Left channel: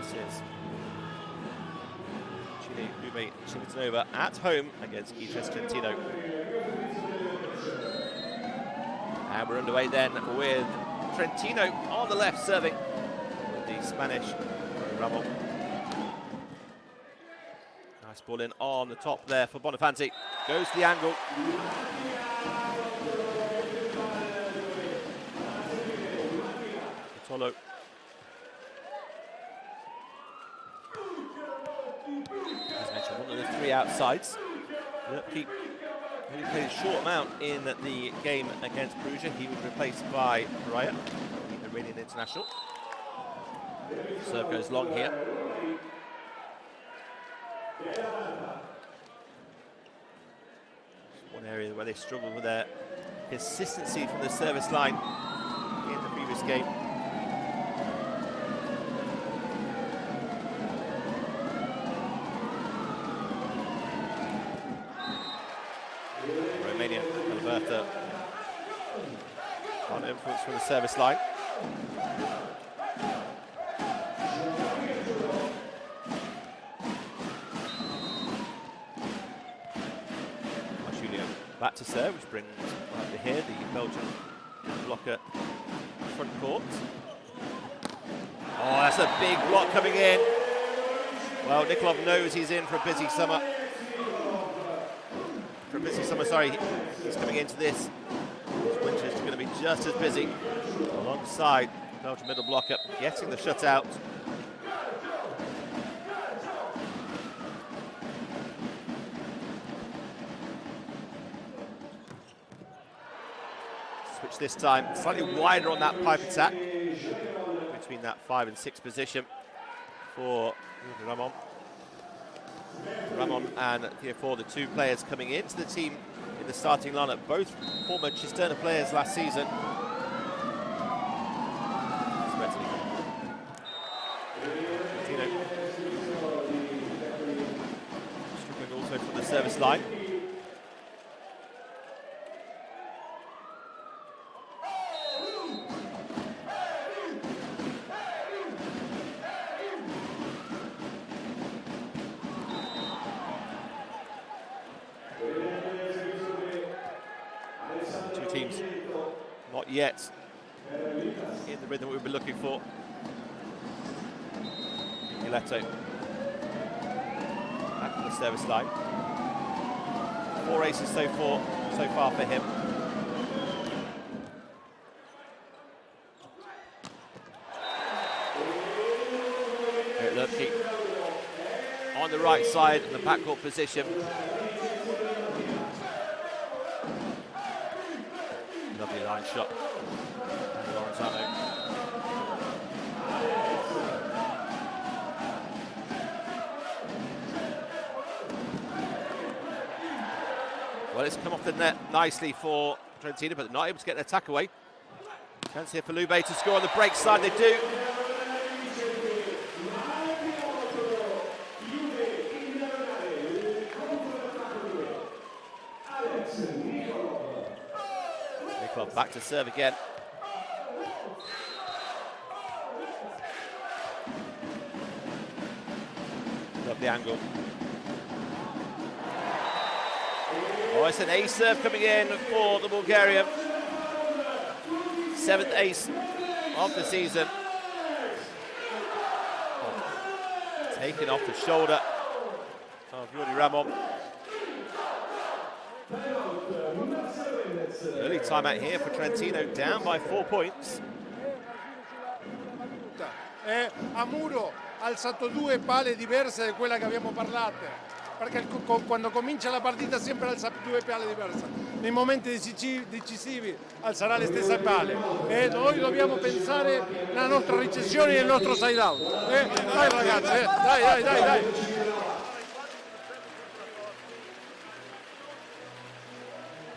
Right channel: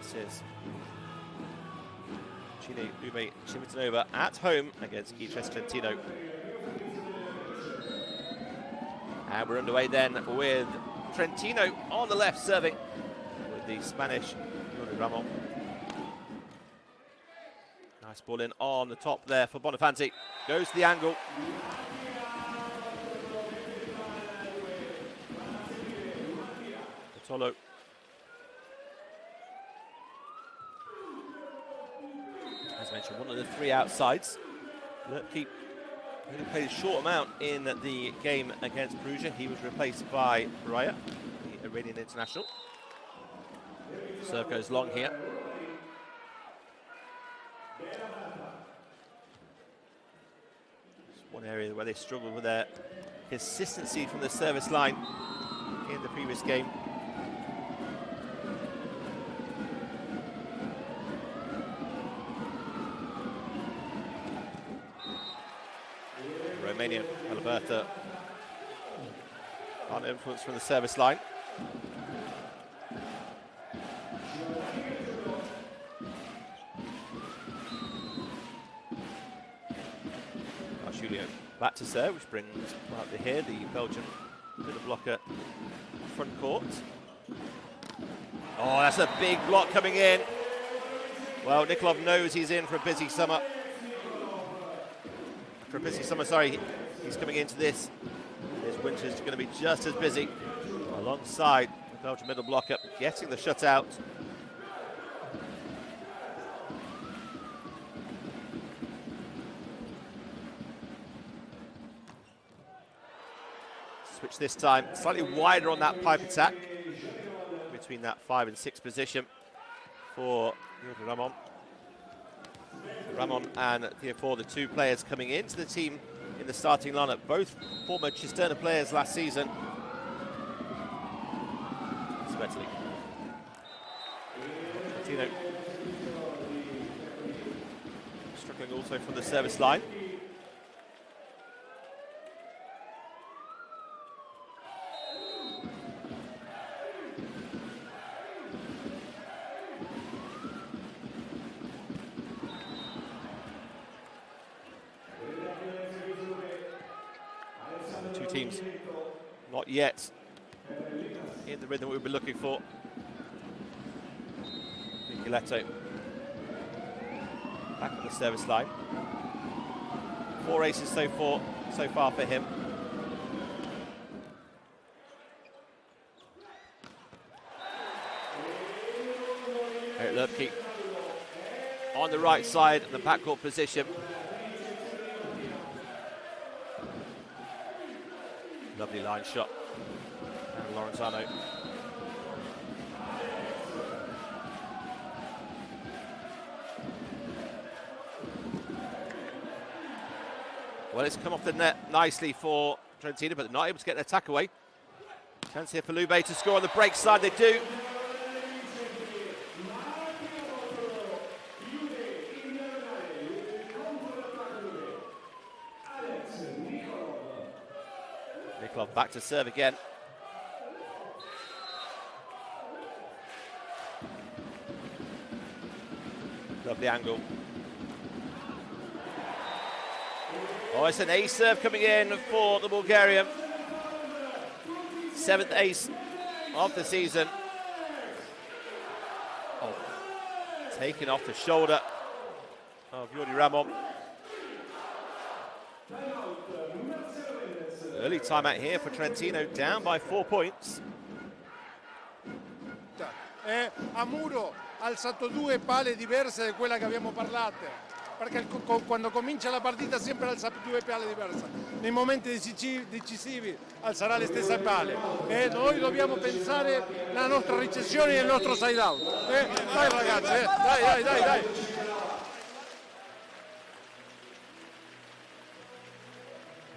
This is Cucine Lube Civitanova at home against Itas Trentino. And we're underway then with Trentino on the left serving with the Spanish Ramon. Nice ball in on the top there for Bonafanti. Goes to the angle. Tolo. As mentioned, one of the three outsides. Lupke only played a short amount in the game against Perugia. He was replaced by Raya, the Iranian international. Serve goes long here. It's one area where they struggled with their consistency from the service line in the previous game. Romanian Alberta on influence from the service line. Julio back to serve, which brings up to here the Belgian middle blocker front court. Oh, that's a big block coming in. Well, Nikolov knows he's in for a busy summer. Sorry, he's coming into this. His winter is going to be just as busy alongside the Belgian middle blocker, getting the shutout. Switch this time, slightly wider on that pipe attack between that 5 and 6 position for Ramon. Ramon and Theophore, the two players coming into the team in the starting lineup, both former Cisterna players last season. Svetli. Trentino struggling also from the service line. Teams not yet in the rhythm we've been looking for. Micheletto back to the service line. 4 aces so far for him. Eric Lupke on the right side in the backcourt position. Lovely line shot. And Lorenzano. Well, it's come off the net nicely for Trentino, but they're not able to get an attack away. Chance here for Lube to score on the break side. They do. Nikolov back to serve again. Lovely angle. Oh, it's an ace serve coming in for the Bulgarian. 7th ace of the season. Oh, taken off the shoulder of Jordi Ramon. Early timeout here for Trentino, down by 4 points. A muro ha alzato 2 pale diverse da quella che abbiamo parlato, perché quando comincia la partita sempre alza 2 pale diverse. Nei momenti decisivi alzerà le stesse pale. Noi dobbiamo pensare alla nostra ricezione e al nostro side out. Dai ragazzi, dai.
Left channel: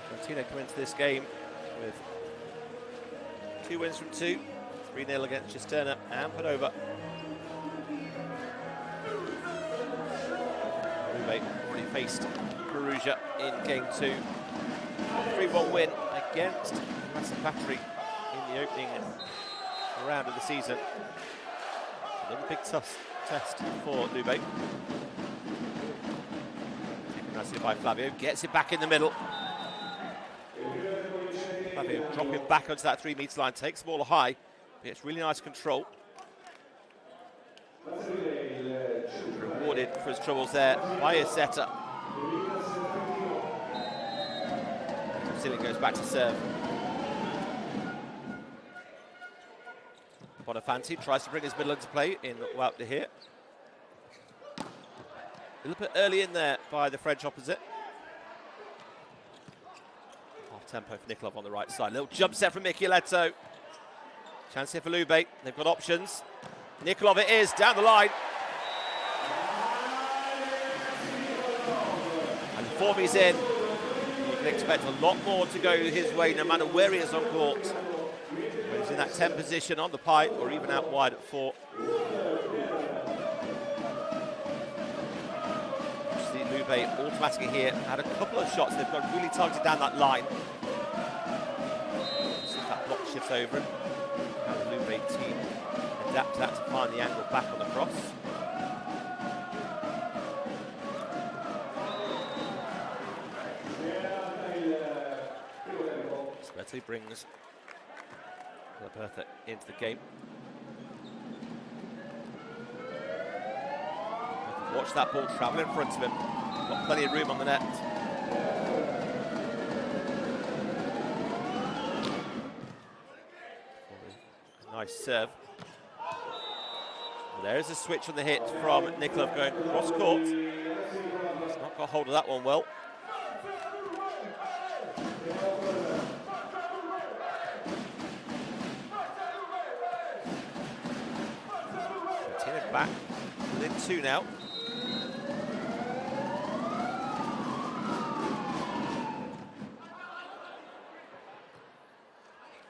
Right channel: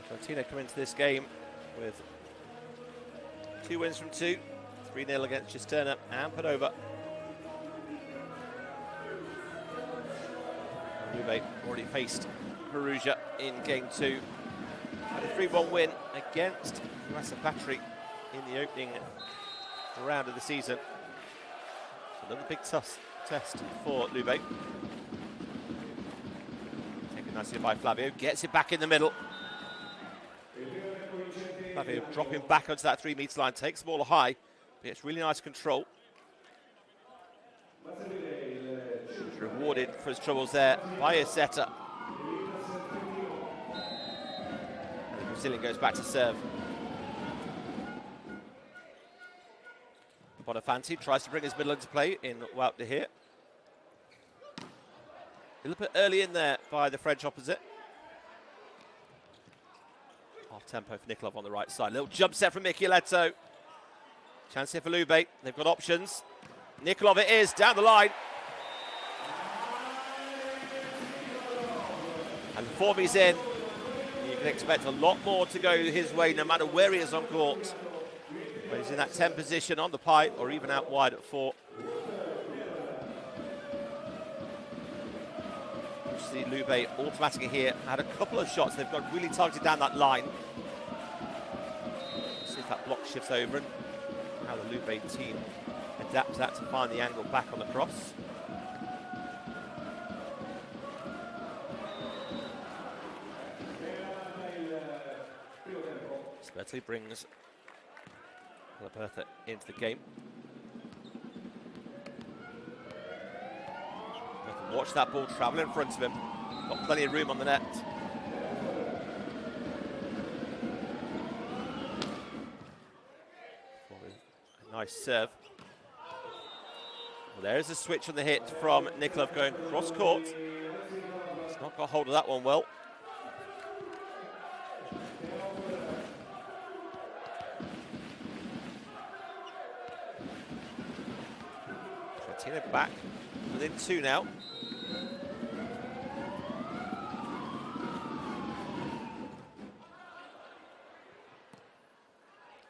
Trentino come into this game with 2 wins from 2, 3-0 against Cisterna and Padova. Lube already faced Perugia in game 2. A 3-1 win against Patri in the opening round of the season. Another big tough test for Lube. Taken nicely by Flavio, gets it back in the middle. Flavio dropping back onto that 3 metre line, takes the ball high, but it's really nice control. He's rewarded for his troubles there by his setter. And the Brazilian goes back to serve. Bonafanti tries to bring his middle into play in Wout de Heer. A little bit early in there by the French opposite. Half tempo for Nikolov on the right side. Little jump set from Micheletto. Chance here for Lube. They've got options. Nikolov it is, down the line. And the form he's in, you can expect a lot more to go his way no matter where he is on court. When he's in that 10 position on the pipe or even out wide at 4. You see Lube automatically here had a couple of shots. They've got really targeted down that line. See if that block shifts over and how the Lube team adapts that to find the angle back on the cross. Svetli brings Bertha into the game. Watch that ball travel in front of him. Got plenty of room on the net. A nice serve. Well, there's a switch on the hit from Nikolov going cross court. He's not got hold of that one well. Trentino back within 2 now.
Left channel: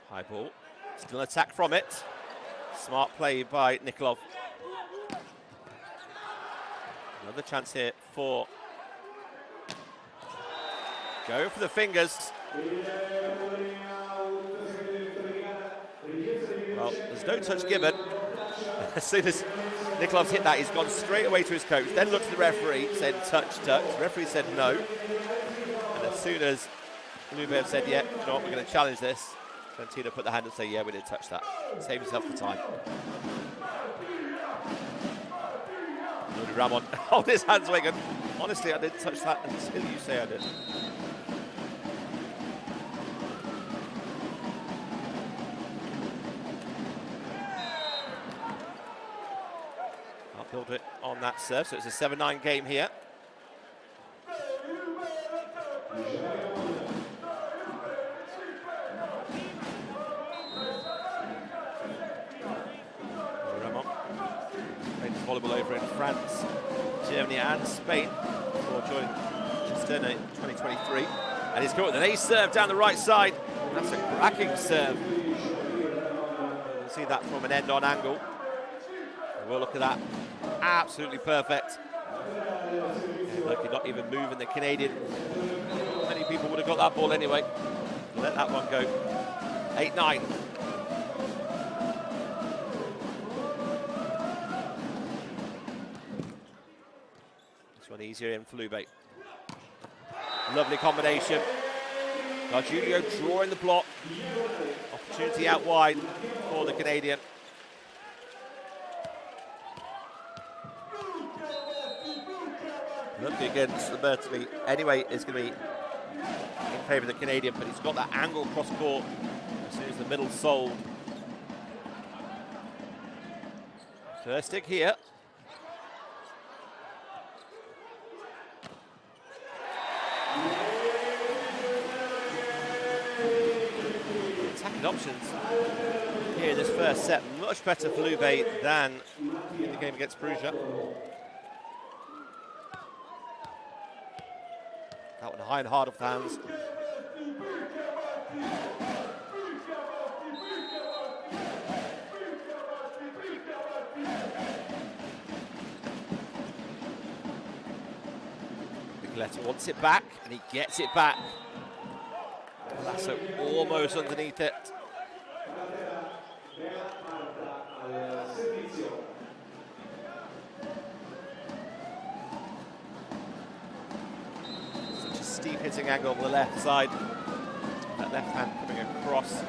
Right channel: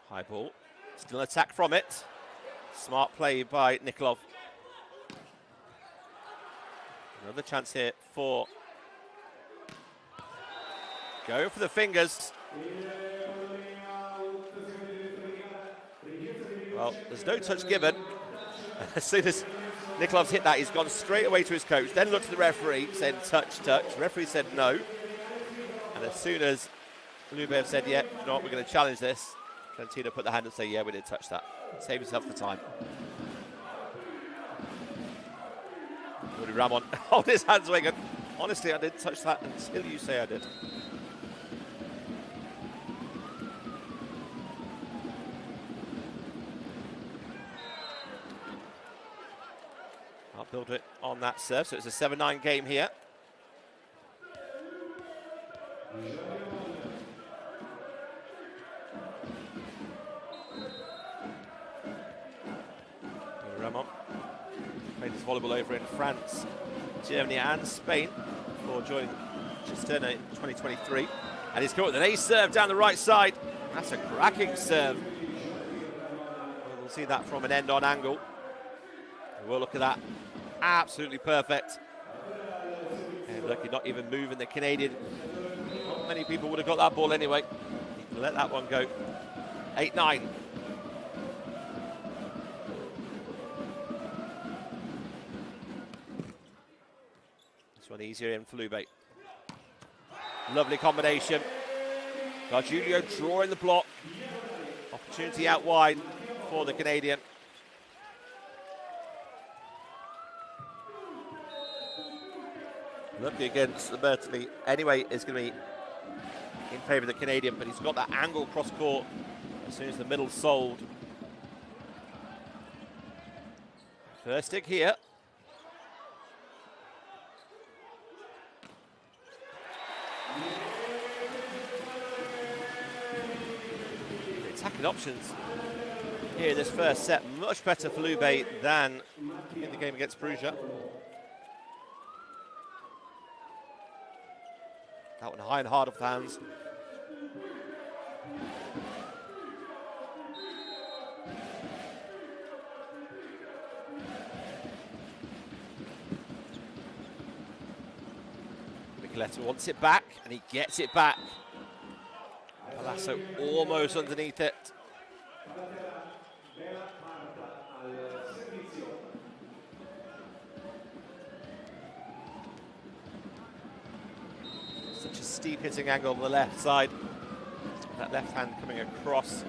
High ball, still an attack from it. Smart play by Nikolov. Another chance here for going for the fingers. Well, there's no touch given. As soon as Nikolov's hit that, he's gone straight away to his coach, then looked at the referee, said touch, touch. The referee said no. And as soon as Lube said, yeah, you know what, we're going to challenge this, Trentino put the hand and say, yeah, we did touch that. Save himself the time. Rudy Ramon on his hands, Wigan. Honestly, I didn't touch that until you say I did. I'll build it on that serve, so it's a 7-9 game here. Ramon played his volleyball over in France, Germany and Spain before joining Cisterna in 2023. And he's caught with an ace serve down the right side. That's a cracking serve. We'll see that from an end-on angle. And we'll look at that. Absolutely perfect. And look, he's not even moving the Canadian. Not many people would have got that ball anyway. Let that one go. 8-9. This one easier in for Lube. Lovely combination. Gargiulio drawing the block. Opportunity out wide for the Canadian. Looking against Bertoli anyway is going to be in favour of the Canadian, but he's got that angle cross court as soon as the middle's sold. First stick here. The attacking options here in this first set, much better for Lube than in the game against Perugia. That one high and hard off the hands. Micheletto wants it back, and he gets it back. Lasso almost underneath it. steep hitting angle on the left side. That left hand coming across.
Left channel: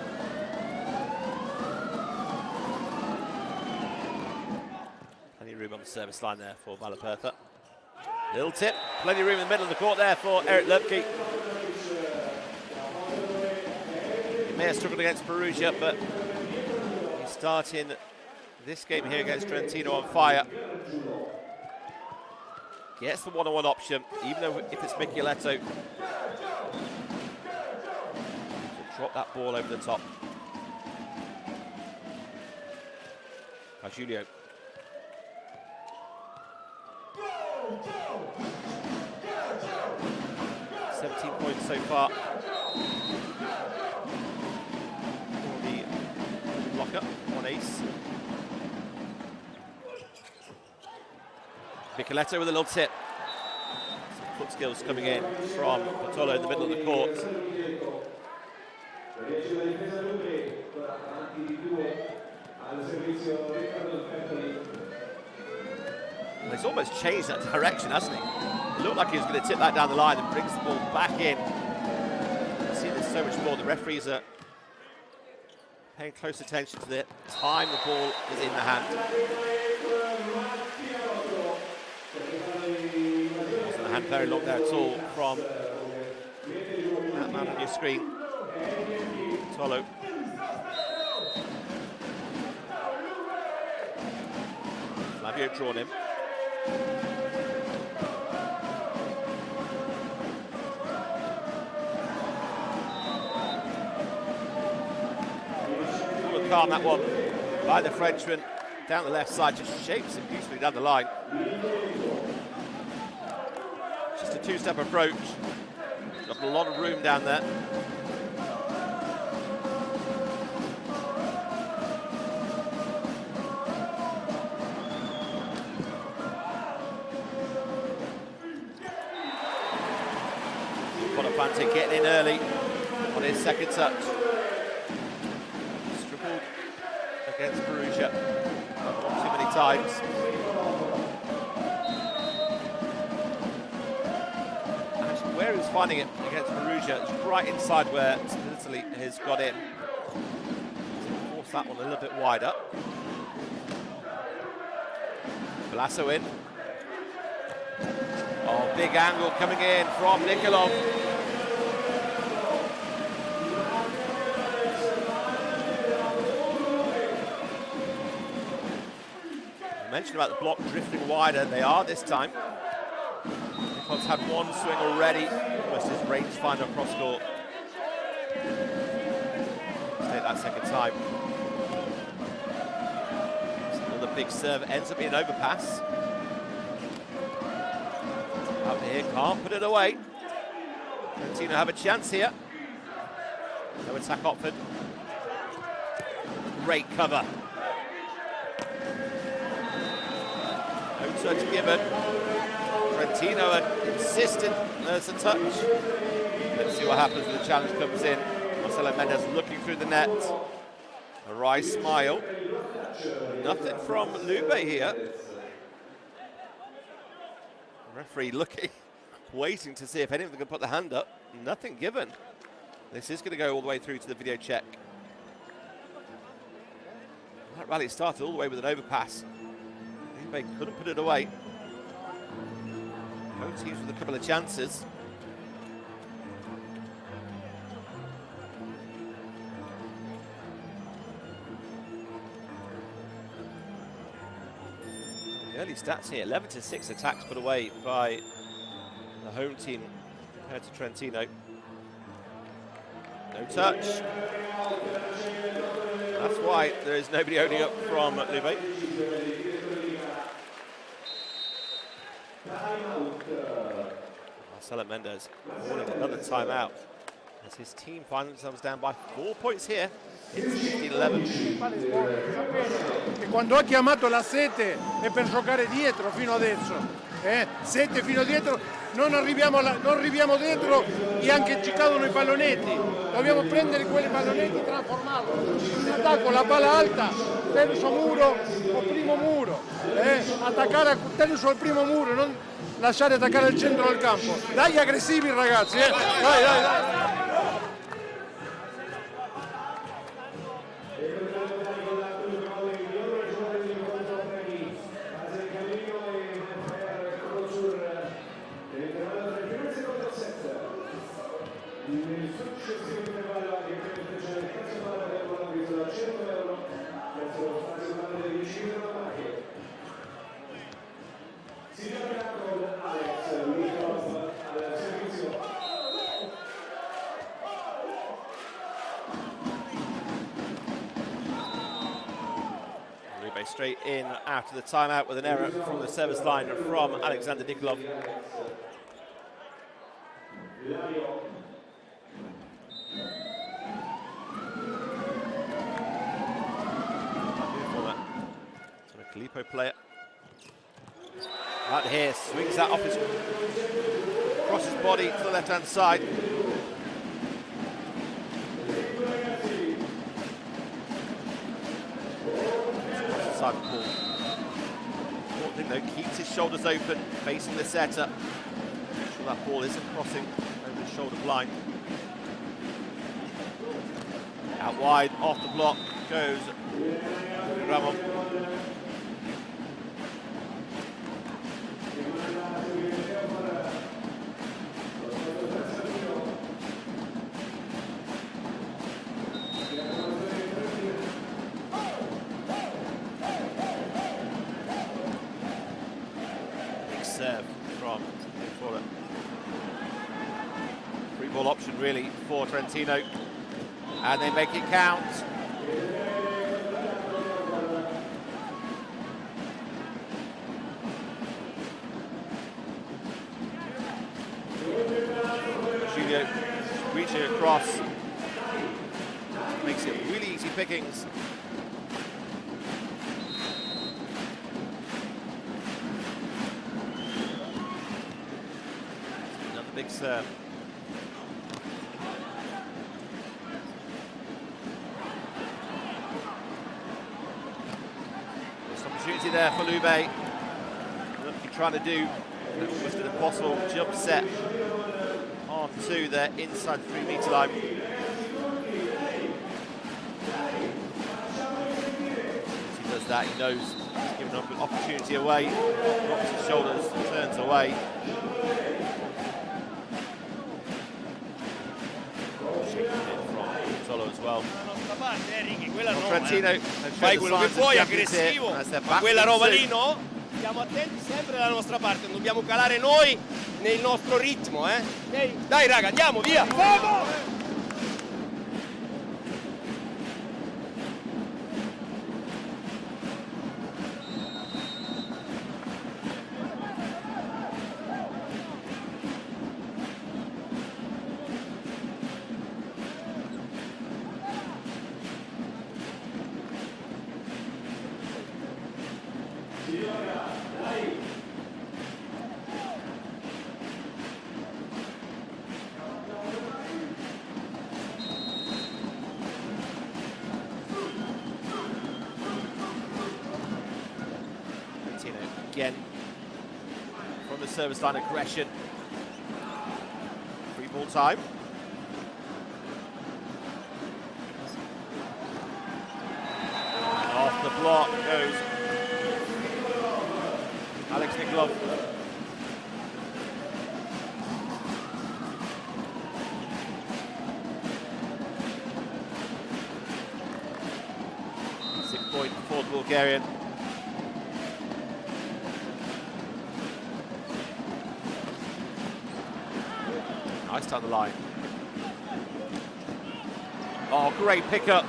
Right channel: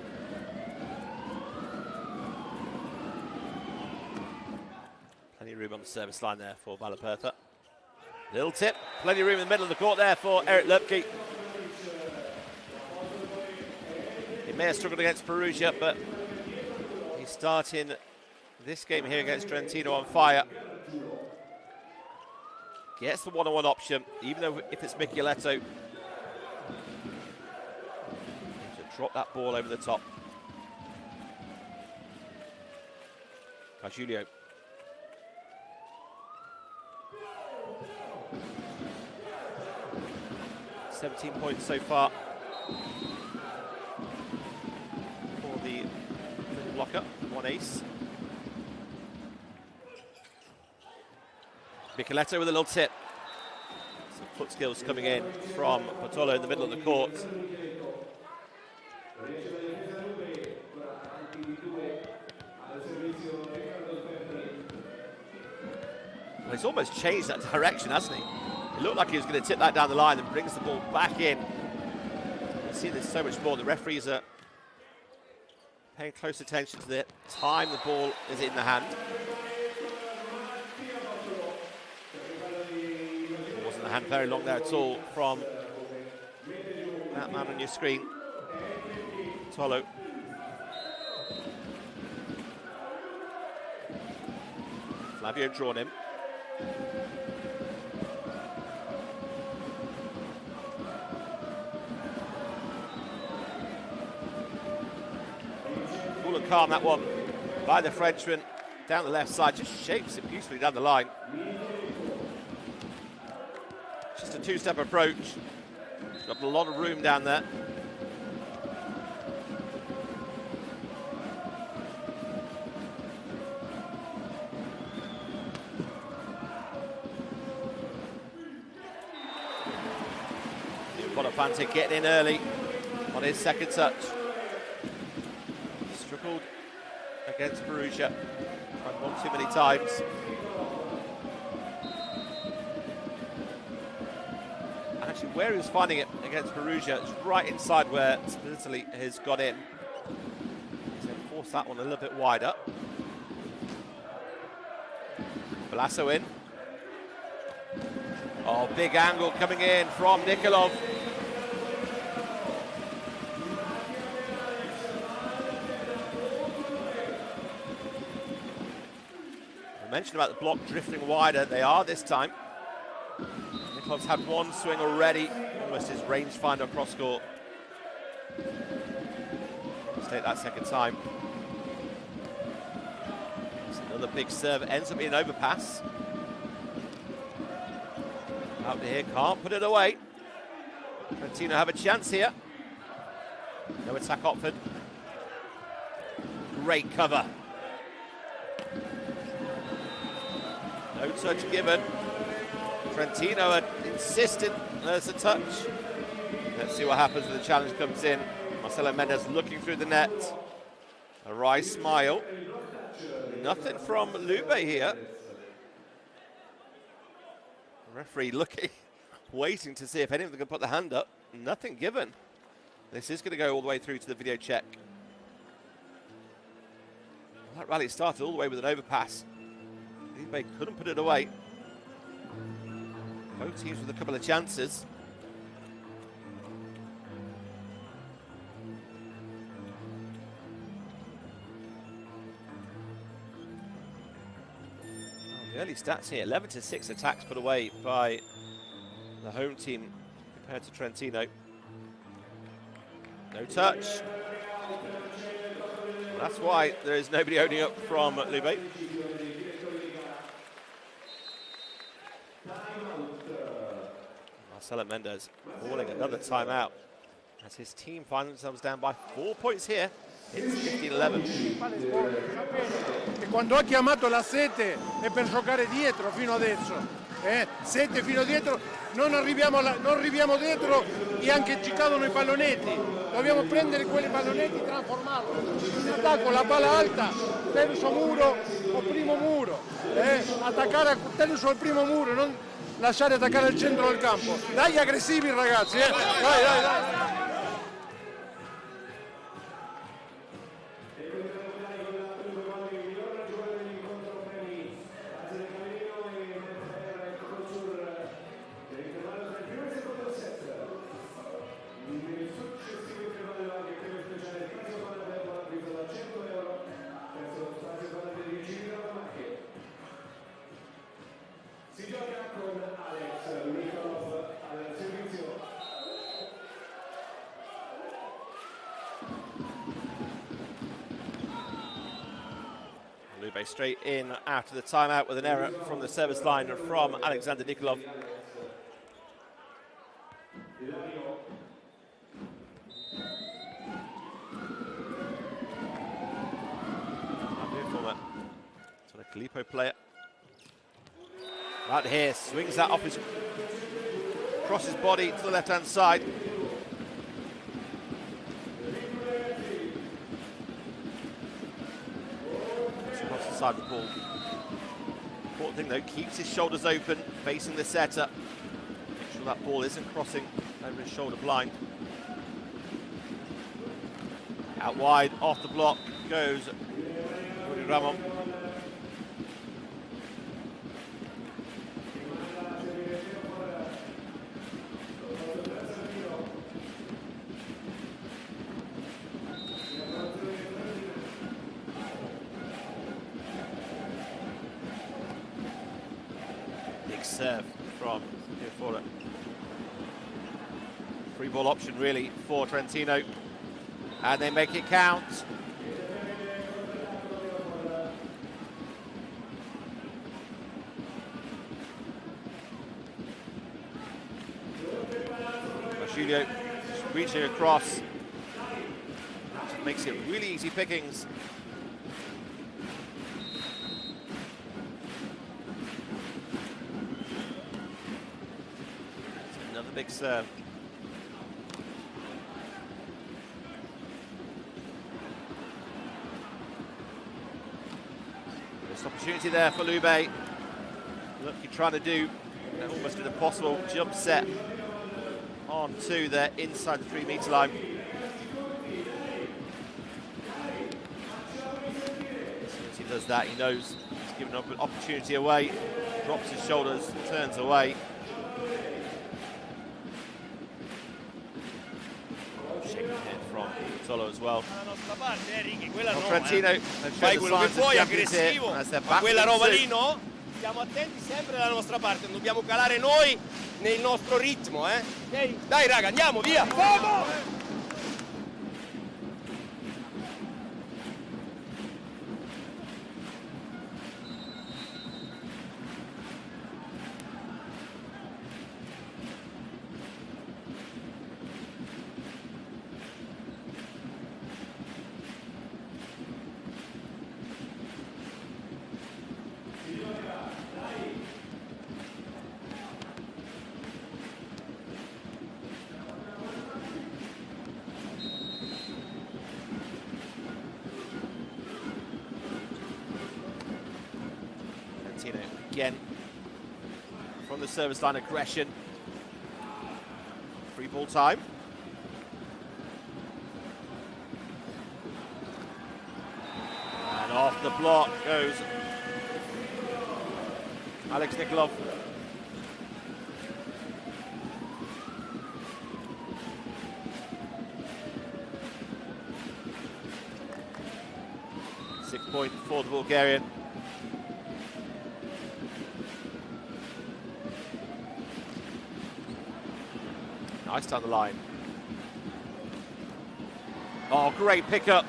Plenty of room on the service line there for Valapertha. Little tip, plenty of room in the middle of the court there for Eric Lubke. He may have struggled against Perugia, but he's starting this game here against Trentino on fire. Gets the one-on-one option, even though if it's Micheletto. To drop that ball over the top. Julio. 17 points so far for the blocker, one ace. Micheletto with a little tip. Some foot skills coming in from Portolo in the middle of the court. Well, he's almost changed that direction, hasn't he? It looked like he was going to tip that down the line and brings the ball back in. You see this so much more. The referees are paying close attention to the time the ball is in the hand. It wasn't a hand very long there at all from that man on your screen. Tolo. Flavio drawn him. Cool and calm, that one by the Frenchman down the left side, just shapes him beautifully down the line. Just a two-step approach. Got a lot of room down there. Bonifante getting in early on his second touch. Struggled against Perugia one too many times. Actually, where he was finding it against Perugia is right inside where Italy has got in. So force that one a little bit wider. Balasso in. Oh, big angle coming in from Nikolov. I mentioned about the block drifting wider. They are this time. Nikolov's had one swing already. Almost his rangefinder across court. Let's take that second time. It's another big serve. Ends up being an overpass. Out to here, can't put it away. Trentino have a chance here. No attack Otford. Great cover. No touch given. Trentino are insistent. There's a touch. Let's see what happens when the challenge comes in. Marcelo Mendes looking through the net. A wry smile. Nothing from Lube here. Referee looking, waiting to see if any of them can put the hand up. Nothing given. This is going to go all the way through to the video check. That rally started all the way with an overpass. Lube couldn't put it away. Both teams with a couple of chances. The early stats here, 11-6 attacks put away by the home team compared to Trentino. No touch. That's why there is nobody owning up from Lube. Marcelo Mendes calling another timeout as his team find themselves down by 4 points here. It's 15-11. Che quando ha chiamato la Sete è per giocare dietro fino adesso. Sete fino dietro, non arriviamo dietro e anche ci cadono i pallonetti. Dobbiamo prendere quei pallonetti e trasformarli. In attacco la palla alta, terzo muro o primo muro. Attaccare a terzo o primo muro, non lasciare attaccare il centro del campo. Dai aggressivi ragazzi, dai, dai, dai. Lube straight in after the timeout with an error from the service line from Alexander Nikolov. Former Calippo player. Out here, swings that off across his body to the left-hand side. Across the side of the ball. Important thing though, keeps his shoulders open, facing the setter. Make sure that ball isn't crossing over his shoulder blind. Out wide, off the block, goes Ramon. Big serve from Nikolov. Free ball option really for Trentino, and they make it count. Julio reaching across, makes it really easy pickings. Another big serve. This opportunity there for Lube. Look, he's trying to do almost an impossible jump set onto the inside the 3 meter line. As he does that, he knows he's given up an opportunity away, drops his shoulders, turns away. Shaking it from Solo as well. Trentino, fai quello che vuoi, aggressivo, ma quella roba lì no. Stiamo attenti sempre dalla nostra parte, non dobbiamo calare noi nel nostro ritmo, eh? Okay. Dai raga, andiamo, via! Vamos! Again, from the service line, aggression. Free ball time. And off the block goes Alex Nikolov. Point for the Bulgarian. Nice down the line. Oh, great pickup.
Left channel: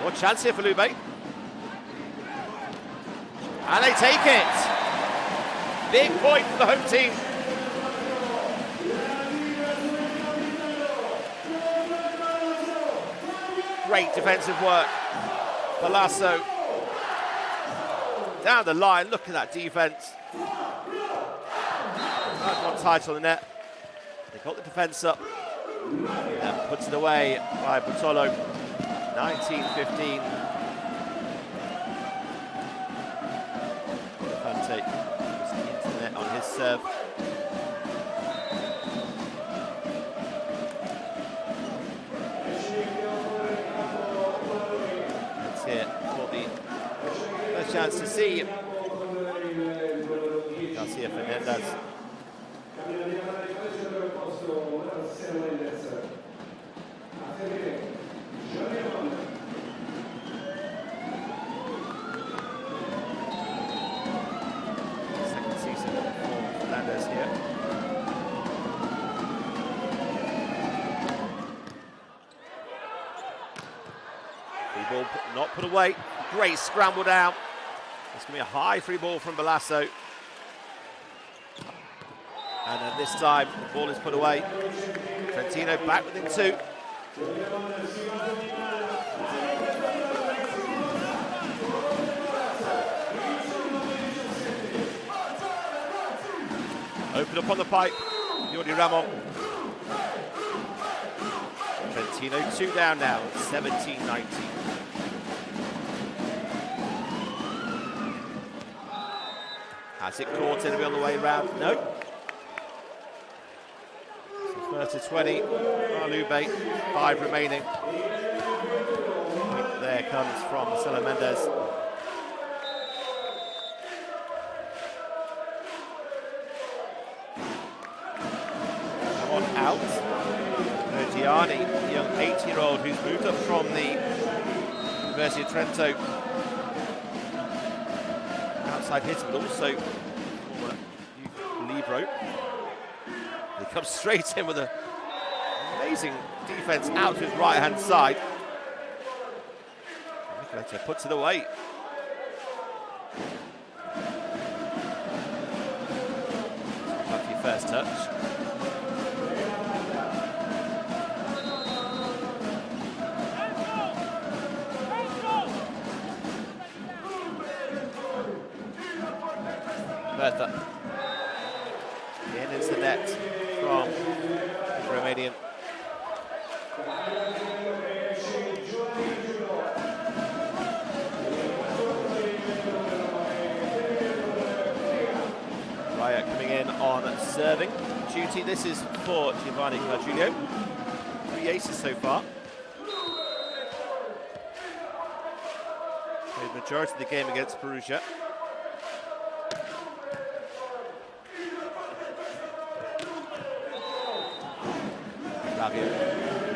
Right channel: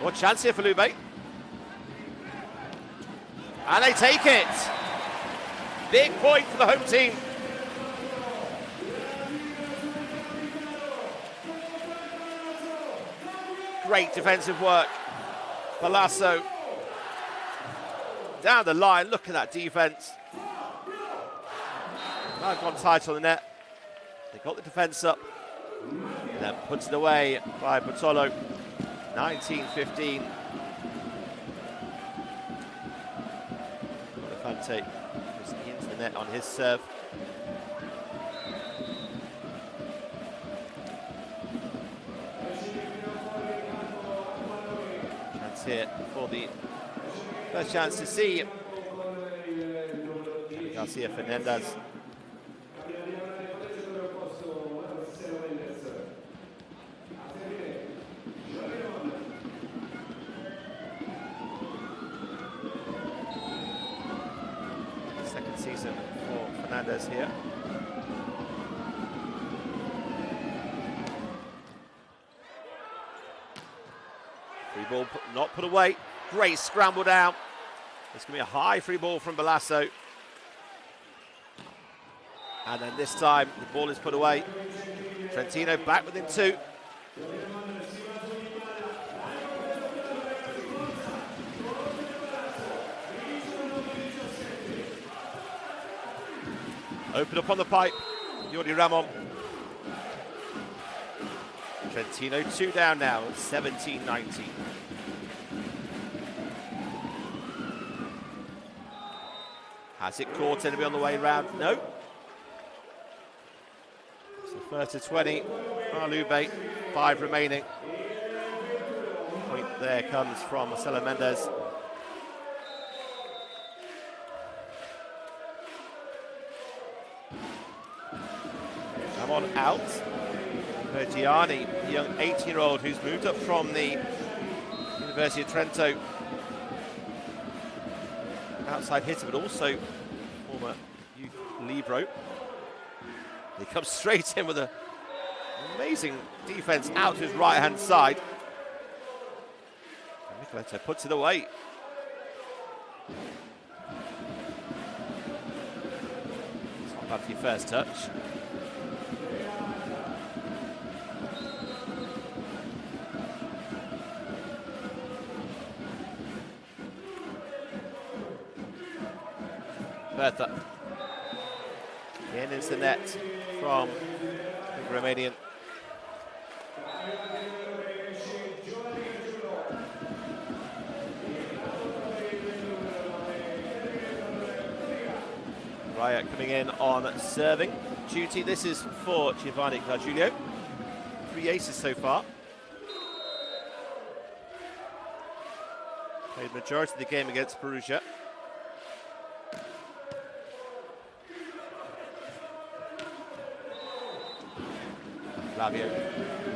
What chance here for Lube? And they take it. Big point for the home team. Great defensive work. Palazzo down the line. Look at that defense. Nice one tight on the net. They got the defense up. And then puts it away by Bartolo. 19-15. What a Fante. Into the net on his serve. That's it for the first chance to see Garcia Fernandez. Second season for Fernandez here. Free ball not put away. Great scramble down. It's going to be a high free ball from Balasso. And then this time the ball is put away. Trentino back within 2. Open up on the pipe. Jordi Ramon. Trentino 2 down now, 17-19. Has it caught? It'll be on the way round. No. So first to 20. Lube, 5 remaining. Point there comes from Marcelo Mendes. Ramon out. Gianni, the young 18-year-old who's moved up from the University of Trento. Outside hitter, but also former youth libero. He comes straight in with an amazing defense out to his right-hand side. Nikolov puts it away. Top up your first touch. Bertha. In is the net from the Romanian. Raya coming in on serving duty. This is for Giovanni Gargiulio. 3 aces so far. Played majority of the game against Perugia. Flavio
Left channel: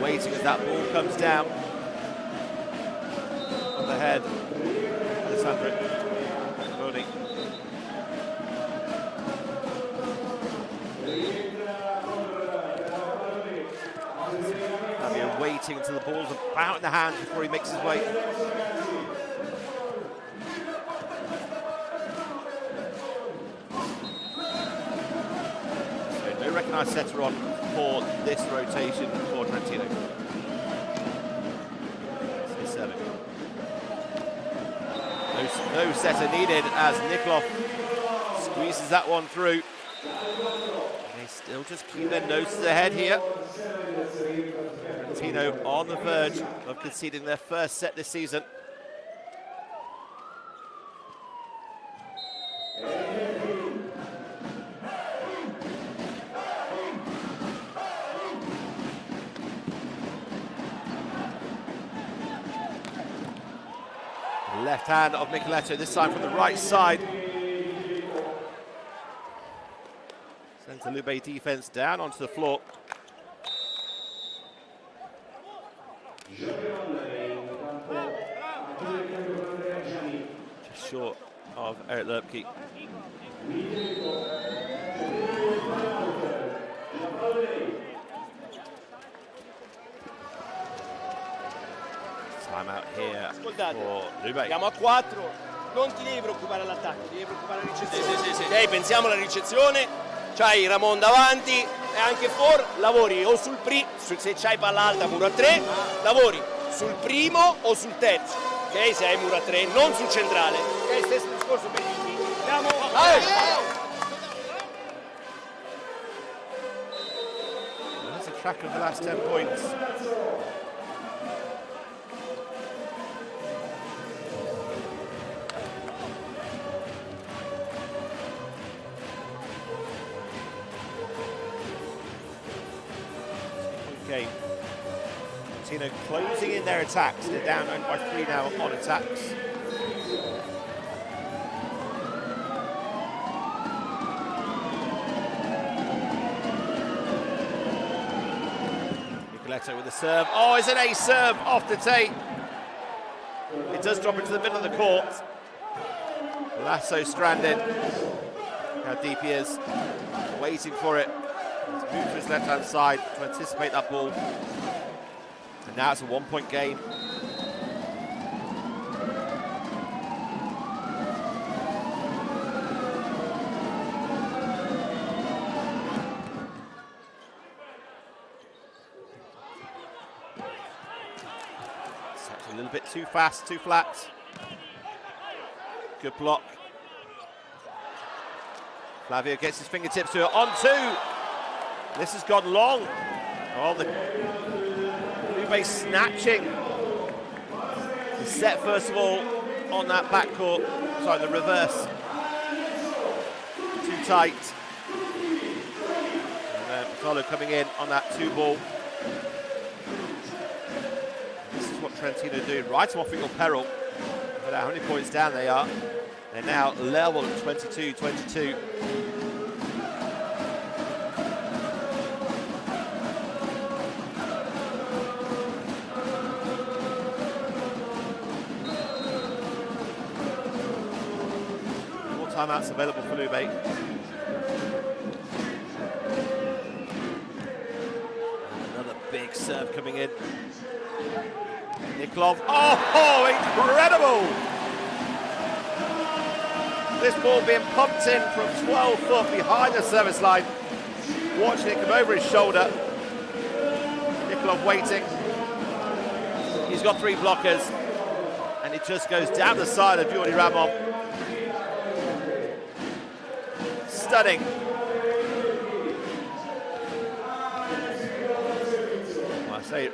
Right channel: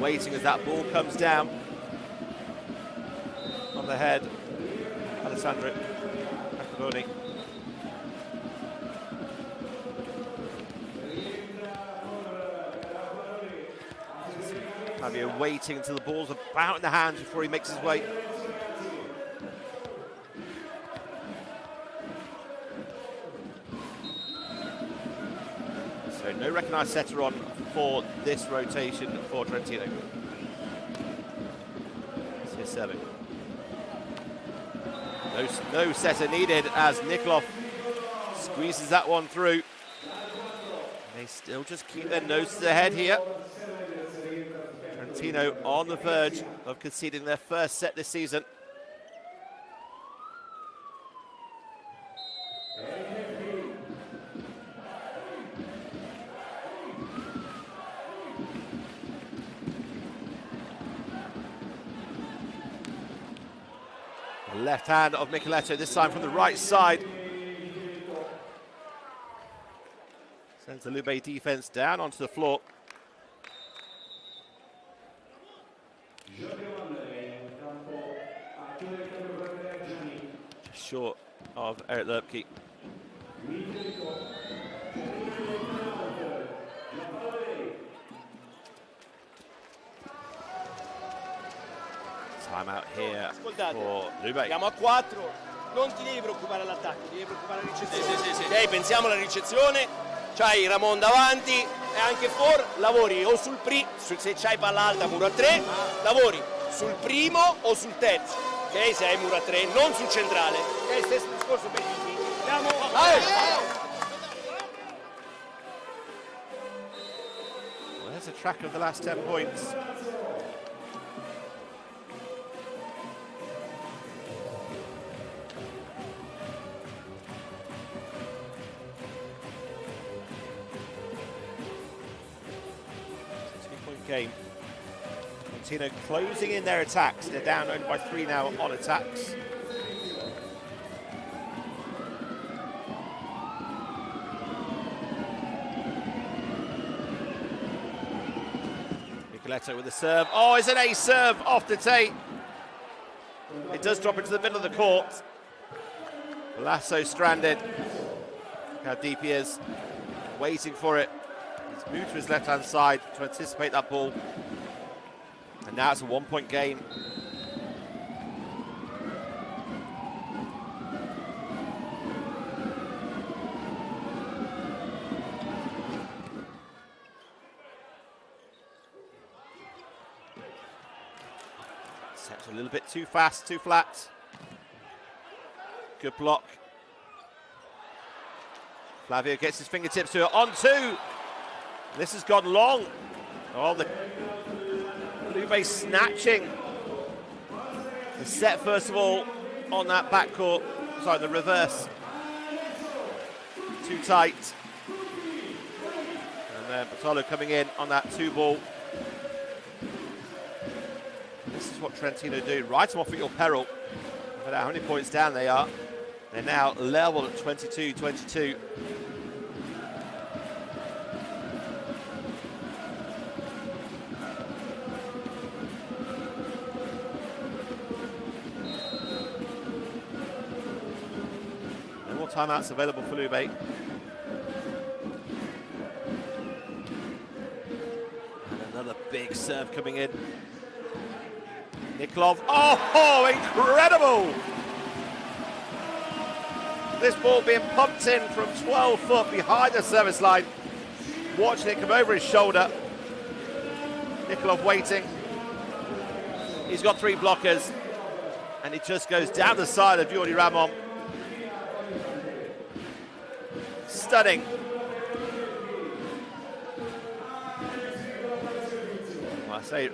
waiting as that ball comes down on the head. Alessandro Accaroni. Flavio waiting until the ball's about in the hands before he makes his way. So no recognised setter on for this rotation for Trentino. It's his serving. No setter needed as Nikolov squeezes that one through. They still just keep their noses ahead here. Trentino on the verge of conceding their first set this season. Left hand of Micheletto, this time from the right side. Sends the Lube defense down onto the floor. Just short of Eric Lerpke. Time out here for Lube. Siamo a 4, non ti devi preoccupare all'attacco, ti devi preoccupare alla ricezione. Sì. Ok, pensiamo alla ricezione, c'hai Ramon davanti e anche for, lavori o sul se c'hai palla alta muro a 3, lavori sul primo o sul terzo, ok? Se hai muro a 3, non sul centrale. Ok, stesso discorso per gli uffici. Andiamo! There's a track of the last 10 points. game. Trentino closing in their attacks. They're down only by 3 now on attacks. Nikolov with the serve. Oh, it's an ace serve off the tape. It does drop into the middle of the court. Lasso stranded. Look how deep he is. Waiting for it. He's moved to his left-hand side to anticipate that ball. And now it's a 1-point game. Set a little bit too fast, too flat. Good block. Flavio gets his fingertips to it. On 2. This has gone long. Oh, the Lube snatching the set first of all on that backcourt. Sorry, the reverse. Too tight. And then Patolo coming in on that 2-ball. This is what Trentino do. Write them off at your peril. No matter how many points down they are. They're now level at 22-22. No more timeouts available for Lube. And another big serve coming in. Nikolov. Oh, incredible! This ball being pumped in from 12 foot behind the service line. Watching it come over his shoulder. Nikolov waiting. He's got 3 blockers. And it just goes down the side of Yuri Ramon. Stunning. Well, I say,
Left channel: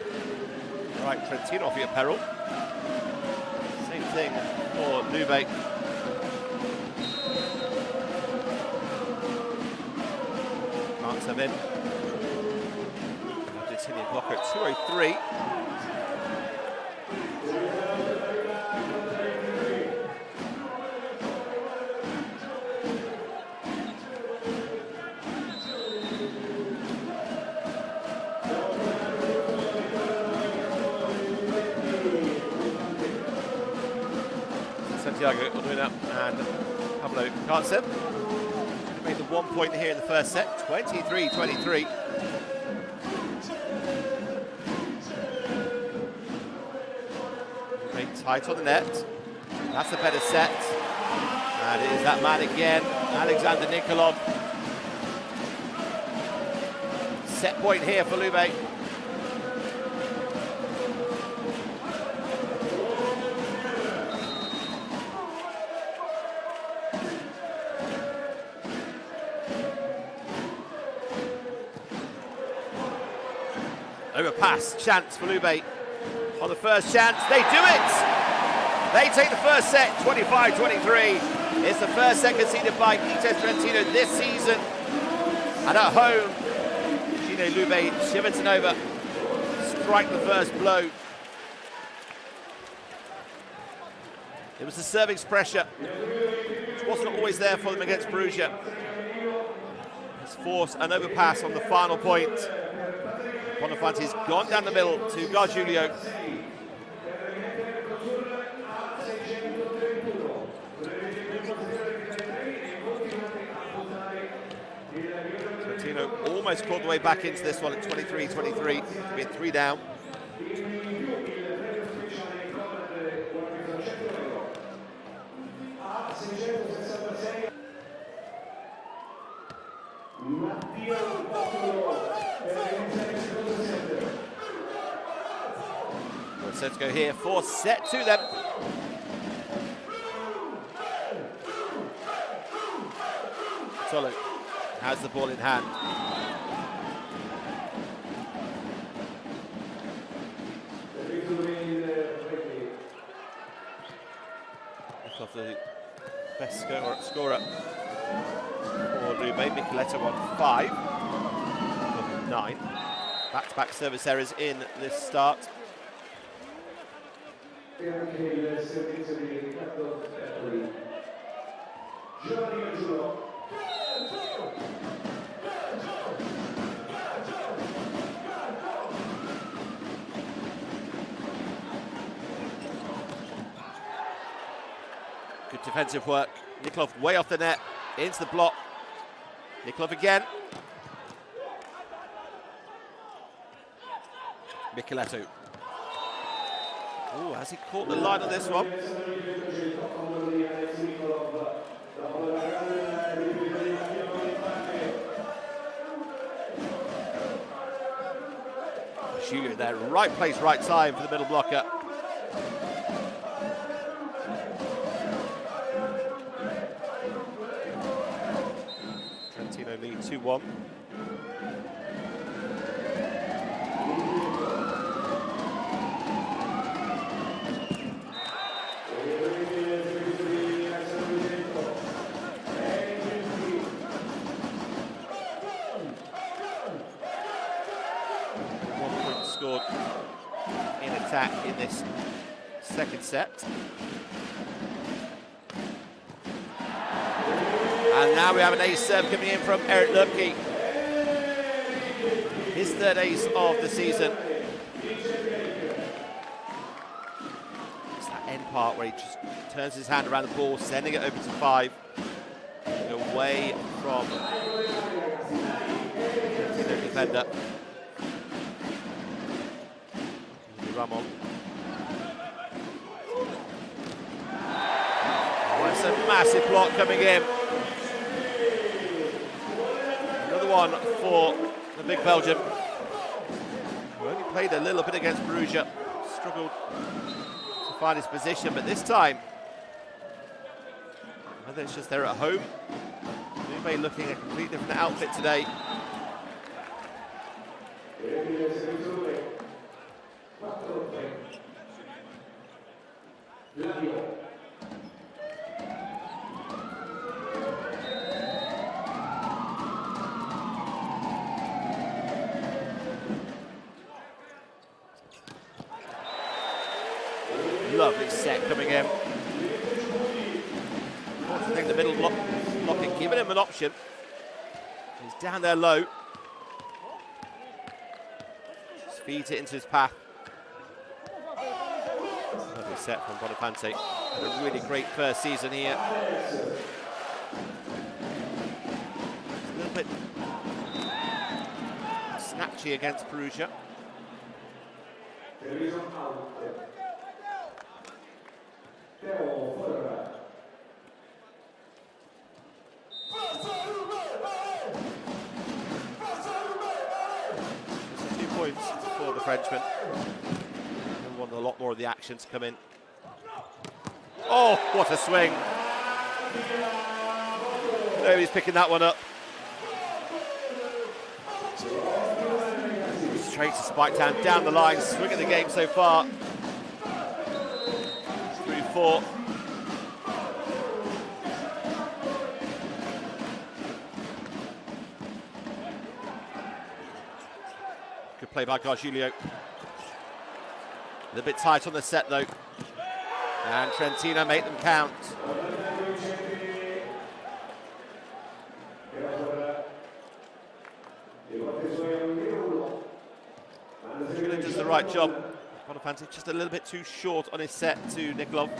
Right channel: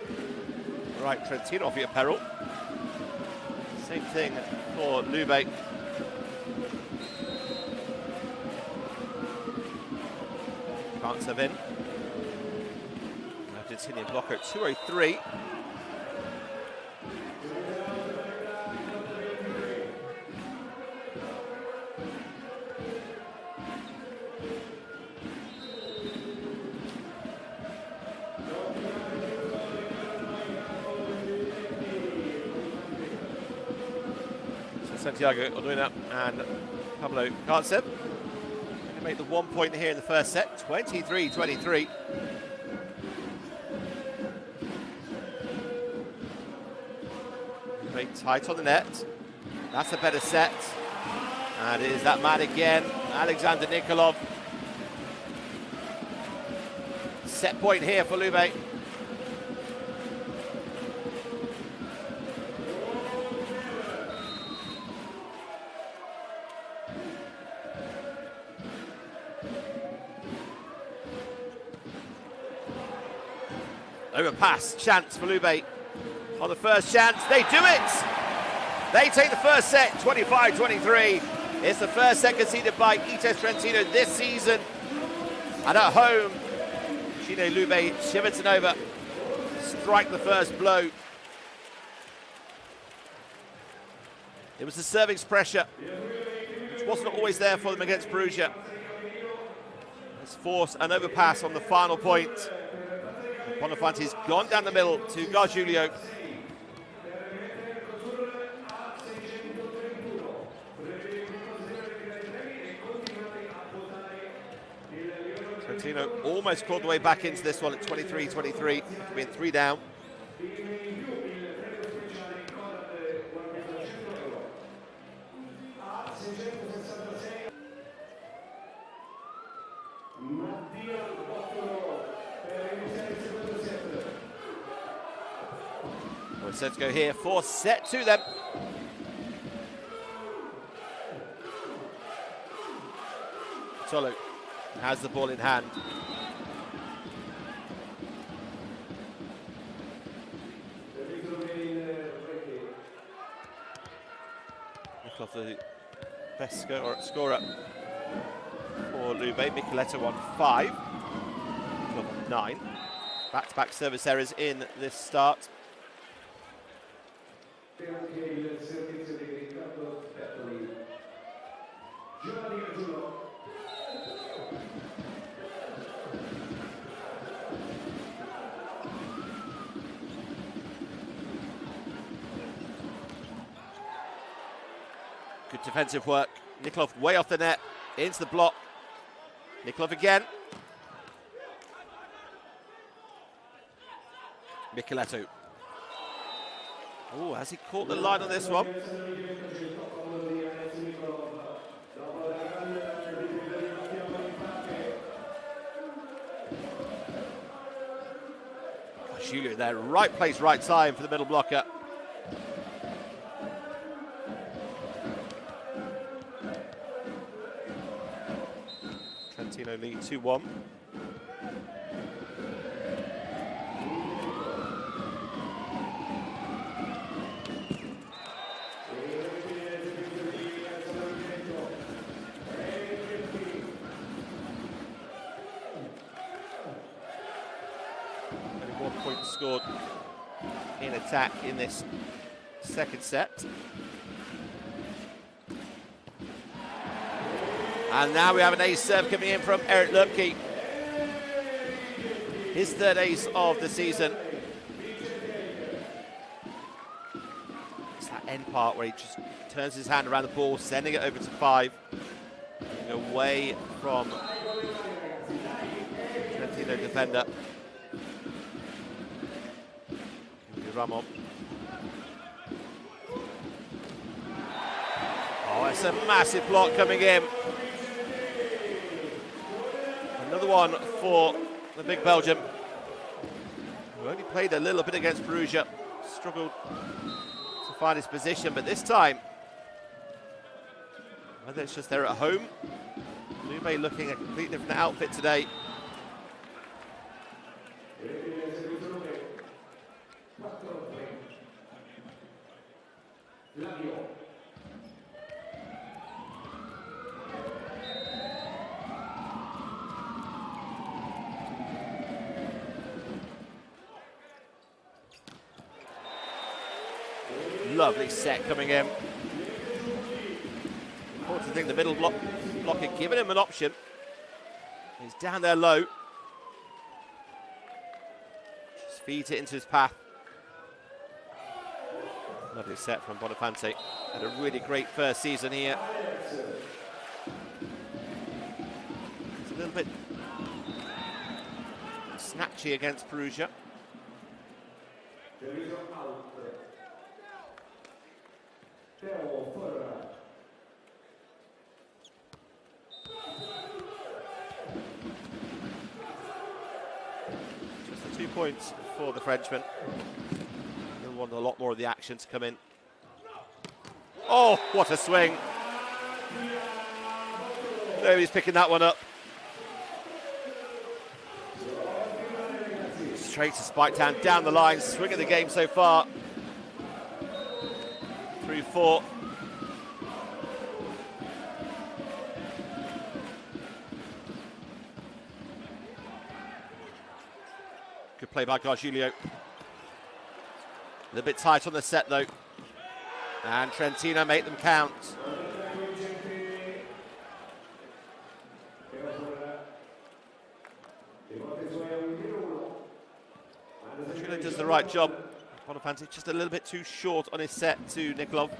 right, Trentino off your peril. Same thing for Lube. Can't serve in. Argentinian blocker at 2:03. Santiago Orduna and Pablo Kantsev to make the 1 point here in the first set, 23-23. Very tight on the net. That's a better set. And it is that man again, Alexander Nikolov. Set point here for Lube. Overpass, chance for Lube. On the first chance, they do it! They take the first set, 25-23. It's the first set conceded by Itas Trentino this season. And at home, Cucine Lube Civitanova strike the first blow. It was the serving's pressure, which wasn't always there for them against Perugia. Has forced an overpass on the final point. Bonafante's gone down the middle to Gargiulio. Trentino almost clawed the way back into this one at 23-23, being 3 down. Sets go here for set 2 then. Tolo has the ball in hand. Nikolov the best scorer for Lube. Michieletto on 5. 9. Back-to-back service errors in this start. Good defensive work. Nikolov way off the net, into the block. Nikolov again. Micheletto. Oh, has he caught the line on this one? Julio there, right place, right time for the middle blocker. Trentino lead 2-1. Scored in attack in this second set. And now we have an ace serve coming in from Erik Lubke. His third ace of the season. It's that end part where he just turns his hand around the ball, sending it over to 5. Away from Trentino defender. Ramon. Oh, it's a massive block coming in. Another one for the big Belgian, who only played a little bit against Perugia. Struggled to find his position, but this time, whether it's just they're at home, Lube looking a completely different outfit today. Lovely set coming in. Important thing, the middle blocker giving him an option. He's down there low. Just feeds it into his path. Lovely set from Bonifante. Had a really great first season here. It's a little bit snatchy against Perugia. Just 2 points for the Frenchman. He'll want a lot more of the action to come in. Oh, what a swing. Nobody's picking that one up. Straight to Spike Town, down the line, swing of the game so far. 3-4. Good play by Gargiulio. A little bit tight on the set though. And Trentino make them count. Trentino does the right job. Bonifante just a little bit too short on his set to Nikolov.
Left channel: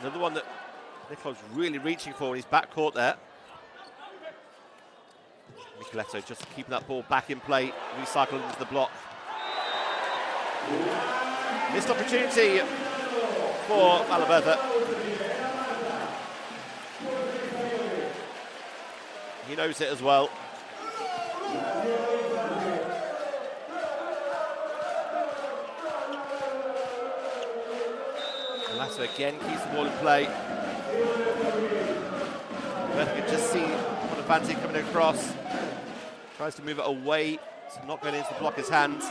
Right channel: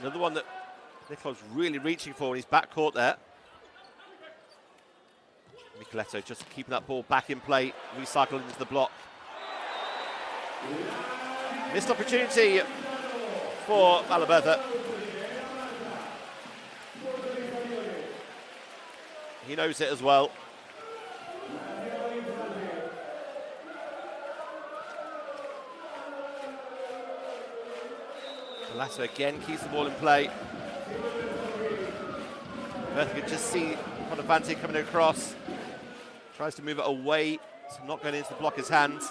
Another one that Nikolov's really reaching for in his backcourt there. Micheletto just keeping that ball back in play, recycling into the block. Missed opportunity for Malaberta. He knows it as well. Lasso again keeps the ball in play. Bertha could just see Bonifante coming across. Tries to move it away, so not going into the blocker's hands.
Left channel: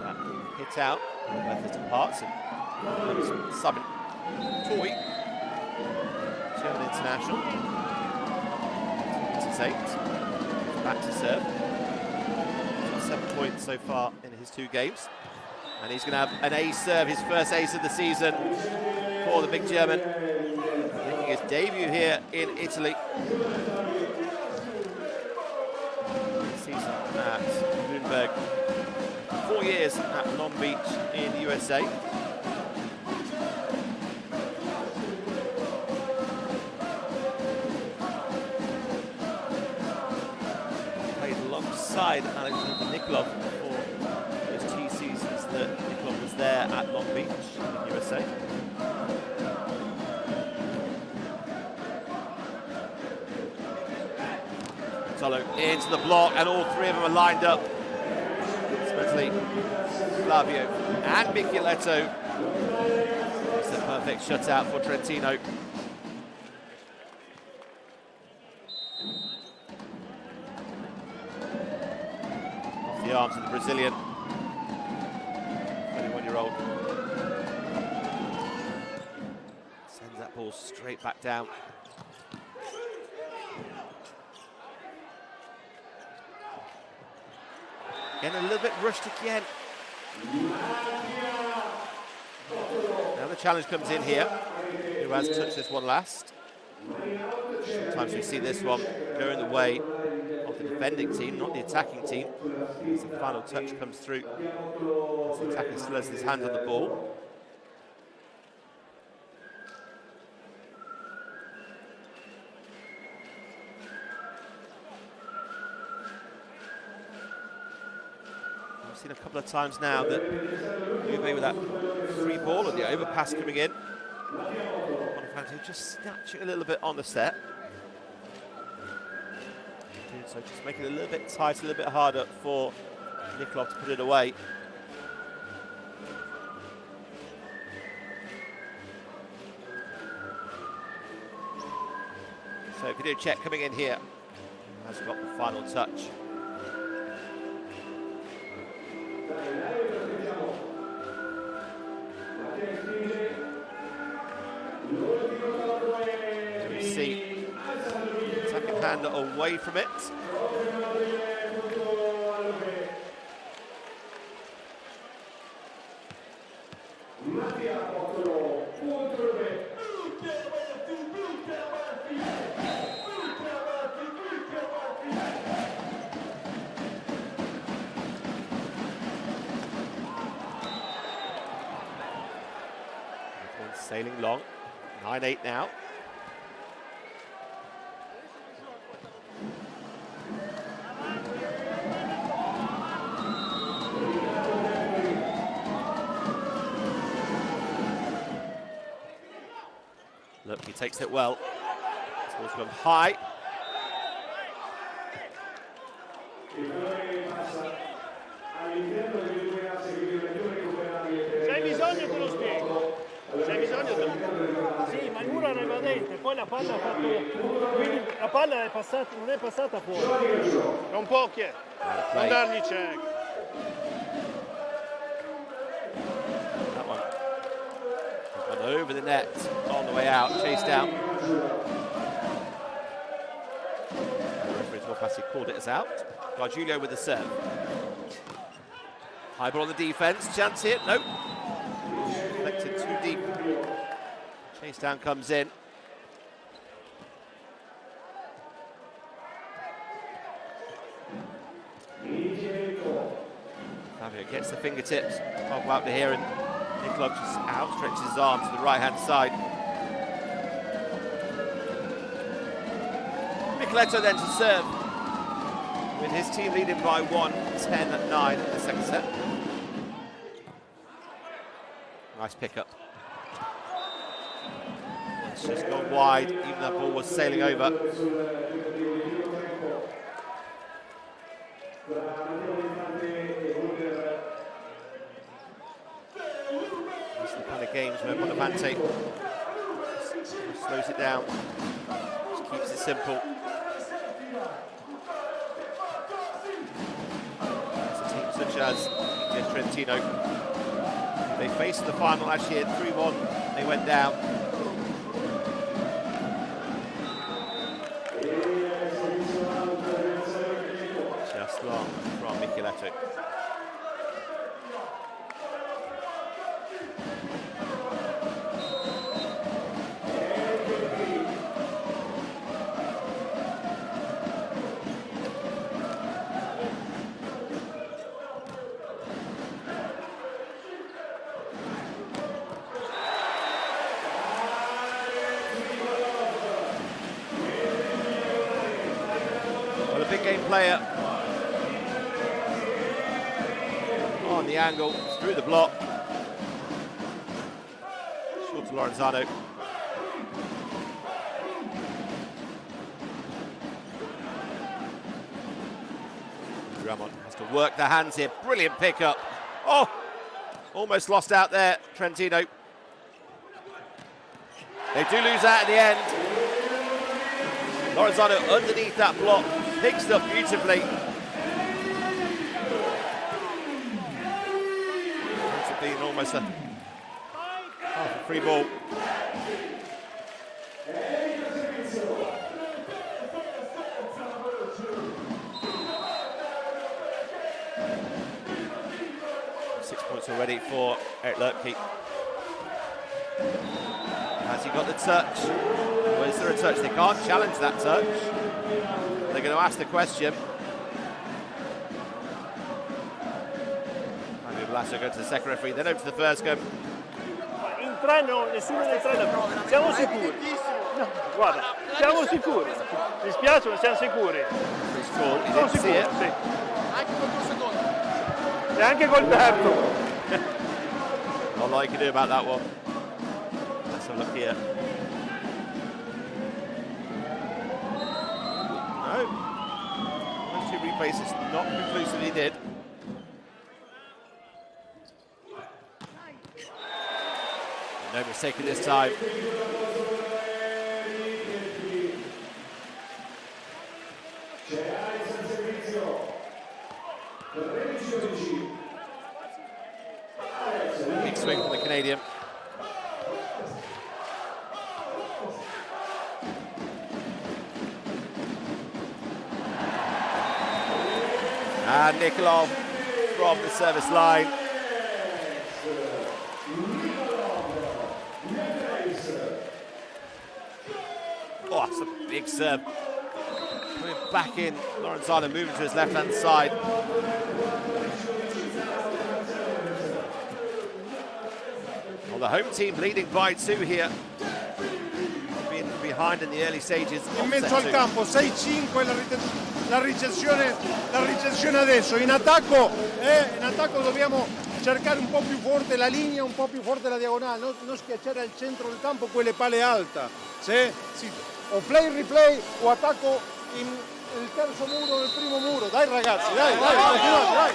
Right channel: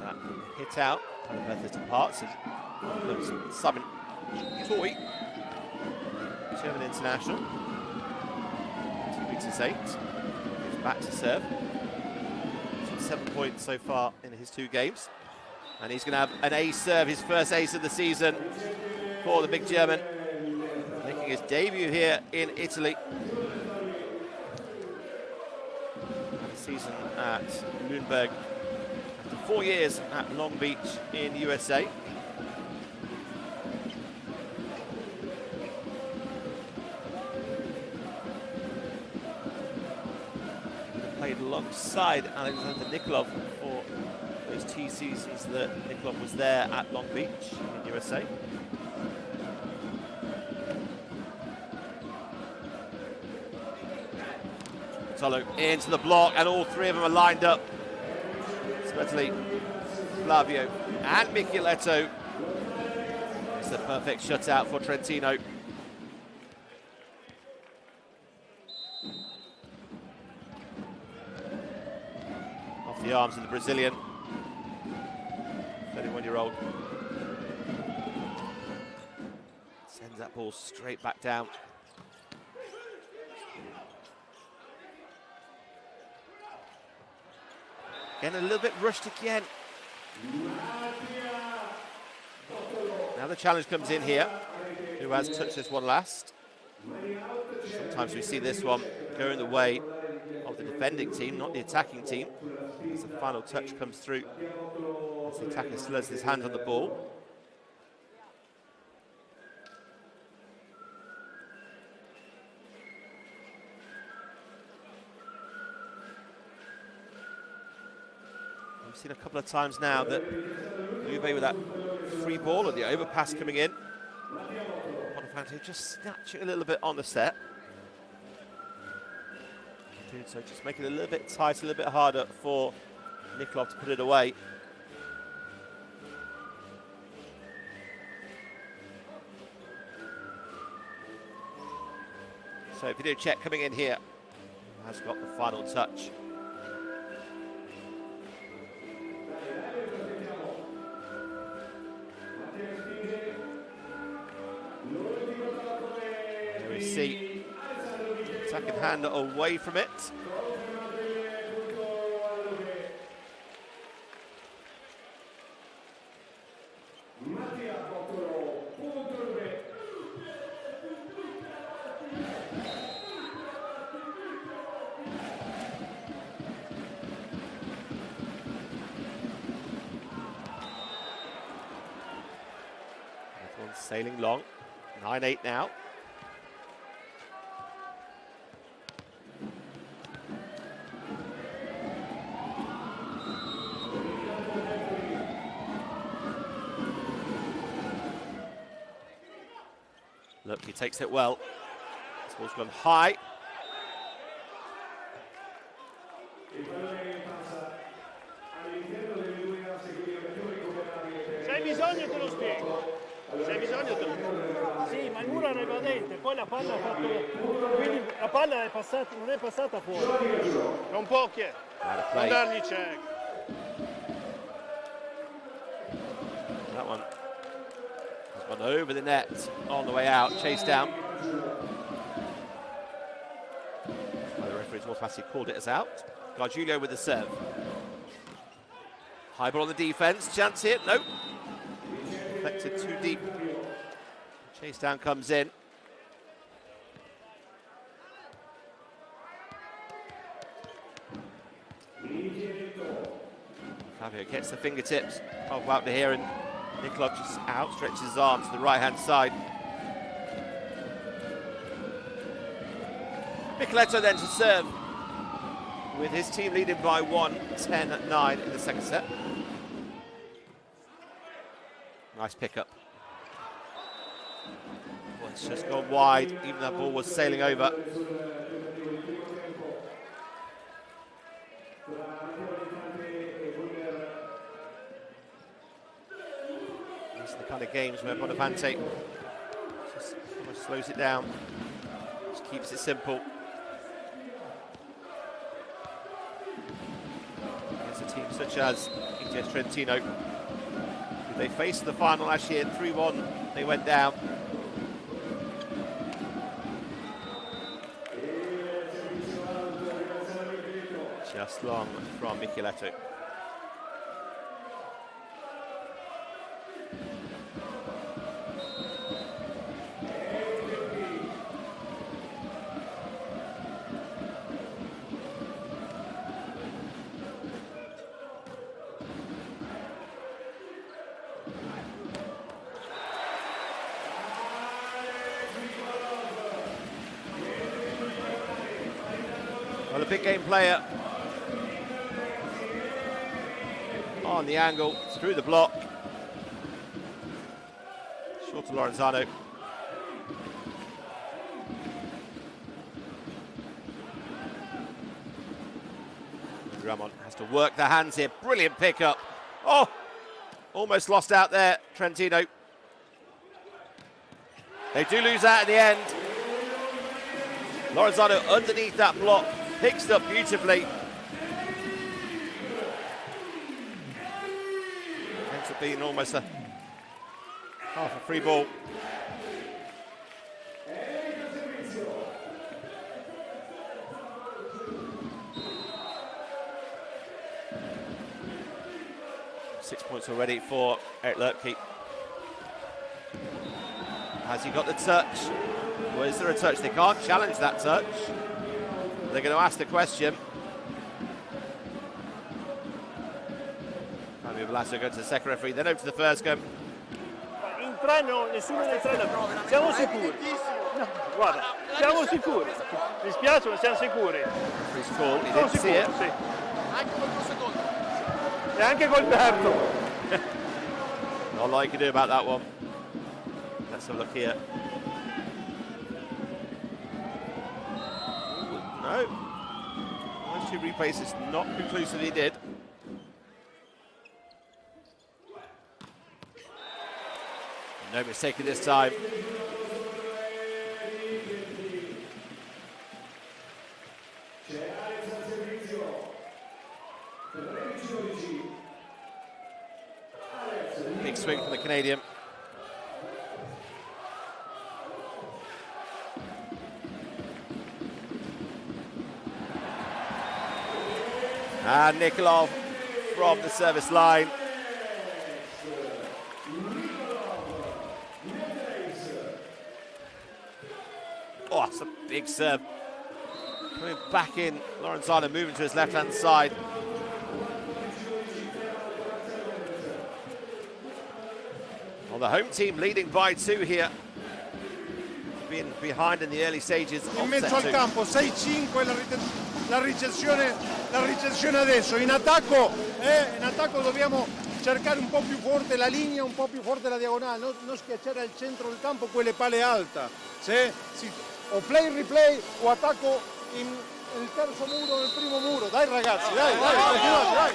That hit out, method departs, and comes Simon Toy, German international, 2 meters 8, back to serve. 7 points so far in his 2 games, and he's going to have an ace serve, his first ace of the season for the big German, making his debut here in Italy. Season at Lundberg, after 4 years at Long Beach in the USA. Played alongside Alexander Nikolov for those 2 seasons that Nikolov was there at Long Beach in the USA. Tolo into the block, and all 3 of them are lined up. Especially Flavio and Micheletto. It's the perfect shutout for Trentino. Off the arms of the Brazilian, 31-year-old. Sends that ball straight back down. Again, a little bit rushed again. Now the challenge comes in here. Who has touched this one last? Sometimes we see this one going the way of the defending team, not the attacking team. As the final touch comes through, as the attacker still has his hand on the ball. We've seen a couple of times now that Lube with that free ball and the overpass coming in. Bonifante just snatching a little bit on the set. Doing so, just making it a little bit tight, a little bit harder for Nikolov to put it away. So video check coming in here. Has got the final touch. There we see second hand away from it. One's sailing long. 9-8 now. Look, he takes it well. This ball's gone high. Se hai bisogno te lo spiego. Se hai bisogno te lo spiego. Sì, ma il muro era evadente, poi la palla ha fatto. Quindi la palla è passata, non è passata fuori. Non può che. Non dargli check. That one has gone over the net on the way out, chased down. The referee's Wolfassi called it as out. Gargiulio with the serve. High ball on the defense, chance here, nope. Deflected too deep. Chase down comes in. Fabio gets the fingertips of out to here, and Nikolov just outstretches his arm to the right-hand side. Micheletto then to serve, with his team leading by 1, 10-9 in the second set. Nice pickup. It's just gone wide, even that ball was sailing over. These are the kind of games where Bonavante just slows it down, just keeps it simple. There's a team such as Itas Trentino. They faced the final last year, 3-1, they went down. Just long from Micheletto. Well, a big game player on the angle, through the block. Short to Lorenzano. Ramon has to work the hands here. Brilliant pickup. Oh, almost lost out there, Trentino. They do lose out at the end. Lorenzano underneath that block, picks it up beautifully. Ends up being almost a half a free ball. Six points already for Eric Lerpke. Has he got the touch? Well, is there a touch? They can't challenge that touch. They're going to ask the question. Fabio Velasco goes to the second referee, then over to the first game. In tre no, nessuno dei tre siamo sicuri. No, guarda, siamo sicuri. Mi spiace, ma siamo sicuri. He's called, he didn't see it. Sì. Anche col tuo secondo. E anche col terzo. Not a lot you can do about that one. Let's have a look here. No. Once you replace, it's not conclusively did. No mistake at this time. Big swing from the Canadian. And Nikolov from the service line. Oh, that's a big serve. Coming back in, Lorenzano moving to his left-hand side. Well, the home team leading by 2 here. Being behind in the early stages. In mezzo al campo, 6-5 la ricezione adesso. In attacco dobbiamo cercare un po' più forte la linea, un po' più forte la diagonale, non schiacciare al centro del campo quelle pale alte. O play replay o attacco il terzo muro, nel primo muro. Dai ragazzi, dai, continuate, dai.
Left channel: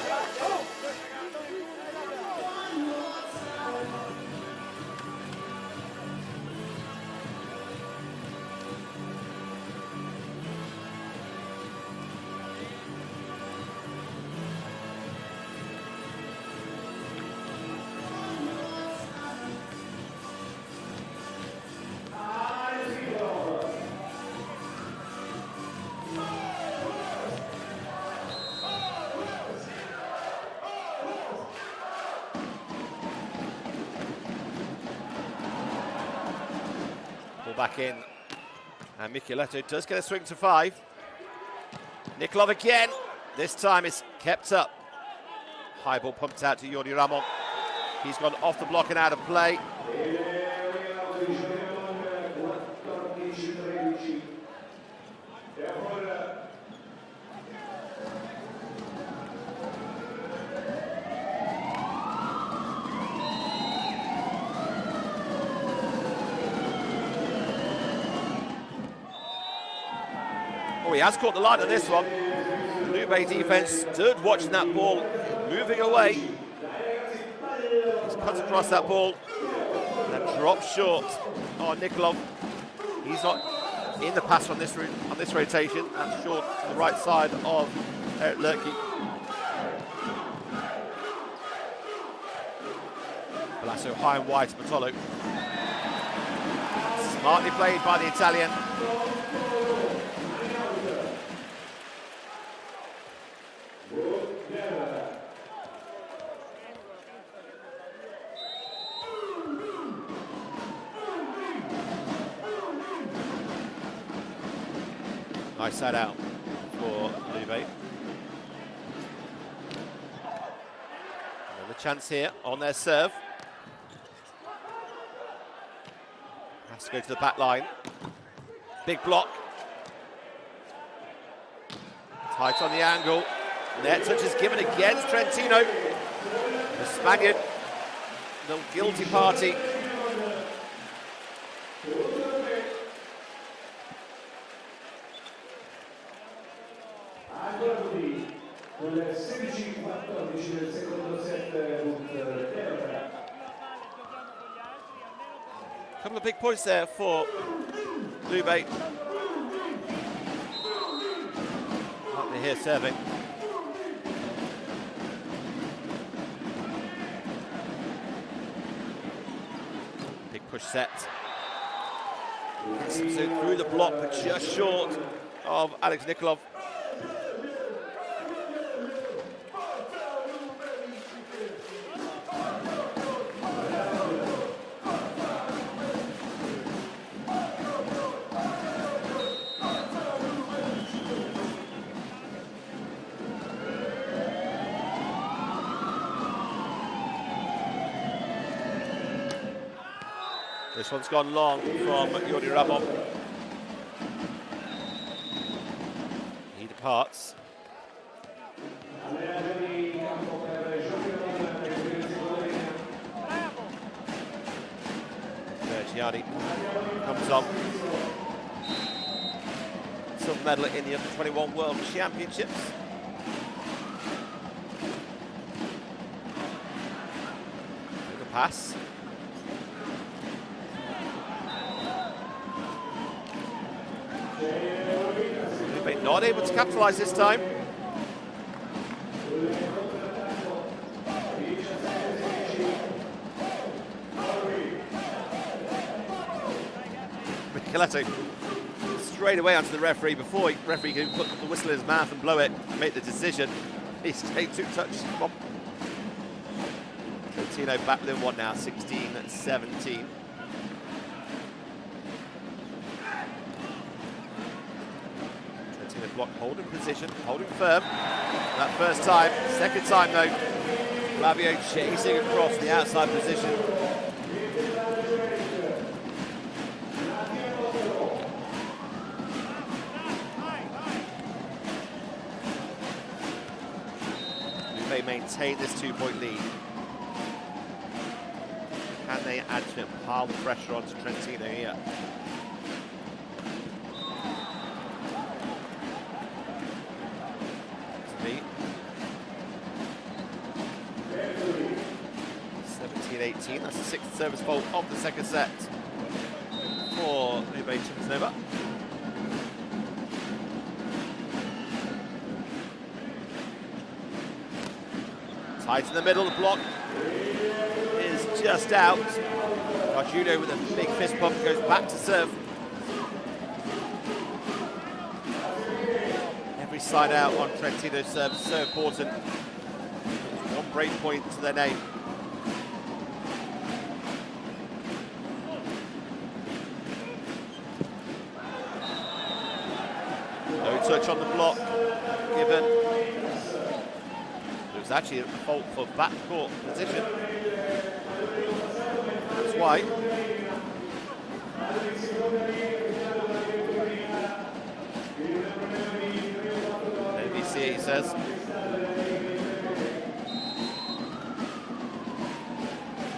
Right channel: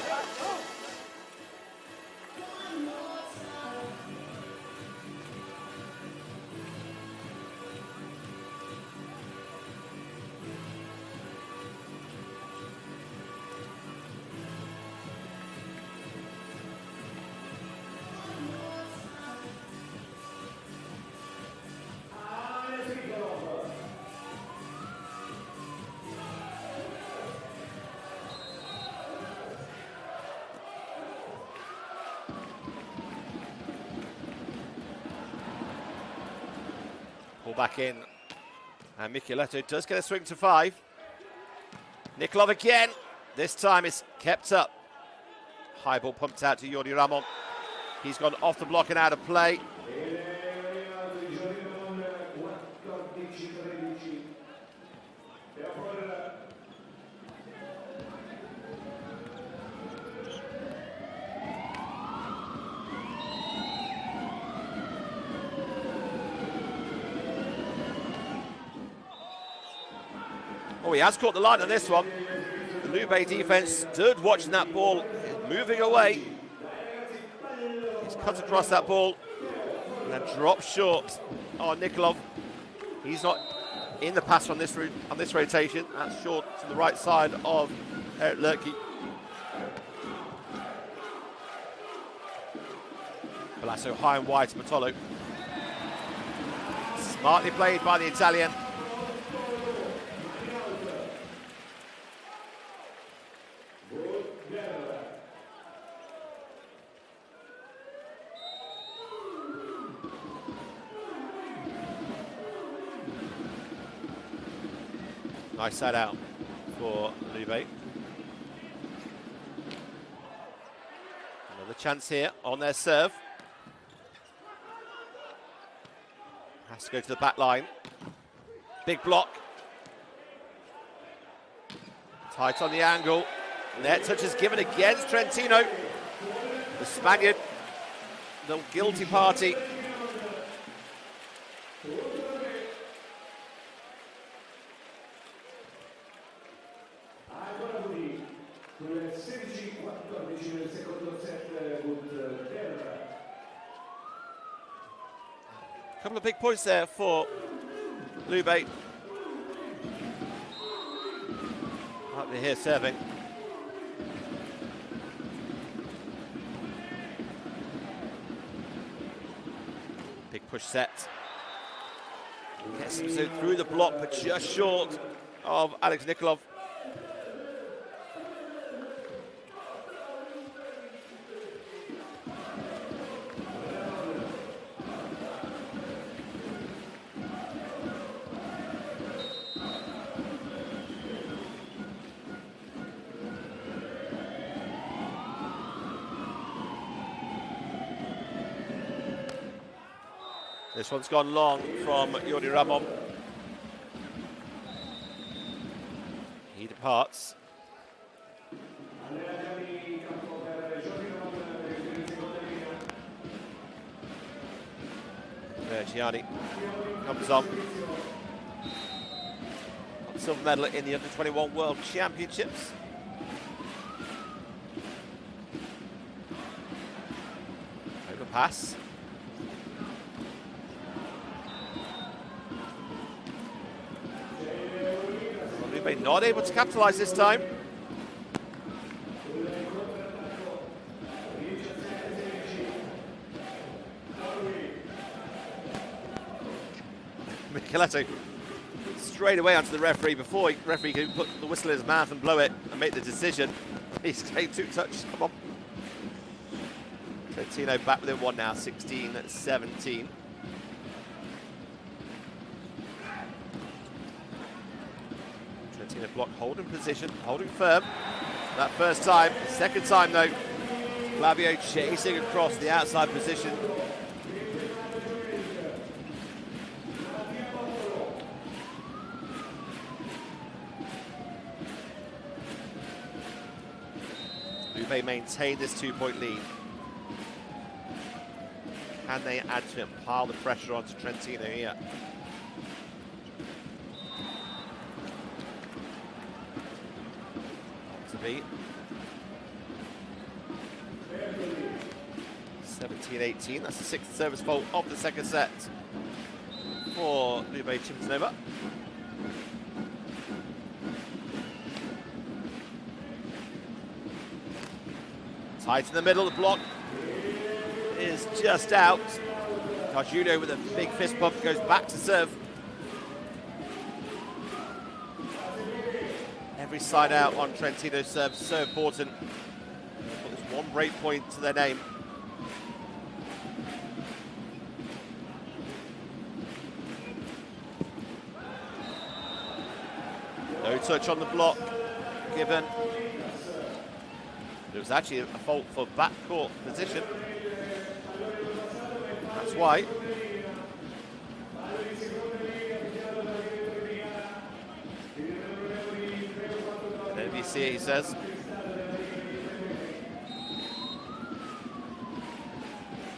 Back in, and Micheletto does get a swing to 5. Nikolov again, this time it's kept up. High ball pumped out to Jordi Ramon. He's gone off the block and out of play. Oh, he has caught the line on this one. The Lube defense stood watching that ball, moving away. He's cut across that ball and then drops short on Nikolov. He's not in the pass on this rotation. That's short to the right side of Eric Lerke. Balasso high and wide to Bartolo. Smartly played by the Italian. Nice set out for Lube. Another chance here on their serve. Has to go to the back line. Big block. Tight on the angle. Net touch is given against Trentino. The Spaniard, the guilty party. Couple of big points there for Lube. Up here serving. Big push set. Gets him through the block, but just short of Alex Nikolov. This one's gone long from Yuri Ramon. He departs. Gianni comes on. Silver medal in the Under-21 World Championships. Overpass. Not able to capitalise this time. Micheletti straight away onto the referee before the referee can put the whistle in his mouth and blow it and make the decision. He's taken 2 touches. Come on. Trentino back within 1 now, 16-17. Trentino block, holding position, holding firm. That first time. Second time though, Flavio chasing across the outside position. Lube maintain this 2-point lead. Can they add to it, pile the pressure onto Trentino here? To be 17-18, that's the 6th service fault of the second set for Lube Civitanova. Tight in the middle, the block is just out. Carjudo with a big fist pump goes back to serve. Every side out on Trentino's serve is so important. There's one break point to their name. No touch on the block given. It was actually a fault for backcourt position. That's why. NBC, he says.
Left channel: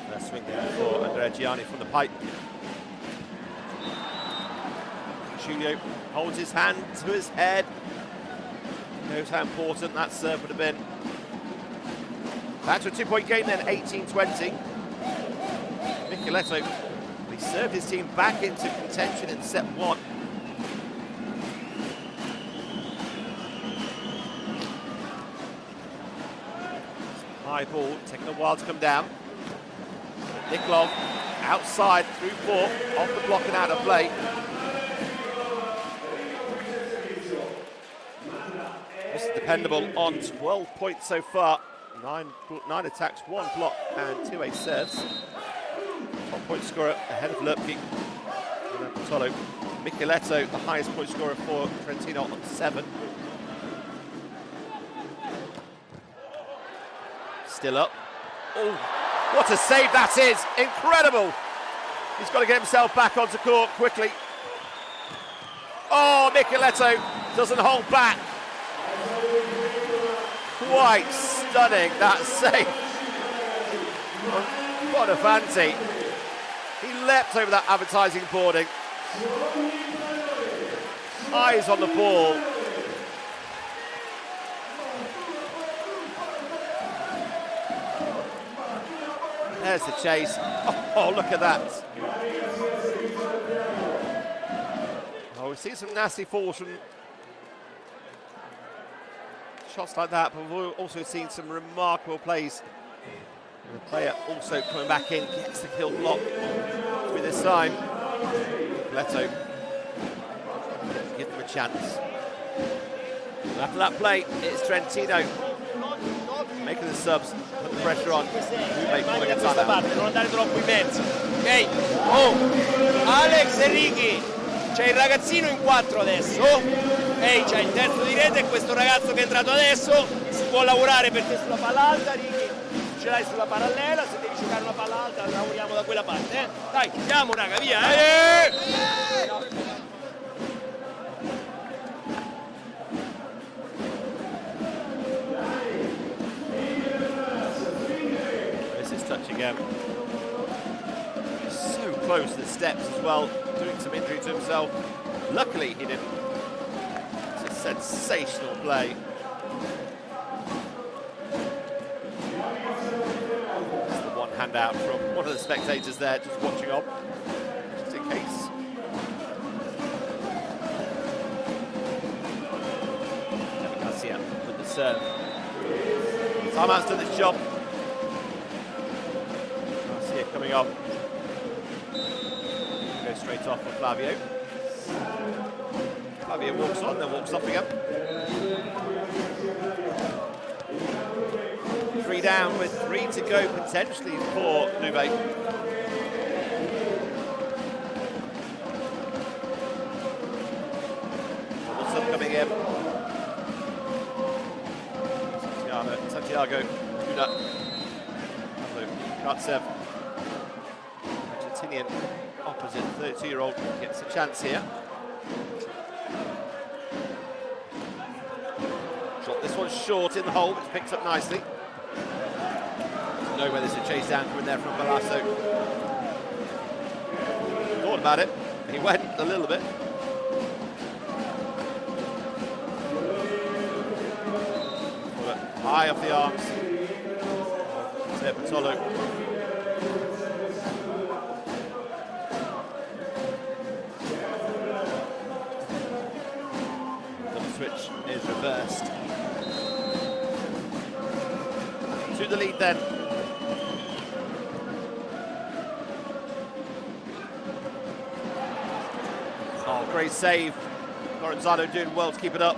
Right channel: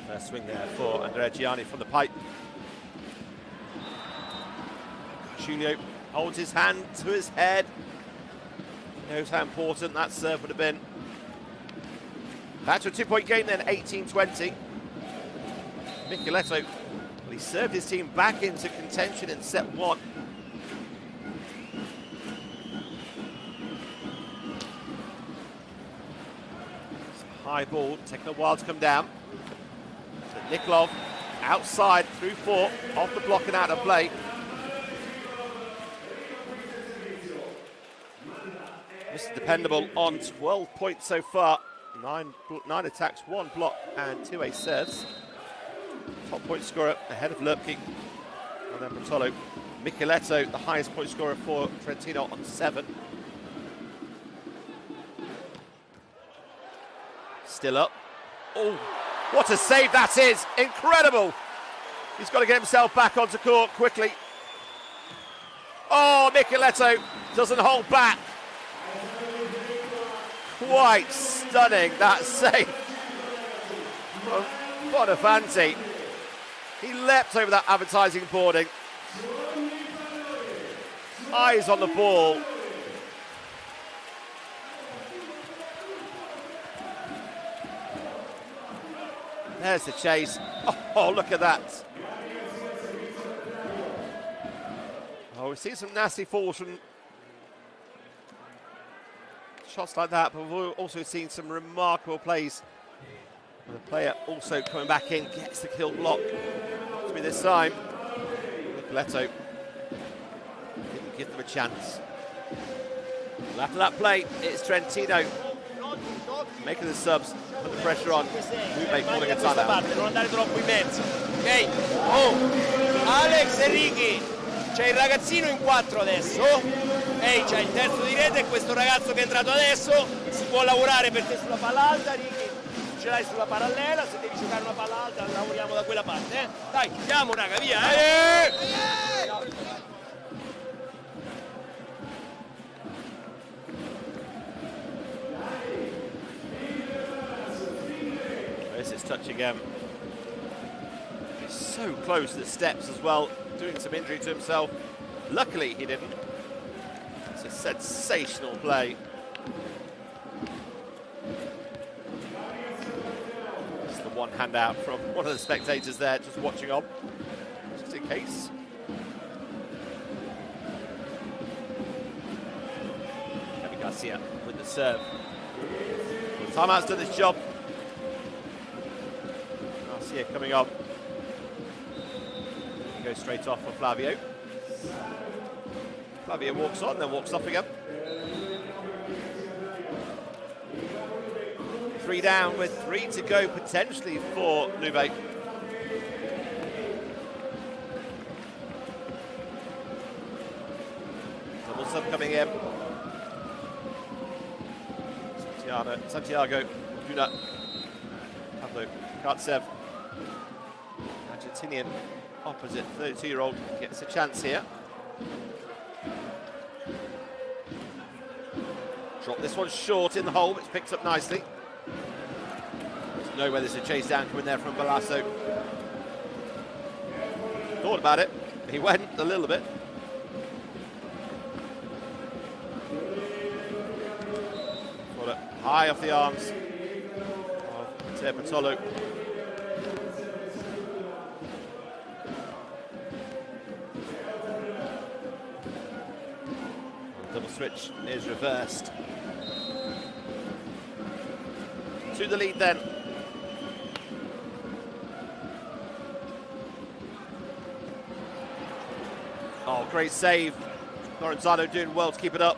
First swing there for Andrea Gianni from the pipe. Giulio holds his hand to his head. He knows how important that serve would have been. Back to a 2-point game then, 18-20. Micheletto, he served his team back into contention in set 1. High ball, taking a while to come down. But Nikolov outside through 4, off the block and out of play. Mr. Dependable on 12 points so far. 9 attacks, 1 block and 2 ace serves. Top point scorer ahead of Lubke. And then Bartolo. Micheletto, the highest point scorer for Trentino on 7. Still up. Oh, what a save that is! Incredible! He's got to get himself back onto court quickly. Oh, Micheletto doesn't hold back. Quite stunning, that save. Bonafanti. He leapt over that advertising boarding. Eyes on the ball. There's the chase. Oh, look at that. Oh, we've seen some nasty falls from shots like that, but we've also seen some remarkable plays. And the player also coming back in, gets the kill block to be this time. Micheletto didn't give them a chance. After that play, it's Trentino making the subs, put the pressure on. Lube calling a timeout. Non andare troppo in mezzo. Ok? Oh, Alex e Ricky. C'è il ragazzino in 4 adesso. Ehi, c'è il terzo di rete e questo ragazzo che è entrato adesso. Si può lavorare perché sulla palla alta, Ricky, ce l'hai sulla parallela. Se devi giocare una palla alta, lavoriamo da quella parte, eh? Dai, chiudiamo, raga, via, This is touch again. So close to the steps as well, doing some injury to himself. Luckily he didn't. It's a sensational play. Just the one hand out from one of the spectators there, just watching on, just in case. Kevin Garcia with the serve. Timeout's done this job. Garcia coming on. Goes straight off for Flavio. Flavio walks on, then walks off again. 3 down with 3 to go potentially for Lube. Double sub coming in. Santiago, Duda, Pablo Kartsev, Argentinian opposite 32-year-old gets a chance here. Drop this one short in the hole, it's picked up nicely. There's no way there's a chase down coming there from Balasso. Thought about it, he went a little bit. Got it high off the arms of Matteo Bartolo. Switch is reversed. To the lead then. Oh, great save. Lorenzano doing well to keep it up.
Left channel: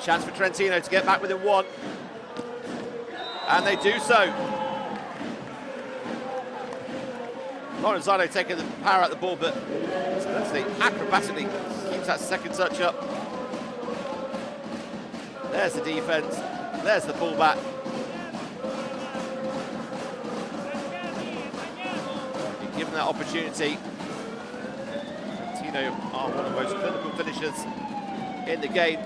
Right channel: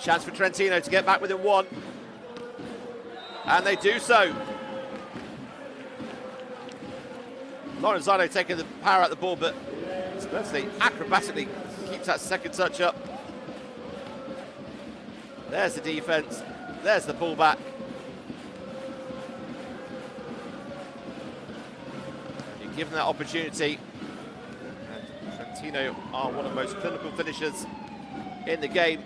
Chance for Trentino to get back within 1. And they do so. Lorenzano taking the power out of the ball, but especially acrobatically keeps that second touch up. There's the defense. There's the pullback. You're given that opportunity. Trentino are one of the most clinical finishers in the game.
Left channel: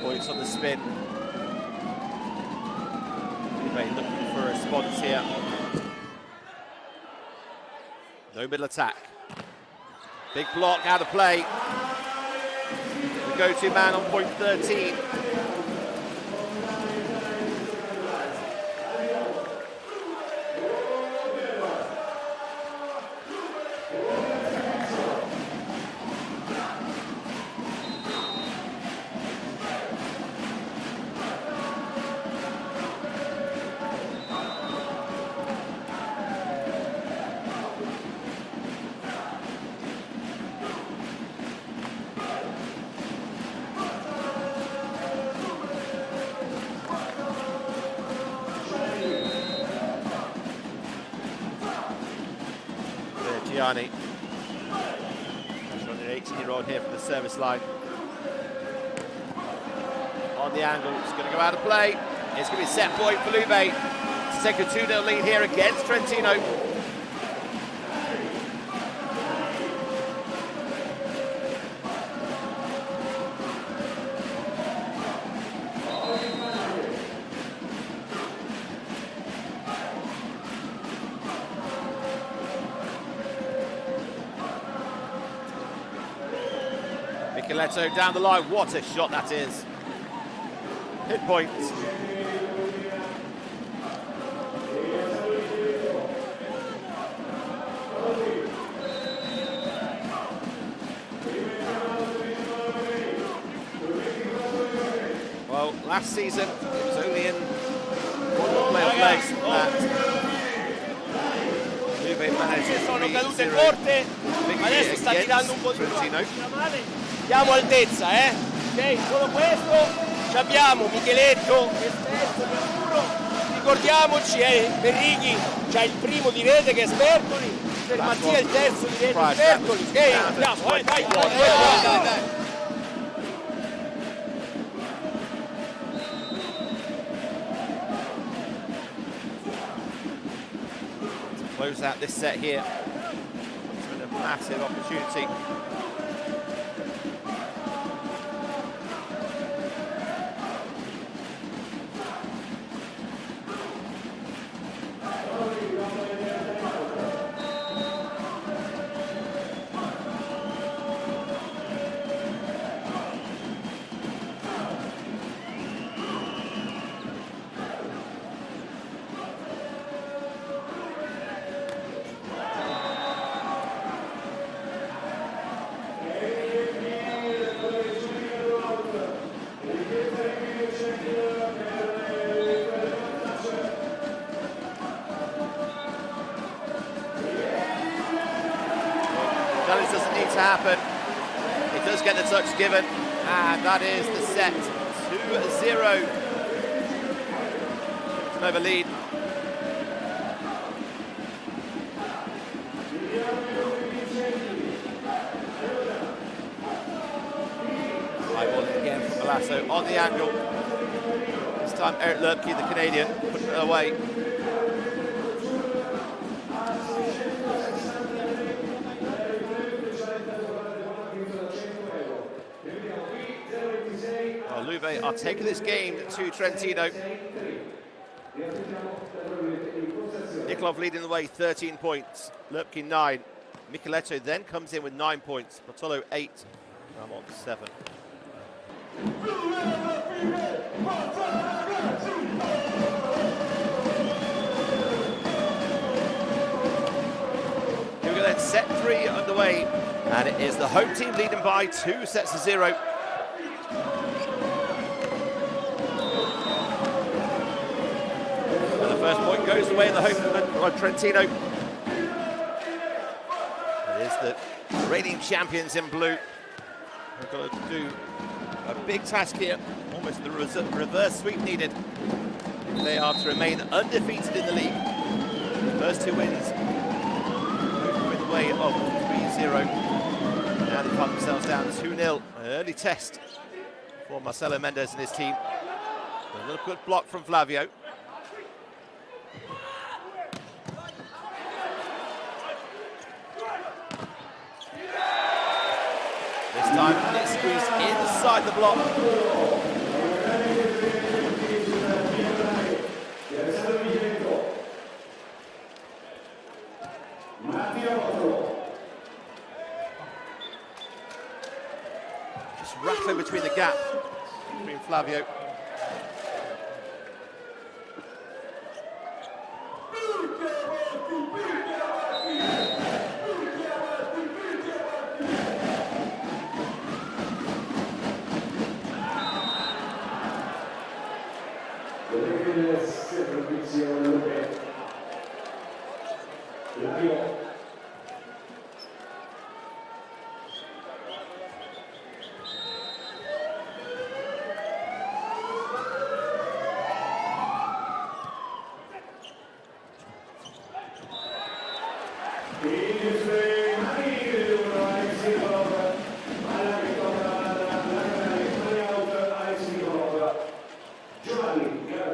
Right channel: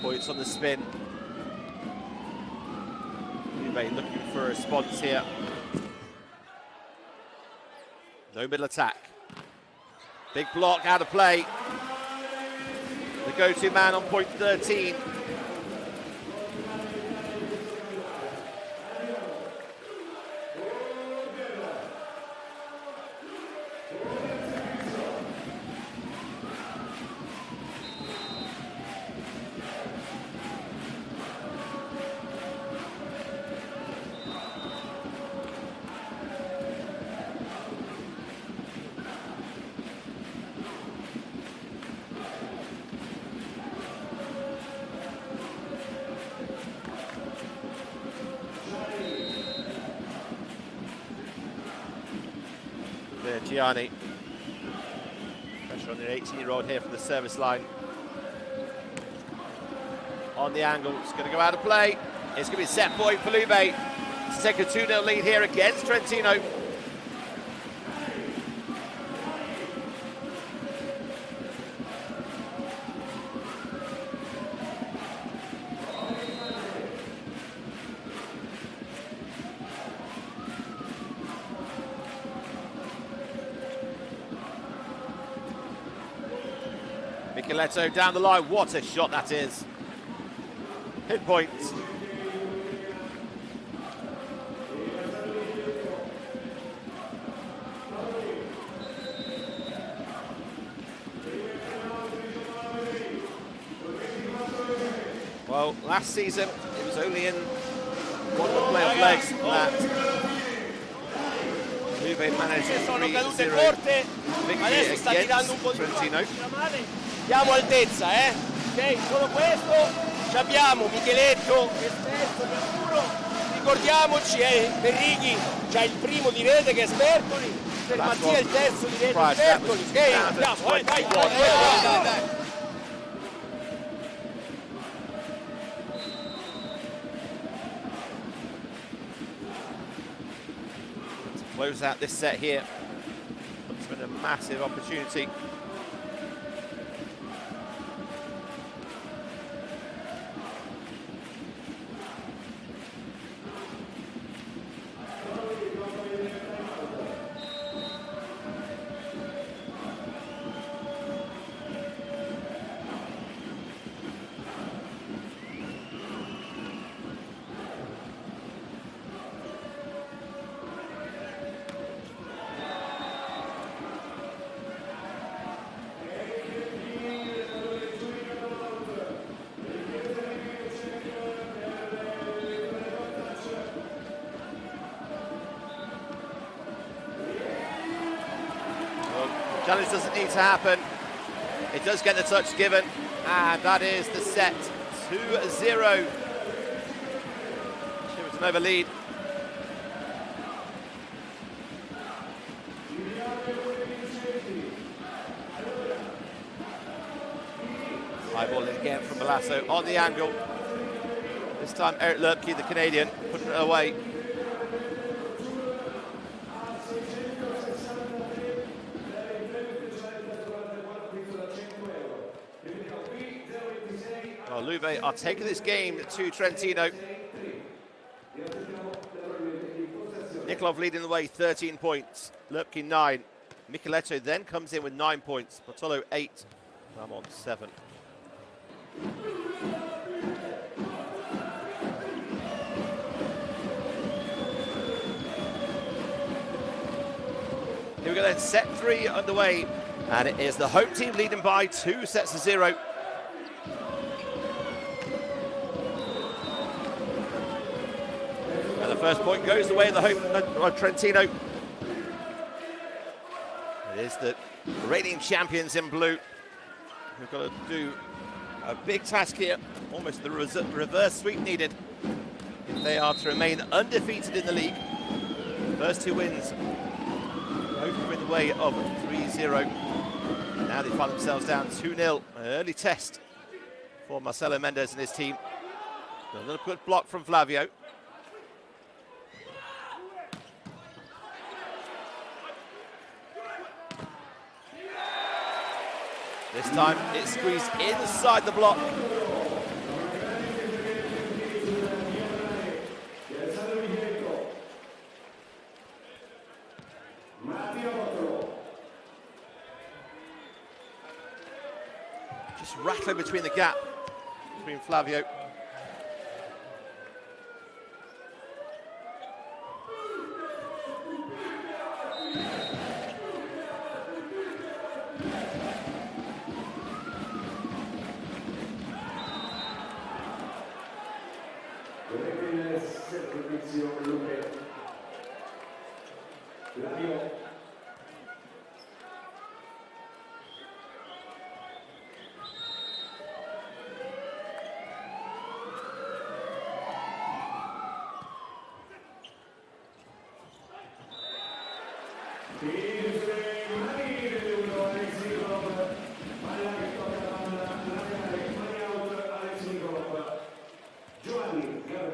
Points on the spin Lube looking for a response here. No middle attack. Big block out of play. The go-to man on point 13. Gianni. Pressure on the 18-year-old here from the service line. On the angle, it's going to go out of play. It's going to be a set point for Lube to take a 2-0 lead here against Trentino. Micheletto down the line, what a shot that is. Pinpoint. Well, last season it was only in one of the playoff legs that Lube managed sono cadute 3-0 corte, victory adesso sta tirando un po' di Trentino. Diamo altezza, ok? Solo questo, ci abbiamo Micheletto, esperto di Amuro, ricordiamoci, Berrighi c'ha il primo di rete che è Sbertoli, per Mattia il terzo di rete Sbertoli, ok? Andiamo, vai. Close out this set here. Puts them in a massive opportunity. Challenge doesn't need to happen. It does get the touch given, and that is the set. 2-0. Civitanova lead. High ball in again from Malasso on the angle. This time Eric Lubke, the Canadian, putting it away. Well, Lube are taking this game to Trentino. Nikolov leading the way, 13 points. Lubke 9. Micheletto then comes in with 9 points. Bartolo 8. Ramon 7. Here we go then, set 3 underway. And it is the home team leading by 2-0. And the first point goes the way of the home of Trentino. It is the reigning champions in blue who've got to do a big task here, almost the reverse sweep needed if they are to remain undefeated in the league. First 2 wins, both come in the way of 3-0. Now they find themselves down 2-0. An early test for Marcelo Mendes and his team. A little good block from Flavio. This time it's squeezed inside the block. Just rattling between the gap between Flavio.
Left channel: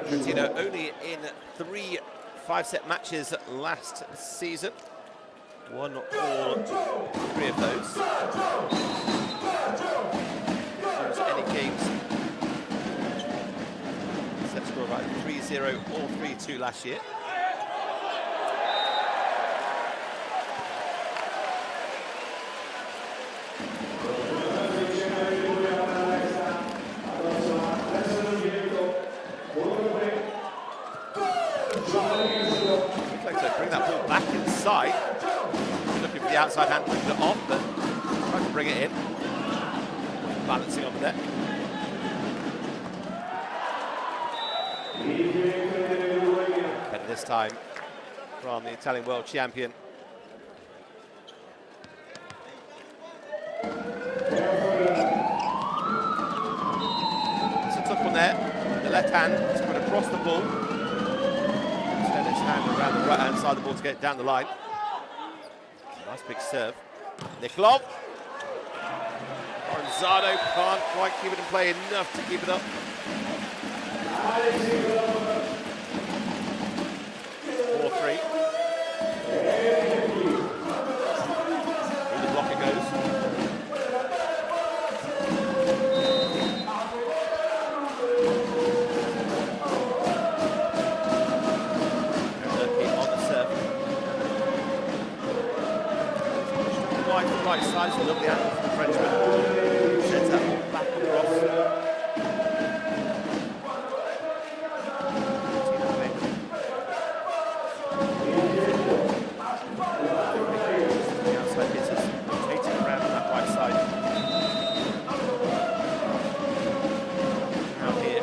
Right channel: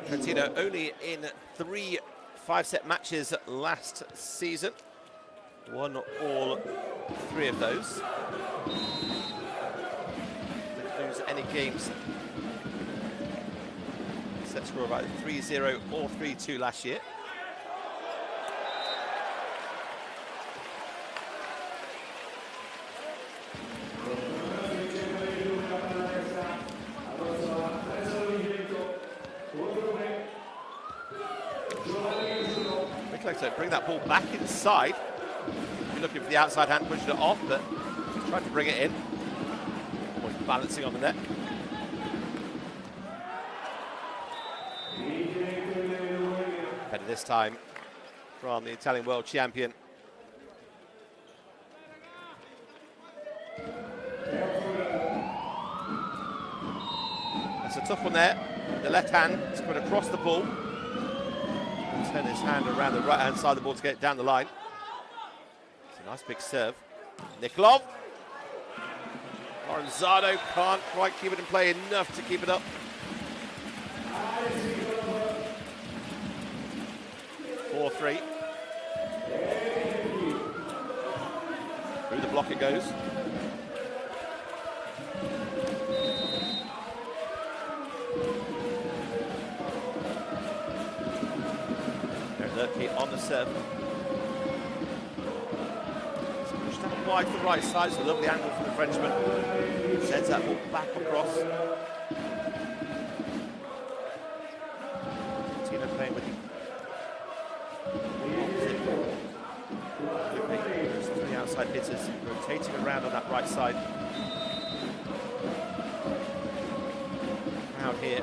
Trentino only in 3 5-set matches last season. Won all 3 of those. Didn't lose any games. Set score about 3-0 or 3-2 last year. So bring that ball back inside. You're looking for the outside hand, pushing it off, but trying to bring it in. Balancing on the net. Better this time from the Italian world champion. It's a tough one there. The left hand spread across the ball. Turn his hand around the right-hand side of the ball to get it down the line. It's a nice big serve. Nikolov. Lorenzo can't quite keep it in play enough to keep it up. 4-3. Through the block it goes. On the serve. Pushed up wide to the right side. It's a lovely angle from the Frenchman. Sends that ball back across. Tina playing with him. The outside hitters rotating around on that right side. Out here,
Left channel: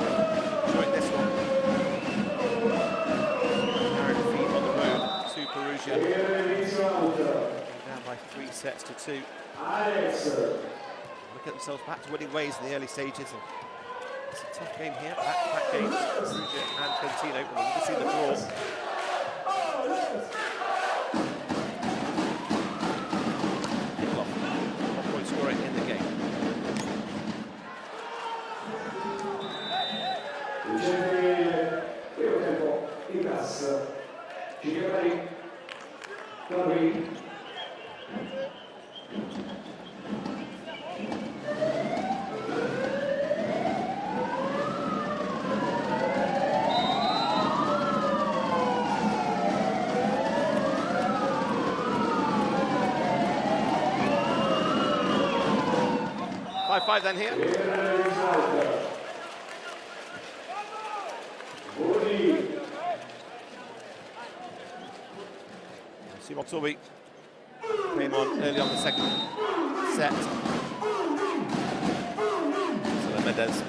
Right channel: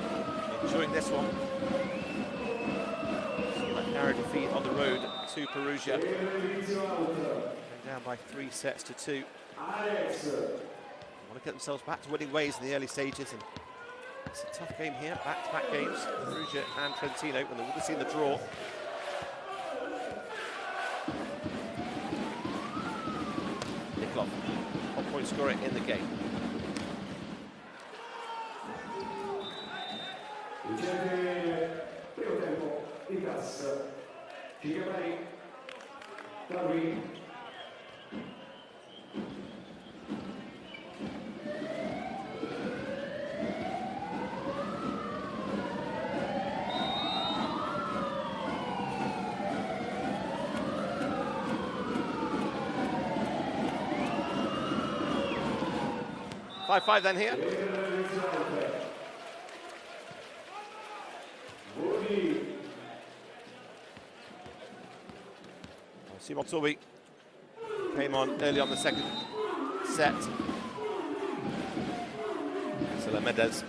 enjoying this one. Defeat on the road to Perugia. Going down by 3 sets to 2. They want to get themselves back to winning ways in the early stages, and it's a tough game here. Back-to-back games, Perugia and Trentino. And we'll just see the draw. Nikolov, top-point scorer in the game. Itas Trentino. 5-5 then here. Simon Torby came on early on the second set. Marcelo Mendez.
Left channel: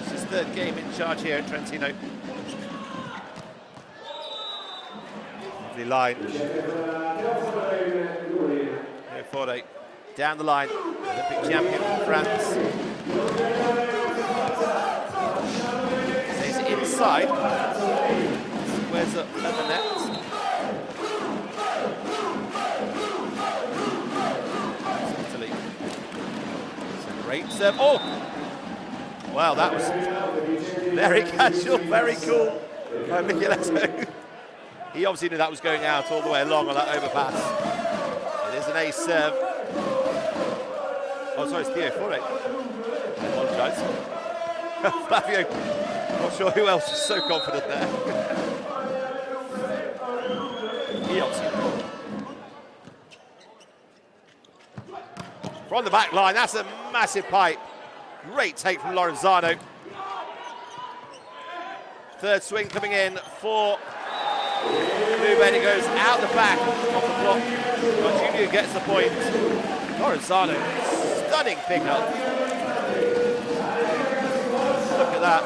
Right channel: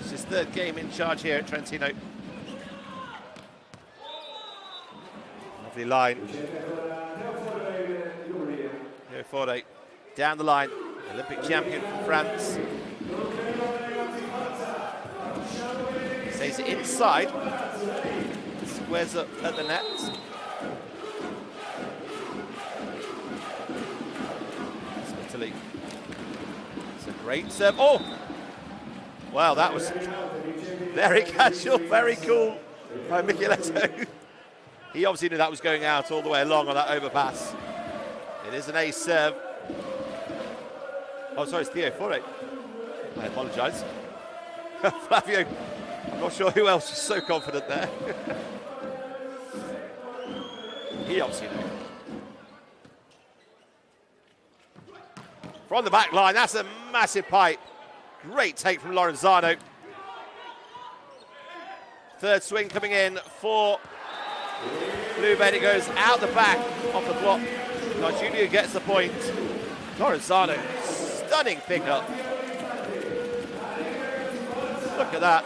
It's his third game in charge here at Trentino. Lovely line. Here Forde down the line. Olympic champion from France. Stays inside. Squares up at the net. Italy. It's a great serve. Oh! Wow, that was very casual, very cool by Micheletto. He obviously knew that was going out all the way along on that overpass. It is an ace serve. Oh, sorry, it's Theo Forde. I apologise. Flavio, not sure who else was so confident there. He obviously knew. from the back line. That's a massive pipe. Great take from Lorenzano. Third swing coming in for Lube. It goes out the back off the block. Junior gets the point. Lorenzano, stunning pickup. Look at that.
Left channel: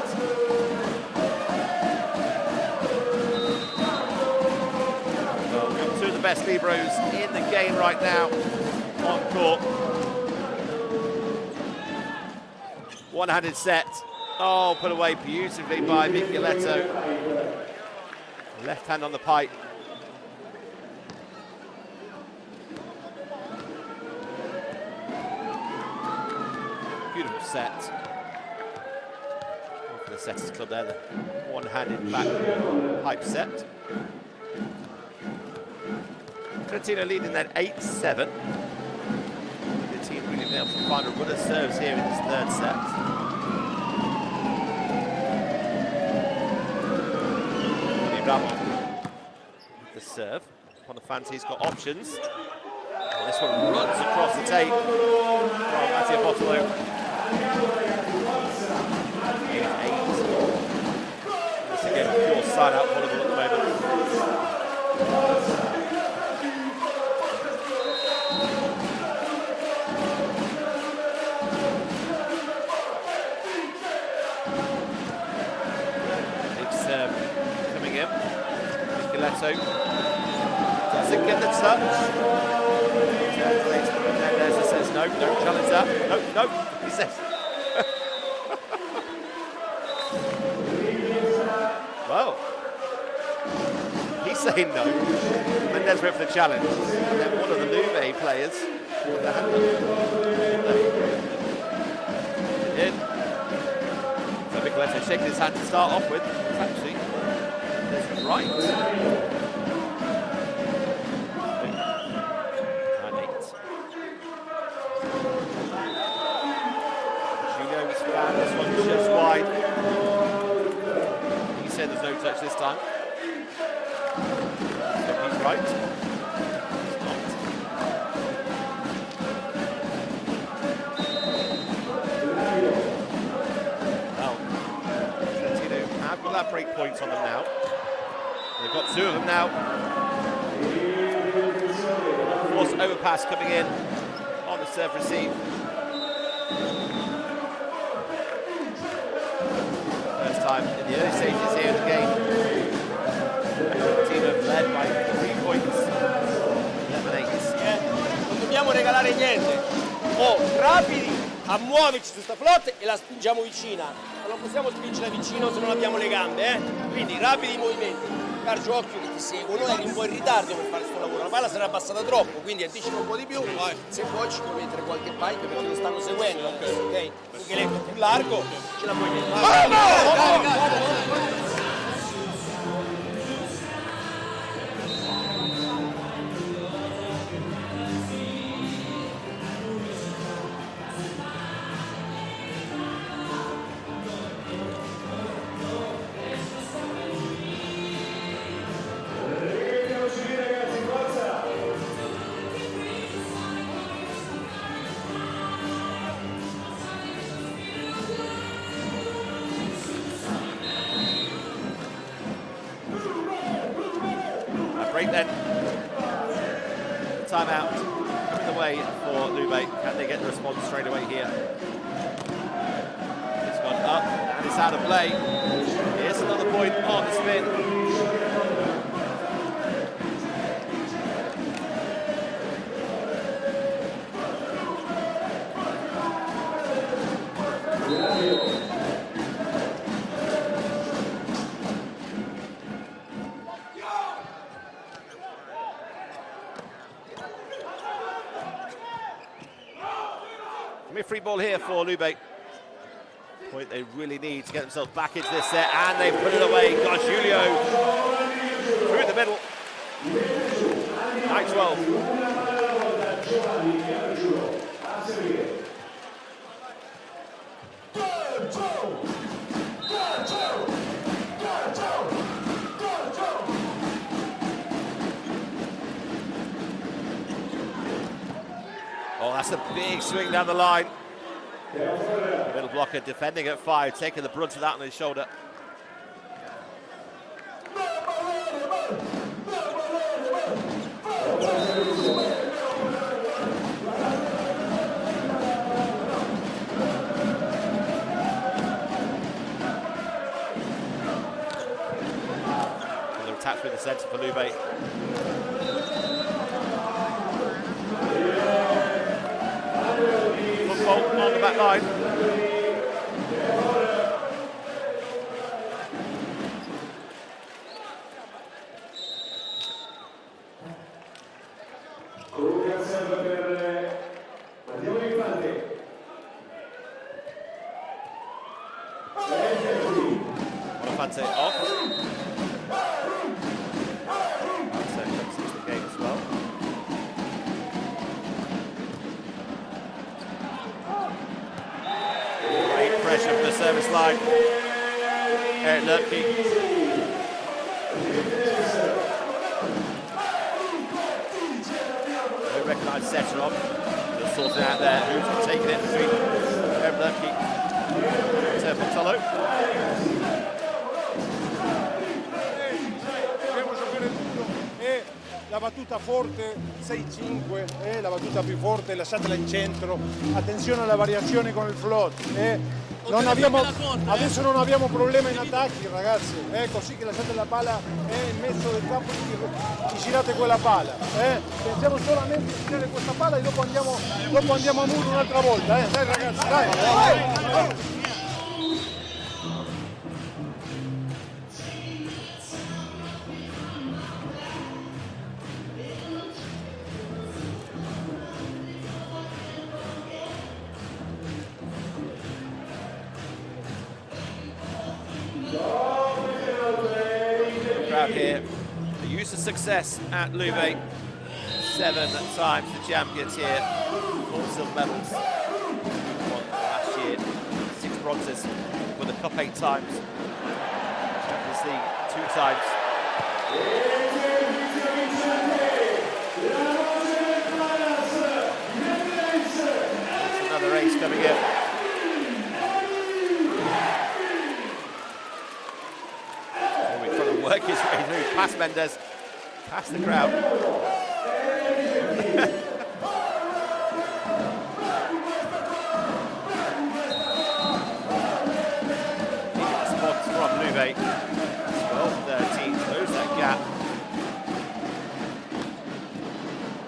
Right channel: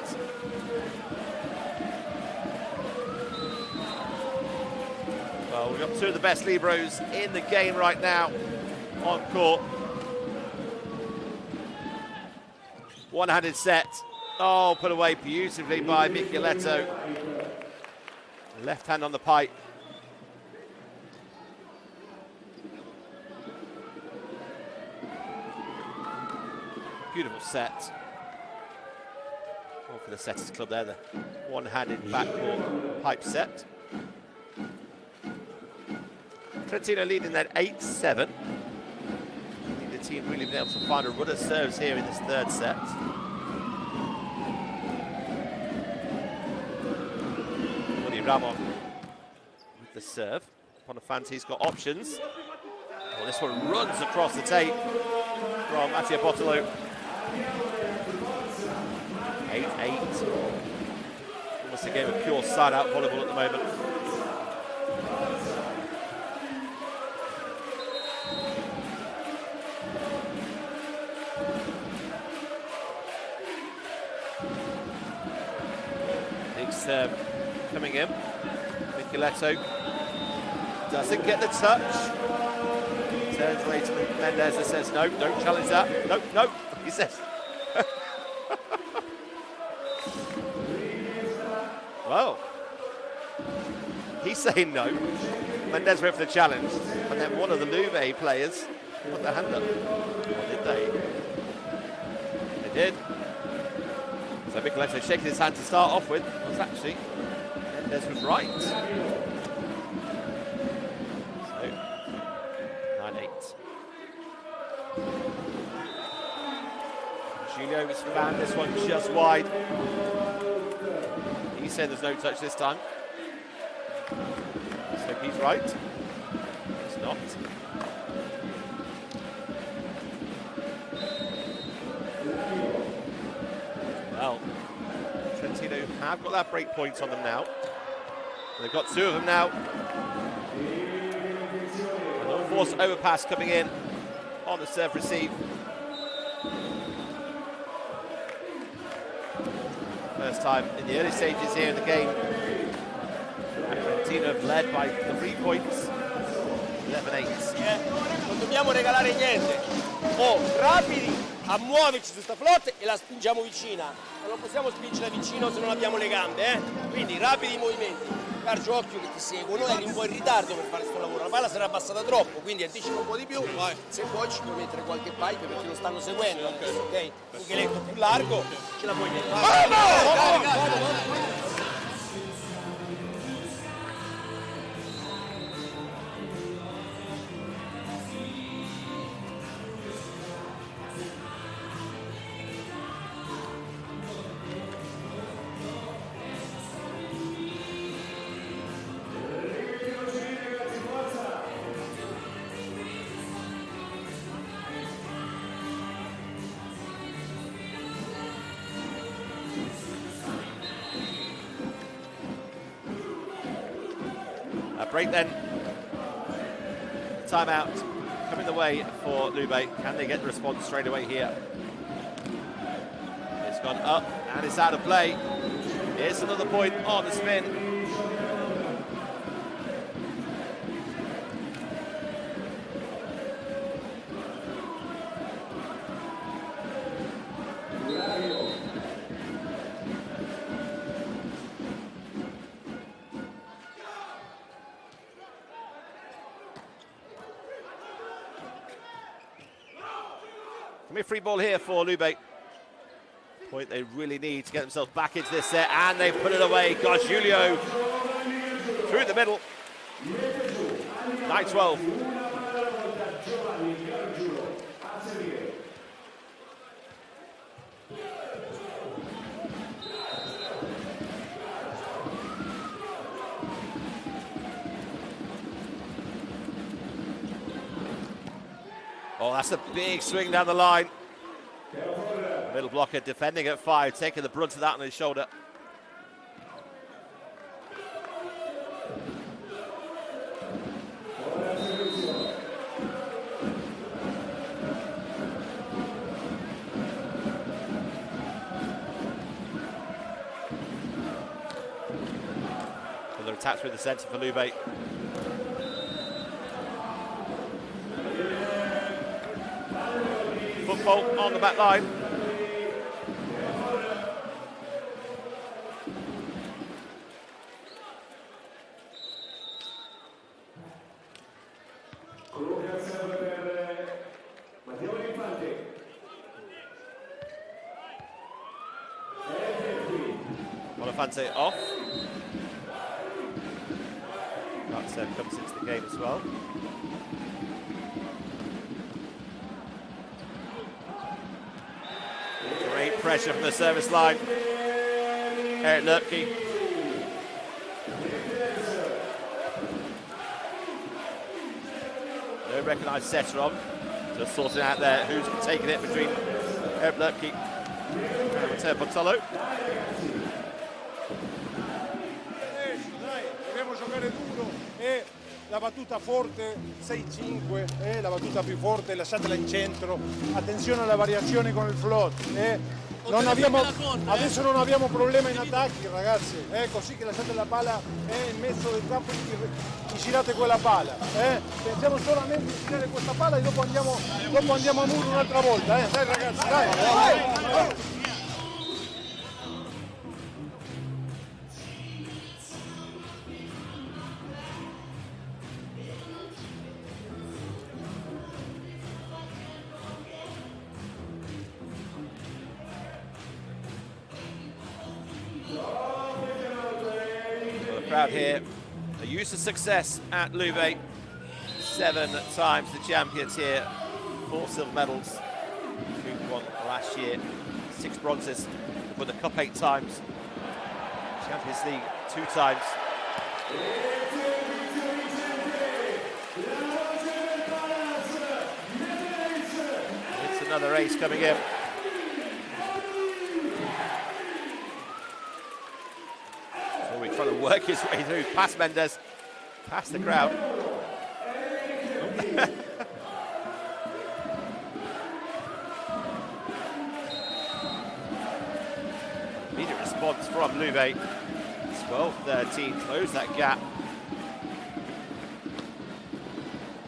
Well, we've got two of the best libros in the game right now on court. One-handed set. Oh, put away beautifully by Micheletto. Left hand on the pipe. Beautiful set. One for the Setters Club there, the one-handed backcourt pipe set. Trentino leading that 8-7. The team really been able to find a run of serves here in this third set. Ramon with the serve. Bonafanti, he's got options. Oh, this one runs across the tape from Mattia Bottolo. 8-8. It's a game of pure side-out volleyball at the moment. Big serve coming in. Micheletto doesn't get the touch. Turns away to Mendez and says, no, don't challenge that. No, no, he says. Well, he's saying no. Mendez went for the challenge. And then one of the Lube players put their hand up. Did they? They did. So Micheletto shaking his hand to start off with. Was actually Mendez was right. 9-8. Julio was found this one just wide. He said there's no touch this time. So he's right. It's not. Well, Trentino have got that break point on them now. They've got two of them now. And of course, overpass coming in on the serve receive. First time in the early stages here of the game. Trentino led by 3 points. 11-8. Non dobbiamo regalare niente. Rapidi a muoverci su sta flotta e la spingiamo vicina. Ma non possiamo spingerla vicino se non abbiamo le gambe, Quindi rapidi i movimenti. Cargio occhio che ti seguono, eri un po' in ritardo per fare questo lavoro. La palla sarà abbassata troppo, quindi anticipa un po' di più. Se vuoi ci puoi mettere qualche pipe perché lo stanno seguendo, ok? Un cheletto più largo, ce la puoi mettere. Break then. Timeout coming the way for Lube. Can they get the response straight away here? It's gone up and it's out of play. Here's another point on the spin. Free ball here for Lube. Point they really need to get themselves back into this set, and they put it away. Gosh, Julio through the middle. 9-12. Oh, that's a big swing down the line. Middle blocker defending at 5, taking the brunt of that on his shoulder. Another attack through the centre for Lube. Football on the back line. Bonifante off. That comes into the game as well. Great pressure from the service line. Eric Lutke. No recognised setter on. Just sorting out there who's taking it between Eric Lutke and Matteo Bottolo. Dobbiamo giocare duro e la battuta forte 6-5, la battuta più forte, lasciatela in centro, attenzione alla variazione con il float. Adesso non abbiamo problema in attacchi, ragazzi, così che lasciate la palla in mezzo del campo e girate quella palla. Pensiamo solamente a girare questa palla e dopo andiamo a muro un'altra volta. Dai ragazzi, dai. Crowd here, a use of success at Lube. 7 times the champions here, 4 silver medals. Lube won last year, 6 bronzes, won the cup 8 times, Champions League 2 times. It's another ace coming in. Trying to work his way through, past Mendes, past the crowd. Immediate response from Lube. 12-13, close that gap.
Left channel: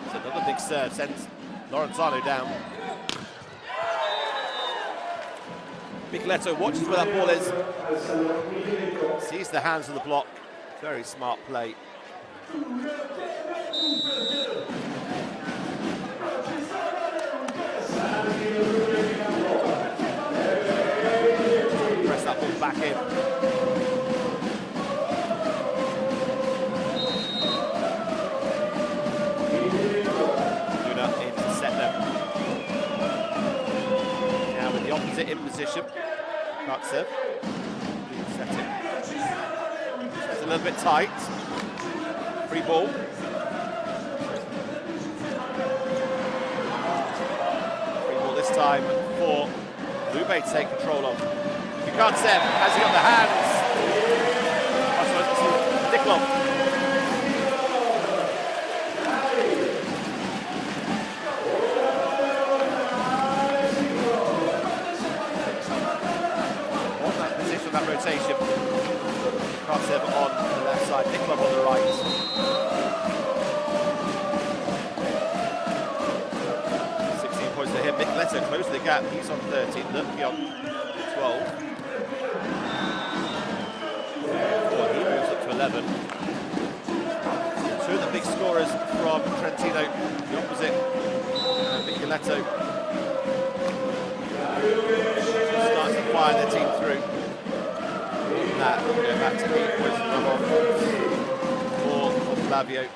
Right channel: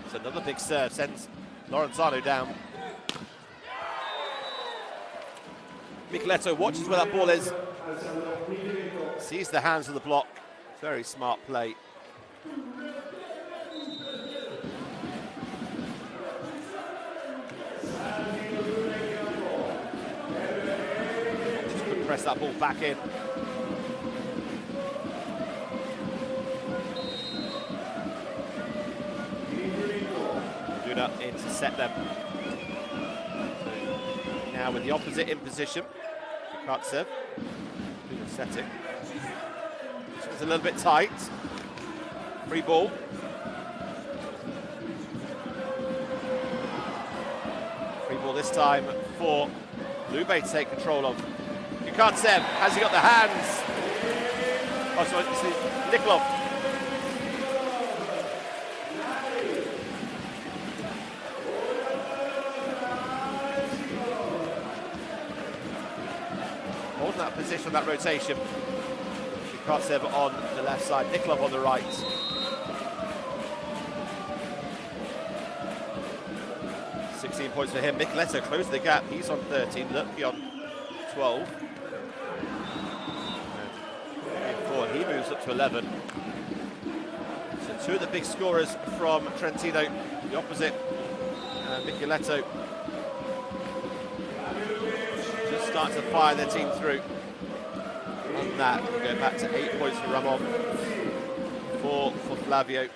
It's another big serve, sends Lorenzano down. Micheletto watches where that ball is. Sees the hands of the block. Very smart play. Just press that ball back in. Luna in to set them. Now with the opposite in position. Can't serve. Set it. It's a little bit tight. Free ball. Free ball this time for Lube to take control of. Kukantsev, has he got the hands? Oh, sorry, this is Nikolov. On that position, that rotation. Kukantsev on the left side, Nikolov on the right. Points for him. Micheletto closed the gap. He's on 13. Lutke on 12. He moves up to 11. So 2 of the big scorers from Trentino. The opposite, Micheletto. Just starting to fire their team through. On that, going back to 8 points to Ramon. 4 for Flavio.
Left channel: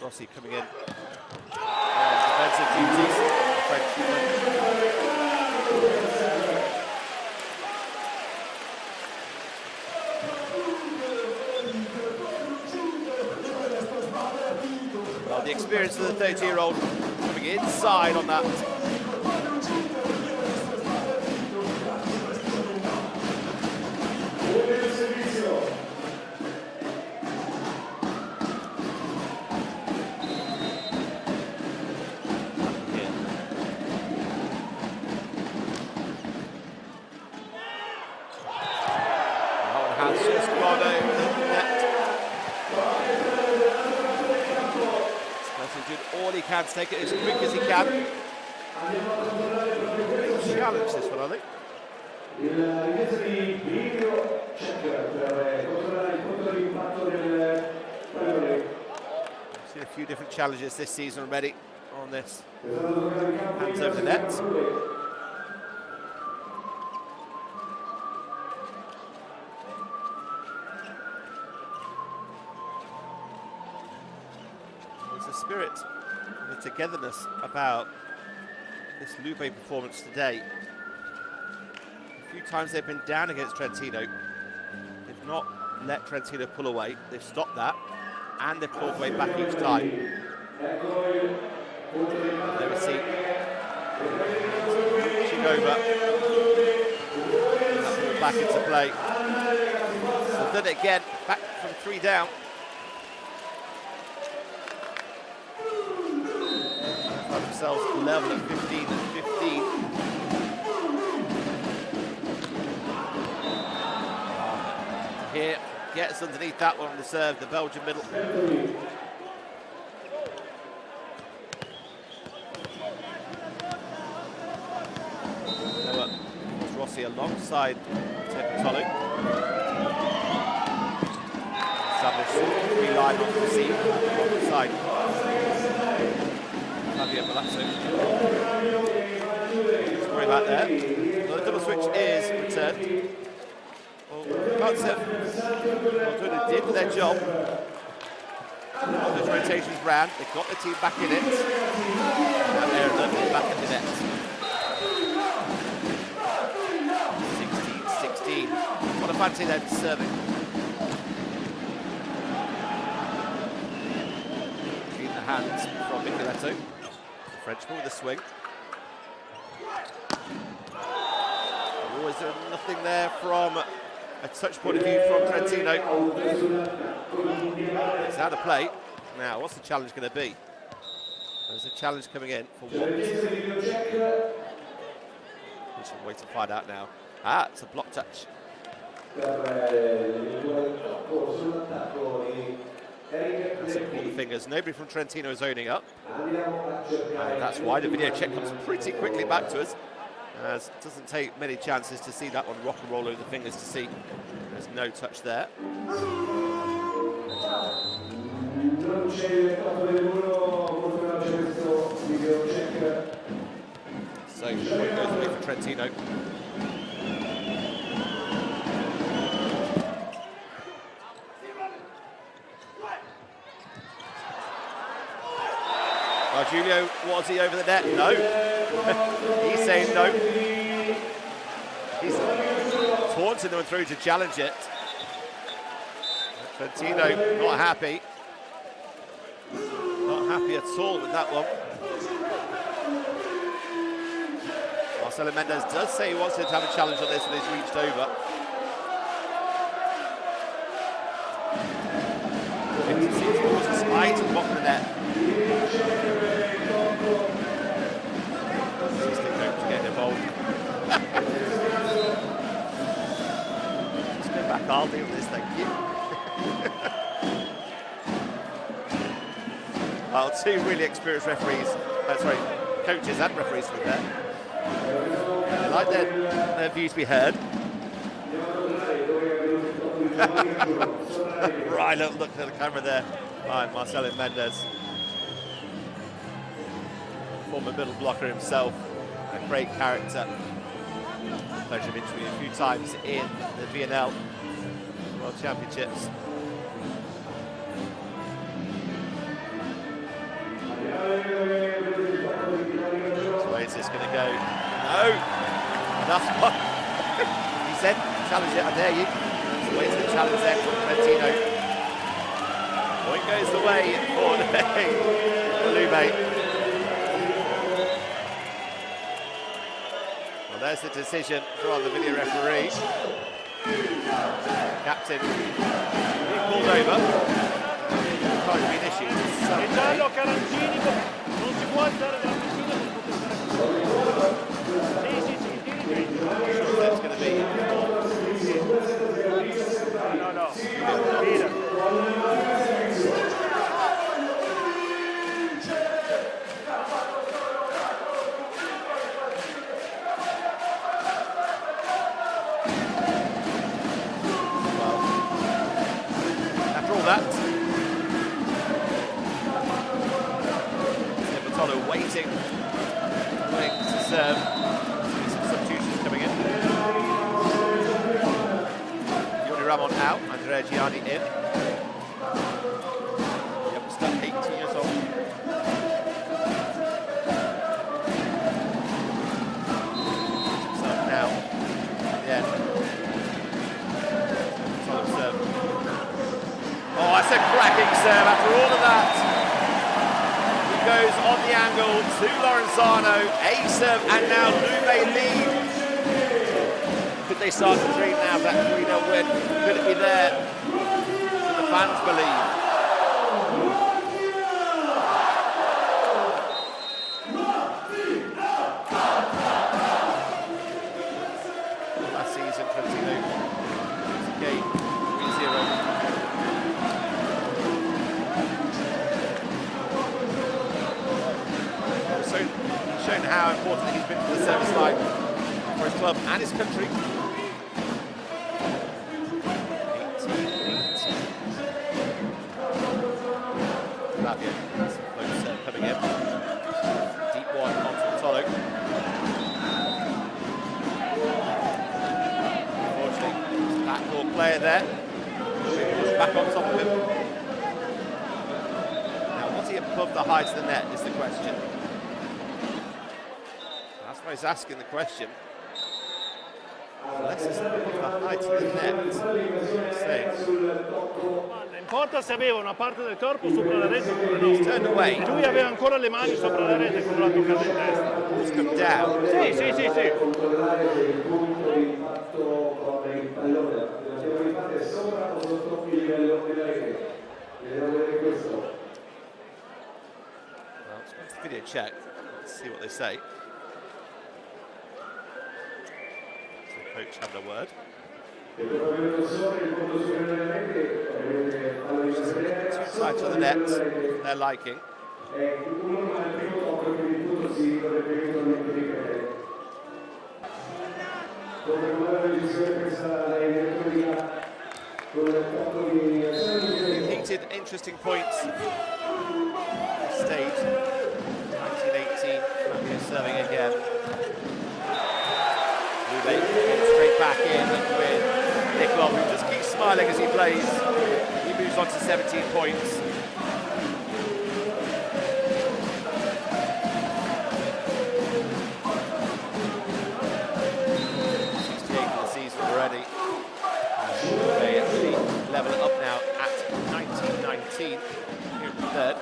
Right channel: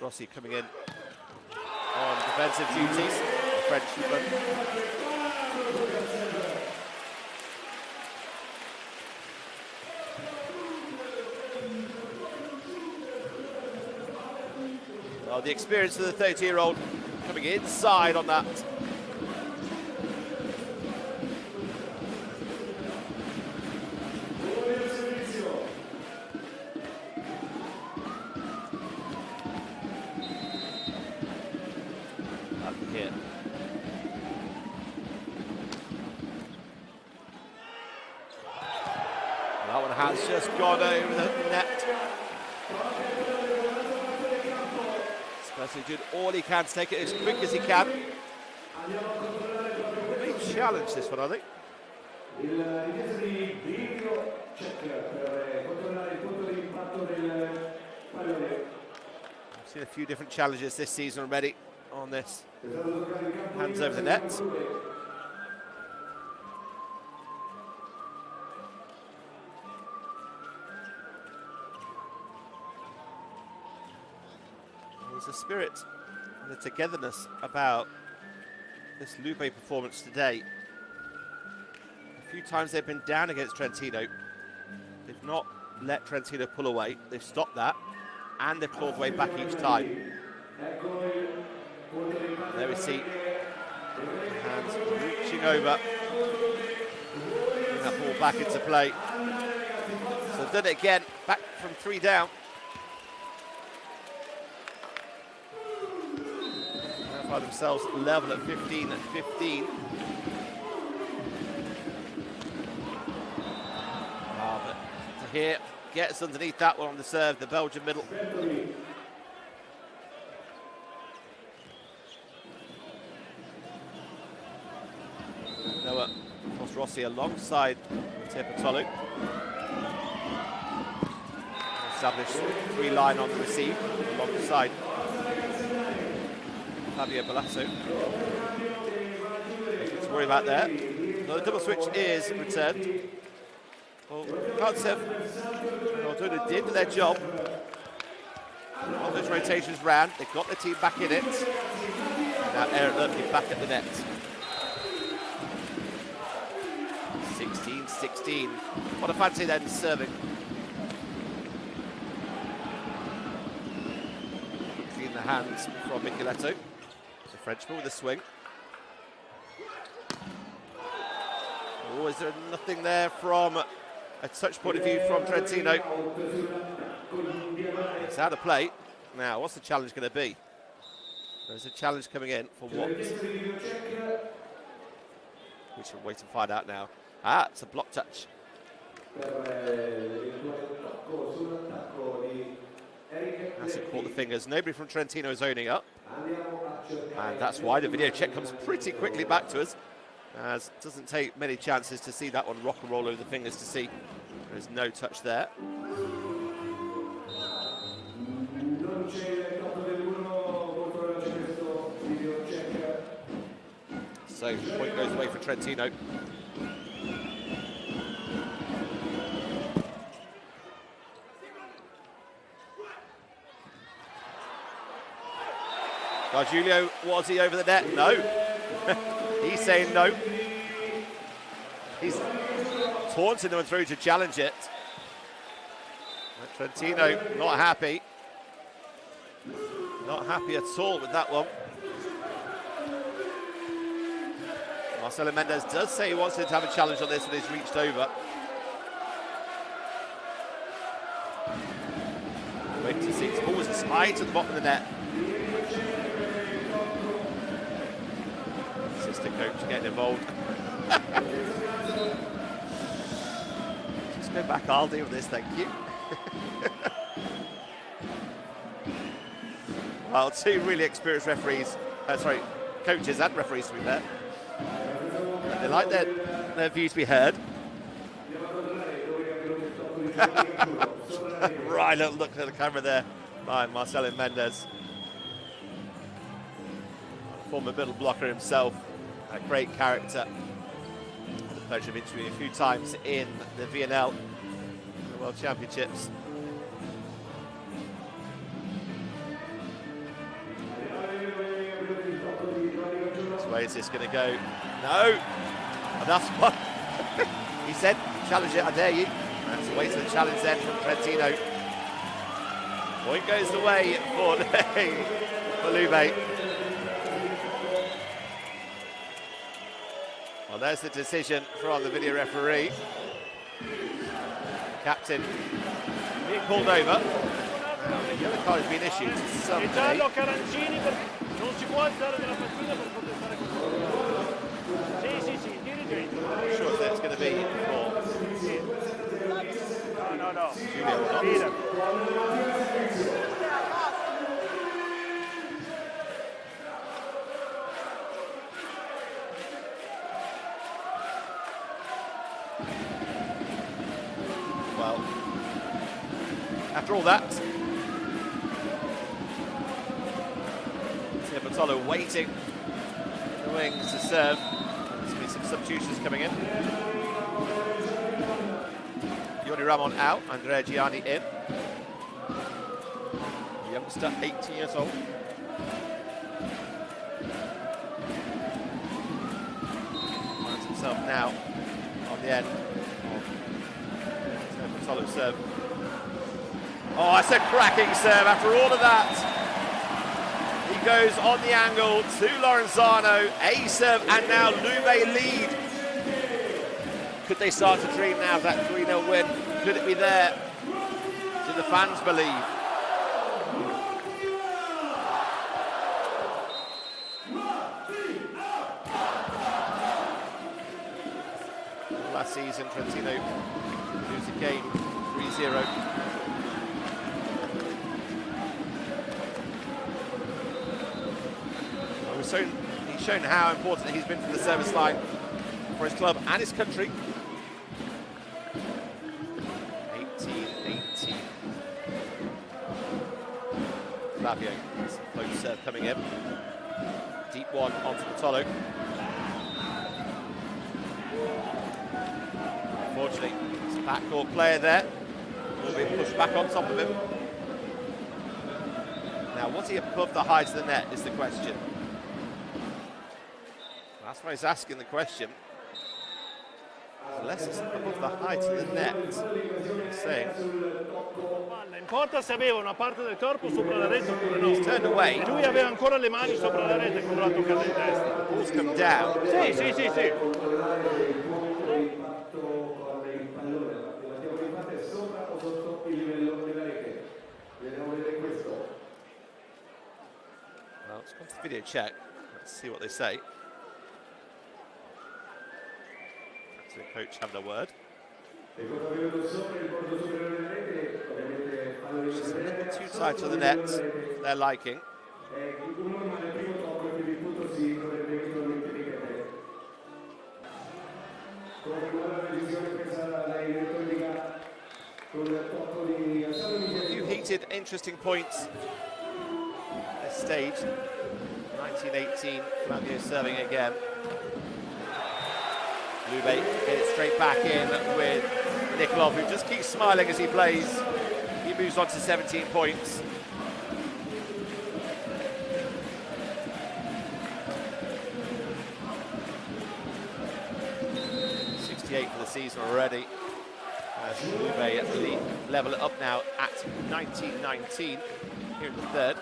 Rossi coming in on defensive duties, the Frenchman. Well, the experience of the 30-year-old coming inside on that. Here. That one has just gone over the net. He's doing all he can to take it as quick as he can. Big challenge this one, I think. I've seen a few different challenges this season already on this. Hands over the net. There's a spirit and the togetherness about this Lube performance today. A few times they've been down against Trentino. They've not let Trentino pull away. They've stopped that, and they've clawed away back each time. There we see hands reaching over, bring that ball back into play. So they've done it again, back from 3 down. Find themselves level at 15 and 15. Here, gets underneath that one on the serve, the Belgian middle. Noah Rossi alongside Tepatolu. Established 3 line on the receive alongside Javier Balazzo. Nothing to worry about there. Well, the double switch is returned. Well, can't say Aldona did their job. All those rotations ran. They got the team back in it. Now Eric Lovely back at the net. 16-16. What a fancy then serving. In the hands from Micheletto. The Frenchman with a swing. Oh, is there nothing there from a touch point of view from Trentino? It's out of play. Now, what's the challenge going to be? There's a challenge coming in for what? We should wait and find out now. Ah, it's a block touch. Hasn't caught the fingers. Nobody from Trentino is owning up. And that's why the video check comes pretty quickly back to us, as it doesn't take many chances to see that one rock and roll over the fingers to see there's no touch there. So the point goes away for Trentino. Julio, was he over the net? No. He's saying no. He's taunting them through to challenge it. Trentino not happy. Not happy at all with that one. Marcelo Mendes does say he wants him to have a challenge on this when he's reached over. 56 balls tight to the bottom of the net. Assistant coach getting involved. Just go back, I'll deal with this, thank you. Well, 2 really experienced referees, coaches and referees to be fair. They like their views to be heard. Right, look at the camera there. Right, Marcelo Mendes. Former middle blocker himself. A great character. The pleasure of interviewing a few times in the VNL the World Championships. Way is this going to go? No! And that's what he said, challenge it, I dare you. That's the way to the challenge then from Trentino. Point goes the way for Lube. Well, there's the decision from the video referee. Captain being called over. The other card has been issued. E giallo Carancini, non si può alzare della panchina per poter fare così. Sì, il dirigente. I'm not sure if that's going to be No. Mira. well, after all that, Nikolov waiting in the wings to serve. There's some substitutions coming in. Yuri Ramon out, Andrea Gianni in. Youngster, 18 years old. Finds himself now at the end. Solid serve. Oh, that's a cracking serve after all of that. He goes on the angle to Lorenzano, a serve, and now Lube lead. Could they start to dream now of that 3-0 win? Could it be there? Do the fans believe? Last season, Trentino lose the game 3-0. He's shown how important he's been for the service line for his club and his country. 18-18. Flavio, low serve coming in. Deep one onto Matolo. Unfortunately, his backcourt player there. Will be pushed back on top of him. Now, was he above the height of the net is the question. That's why he's asking the question. Unless it's above the height of the net, he's saying. Non importa se aveva una parte del corpo sopra la rete oppure no. He's turned away. Lui aveva ancora le mani sopra la rete quando l'ha toccata in testa. Ball's come down. Sì. Well, let's go to video check. Let's see what they say. So the coach having a word. Two sides of the net, they're liking. Few heated, interesting points at this stage. 19-18, Flavio serving again. Lube getting straight back in with Nikolov, who just keeps smiling as he plays. He moves on to 17 points. For the season already. Lube level it up now at 19-19 here in the third.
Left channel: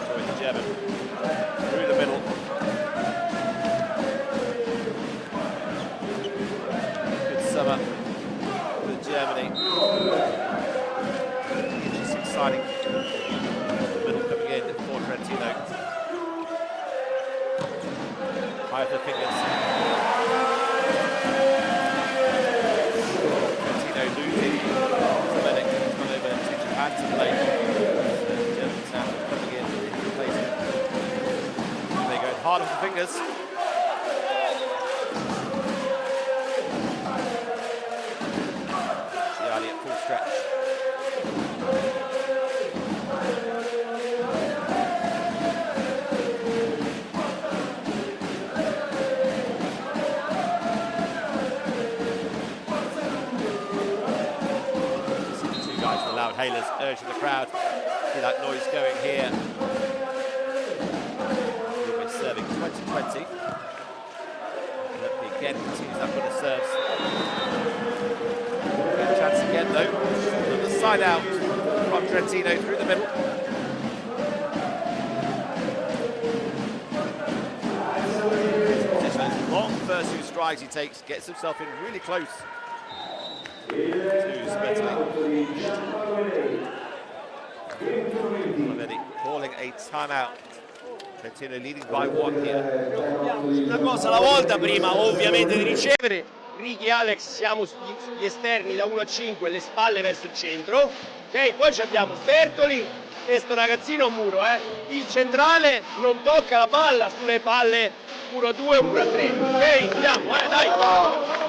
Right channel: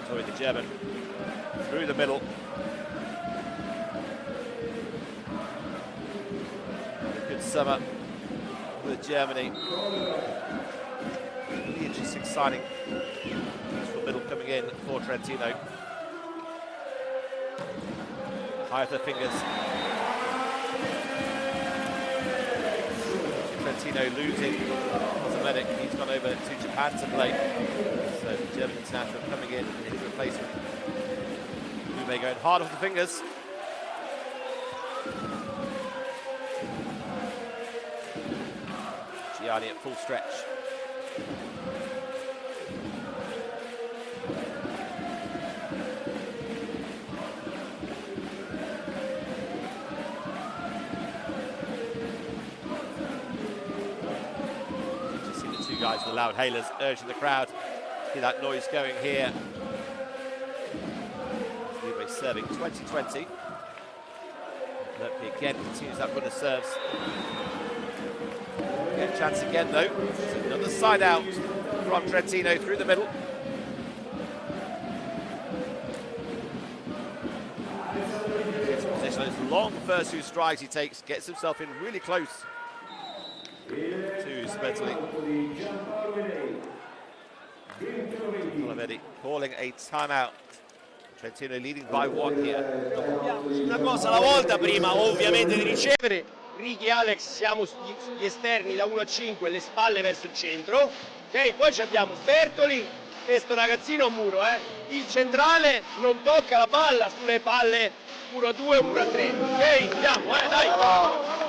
Enjoy the German through the middle. Good summer with Germany. Really interesting signing. Middle coming in for Trentino. High with the fingers. Trentino losing Dominic. He's gone over to Japan to play. So the German international coming in replacement. Lube going hard off the fingers. Gianni at full stretch. guys with the loud hailers urging the crowd. See that noise going here. Lube serving 20-20. Lube again continues that run of serves. Get a chance again though. Another side out from Trentino through the middle. Those long first two strikes he takes, gets himself in really close to Superlega. Calling a timeout. Trentino leading by 1 here. Una cosa alla volta prima ovviamente di ricevere. Ricky e Alex siamo sugli esterni da 1 a 5, le spalle verso il centro. Ok, poi abbiamo Bertoli e sto ragazzino Muro. Il centrale non tocca la palla sulle palle 1 a 2, 1 a 3. Ok, andiamo, dai!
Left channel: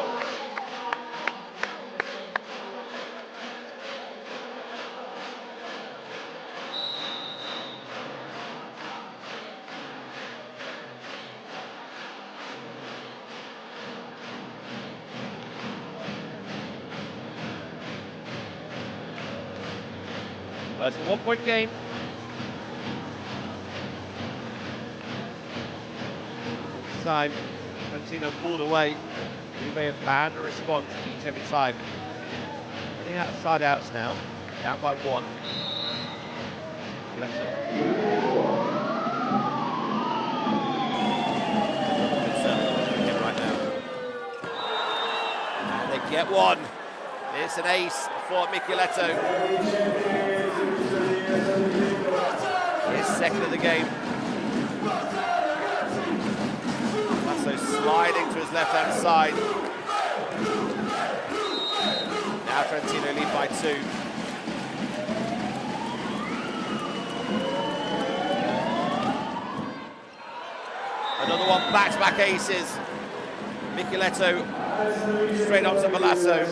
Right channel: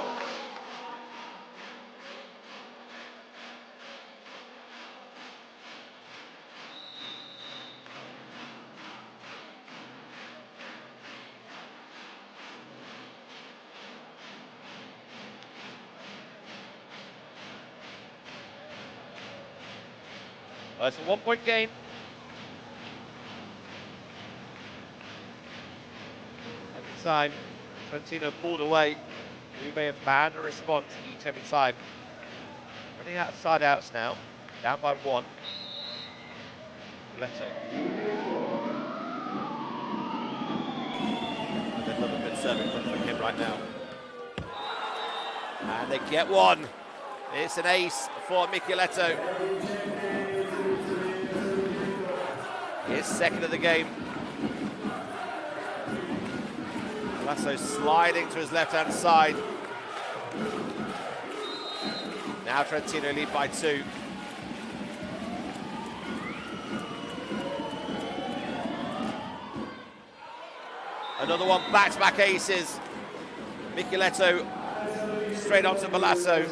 It's a 1-point game. Time, Trentino pulled away. Lube have banned a response each every time. Running out of side outs now, down by 1. Another good service from him right now. And they get one. It's an ace for Micheletto. His second of the game. Lasso sliding to his left-hand side. Now Trentino lead by 2. Another one, back-to-back aces. Micheletto straight onto Malasso.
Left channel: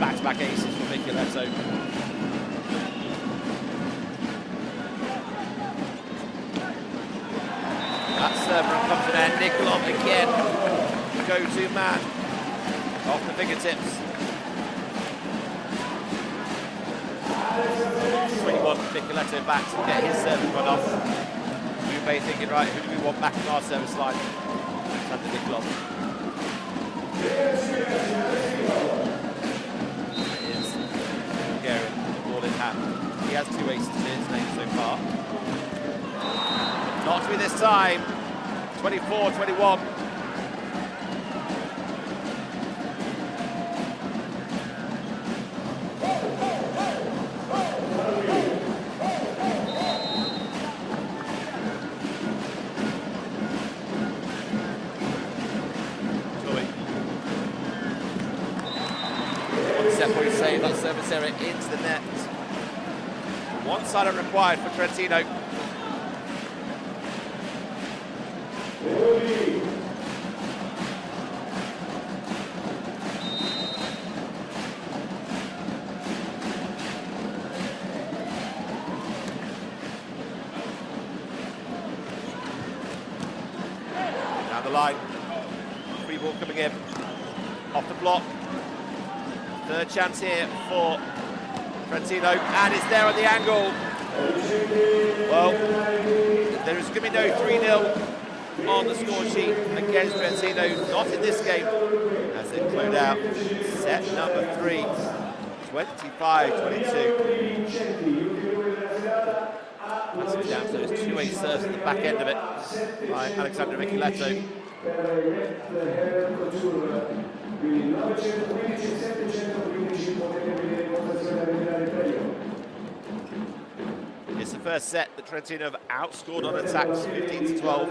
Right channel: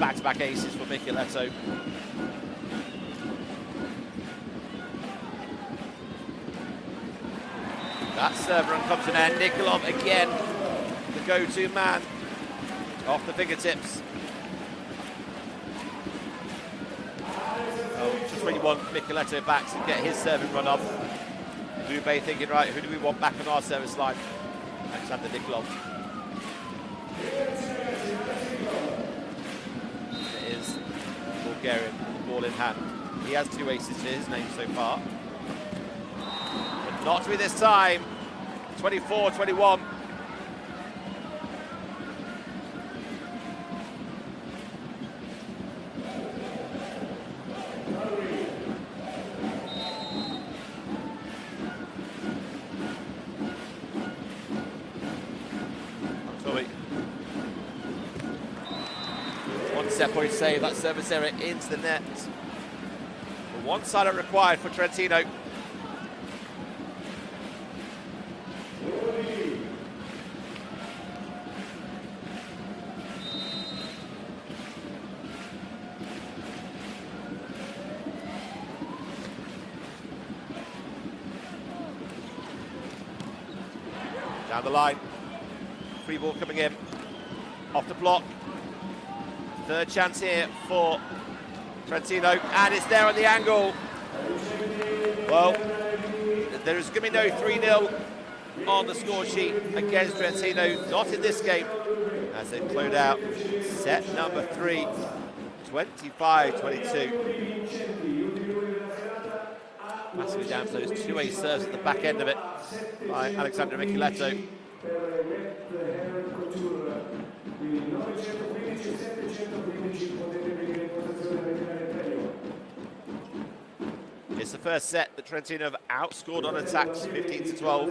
Back-to-back aces for Micheletto. That serve run comes to an end. Nikolov again, the go-to man off the fingertips. Just when you want Micheletto back to get his service run off. Lube thinking, right, who do we want back on our service line? Alexander Nikolov. It is Bulgarian with the ball in hand. He has 2 aces to his name so far. But not to be this time. 24-21. One set point save, that service error into the net. One side required for Trentino. Down the line, free ball coming in, off the block. Third chance here for Trentino, and it's there on the angle. Well, there is going to be no 3-0 on the score sheet against Trentino, not in this game, as they close out set number 3, 25-22. Massively down to those 2 ace serves at the back end of it by Alexander Micheletto. It's the first set that Trentino have outscored on attacks, 15-12.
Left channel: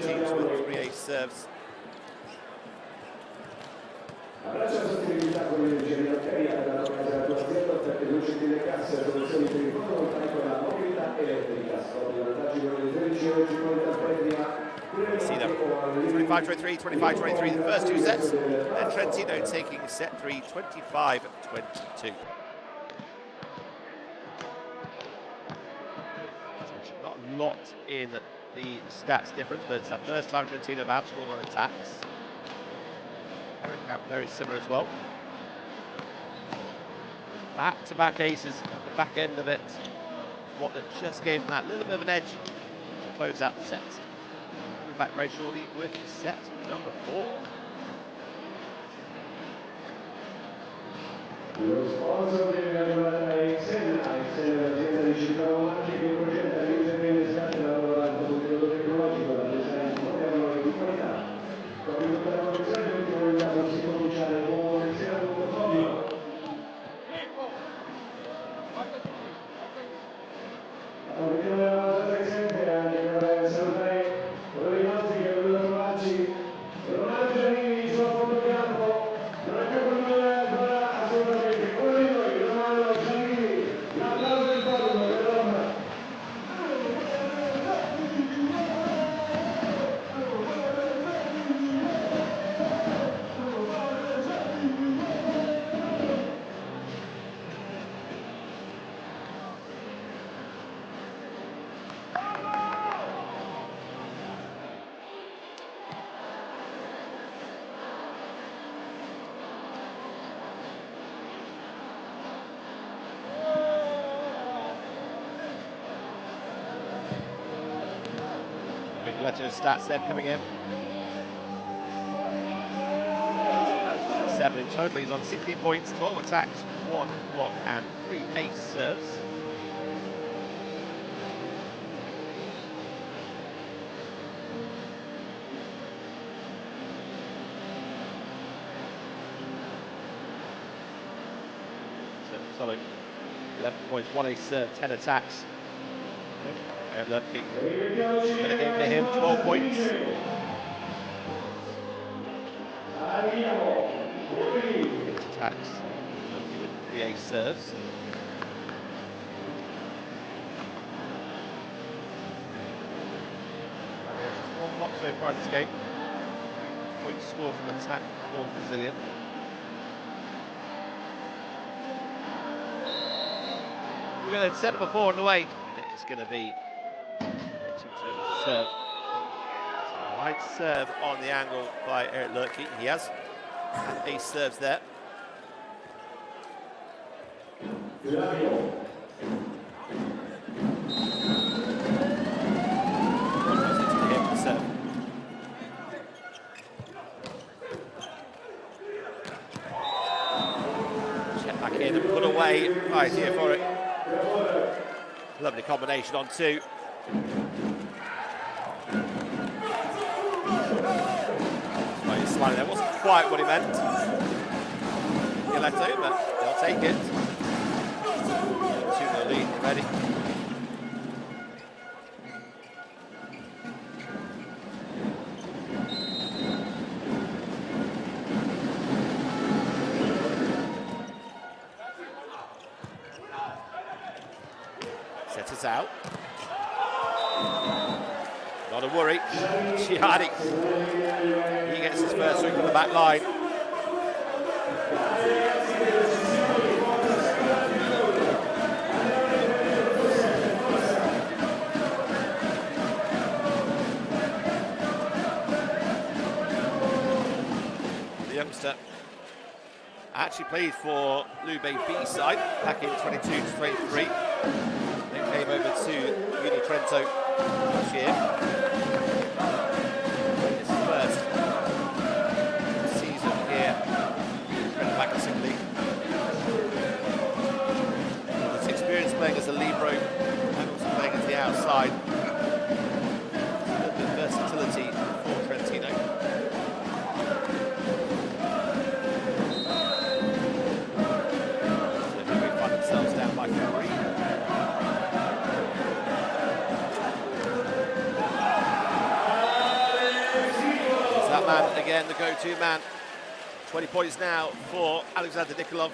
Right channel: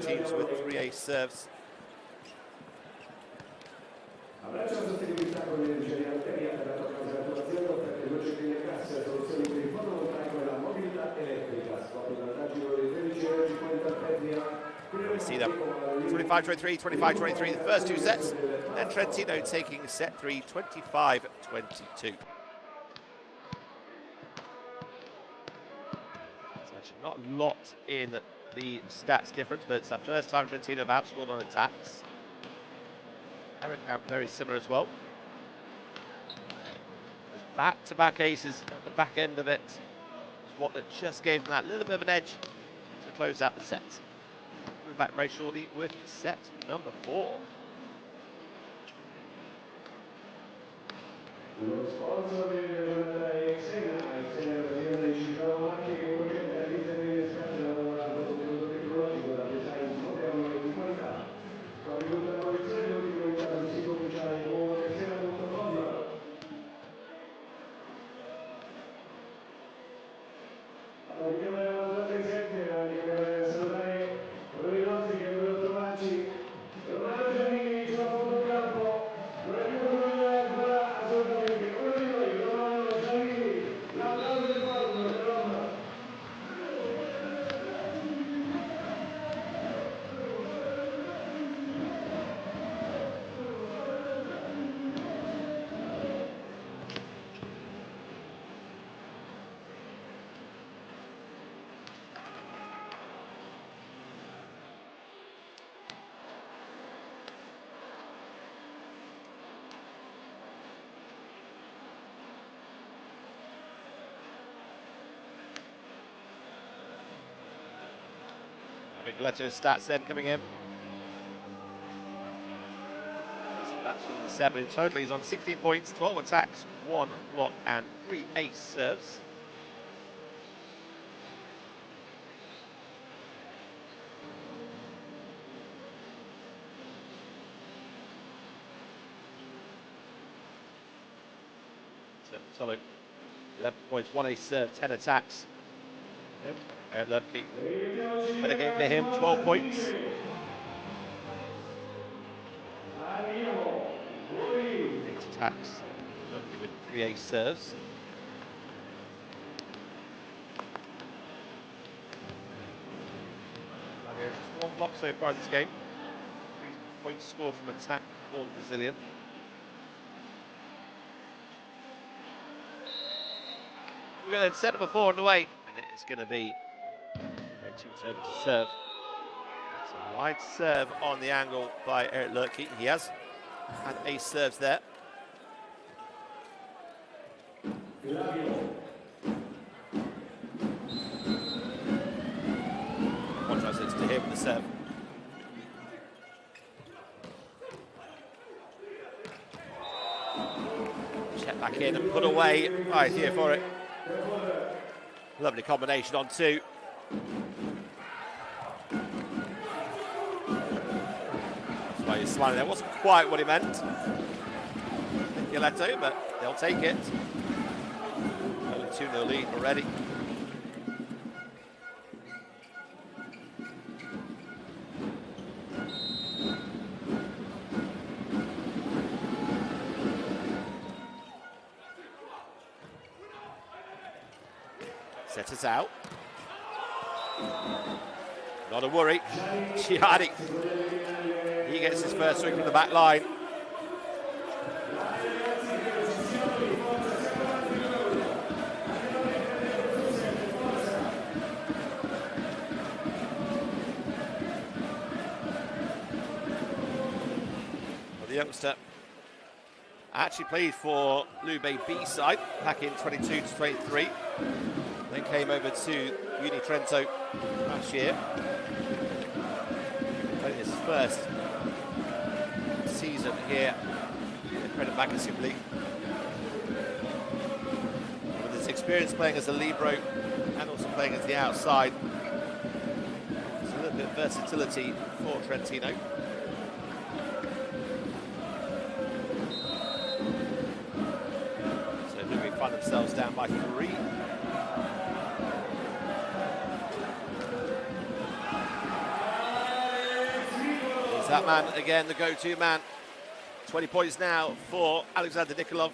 Teams with 3 ace serves. We see them 25-23, 25-23 the first two sets, and Trentino taking set 3, 25-22. Not a lot in the stats difference, but it's the first time Trentino have outscored on attacks. Eric Camp very similar as well. Back-to-back aces at the back end of it. What that just gave them that little bit of an edge to close out the set. We're back very shortly with set number 4. Lo sponsor della giornata è l'azienda di Civitanova che progetta il intervento estate lavorando con metodo tecnologico da design moderno e di qualità. Con il lottatore di ultima unità non si cominciare con un sera.com. Prima della volta presente anche per salutare uno dei nostri che è venuto a trovarci, Ronaldo Giannini sulla fotocampo, non è più con noi ancora assolutamente, uno di noi, Ronaldo Giannini, l'applauso del popolo per Roma. Big letter of stats then coming in. 7 in total. He's on 16 points, 12 attacks, 1 block, and 3 ace serves. So, solid 11 points, 1 ace serve, 10 attacks. Better game for him, 12 points. 8 attacks, with 3 ace serves. Just 1 block so far in this game. 3 points scored from attack, 1 Brazilian. We're going to set up a 4 on the way, and it's going to be serve. So wide serve on the angle by Eric Lurke. He has had ace serves there. Contrast it to him for the serve. Check back in and put away. Right here for it. Lovely combination on 2. That's why he's smiling. That wasn't quite what he meant. Giletto, but they'll take it. 2-0 lead already. Sets us out. Not a worry. Gianni. He gets his first swing from the back line. The youngster actually played for Lube B side back in 22 to 23. Then came over to Uni Trento last year. Playing his first season here in the Credit Magazine League. With his experience playing as a libero and also playing as the outside, there's a little bit of versatility for Trentino. So they find themselves down by 3. That man again, the go-to man. 20 points now for Alexander Nikolov.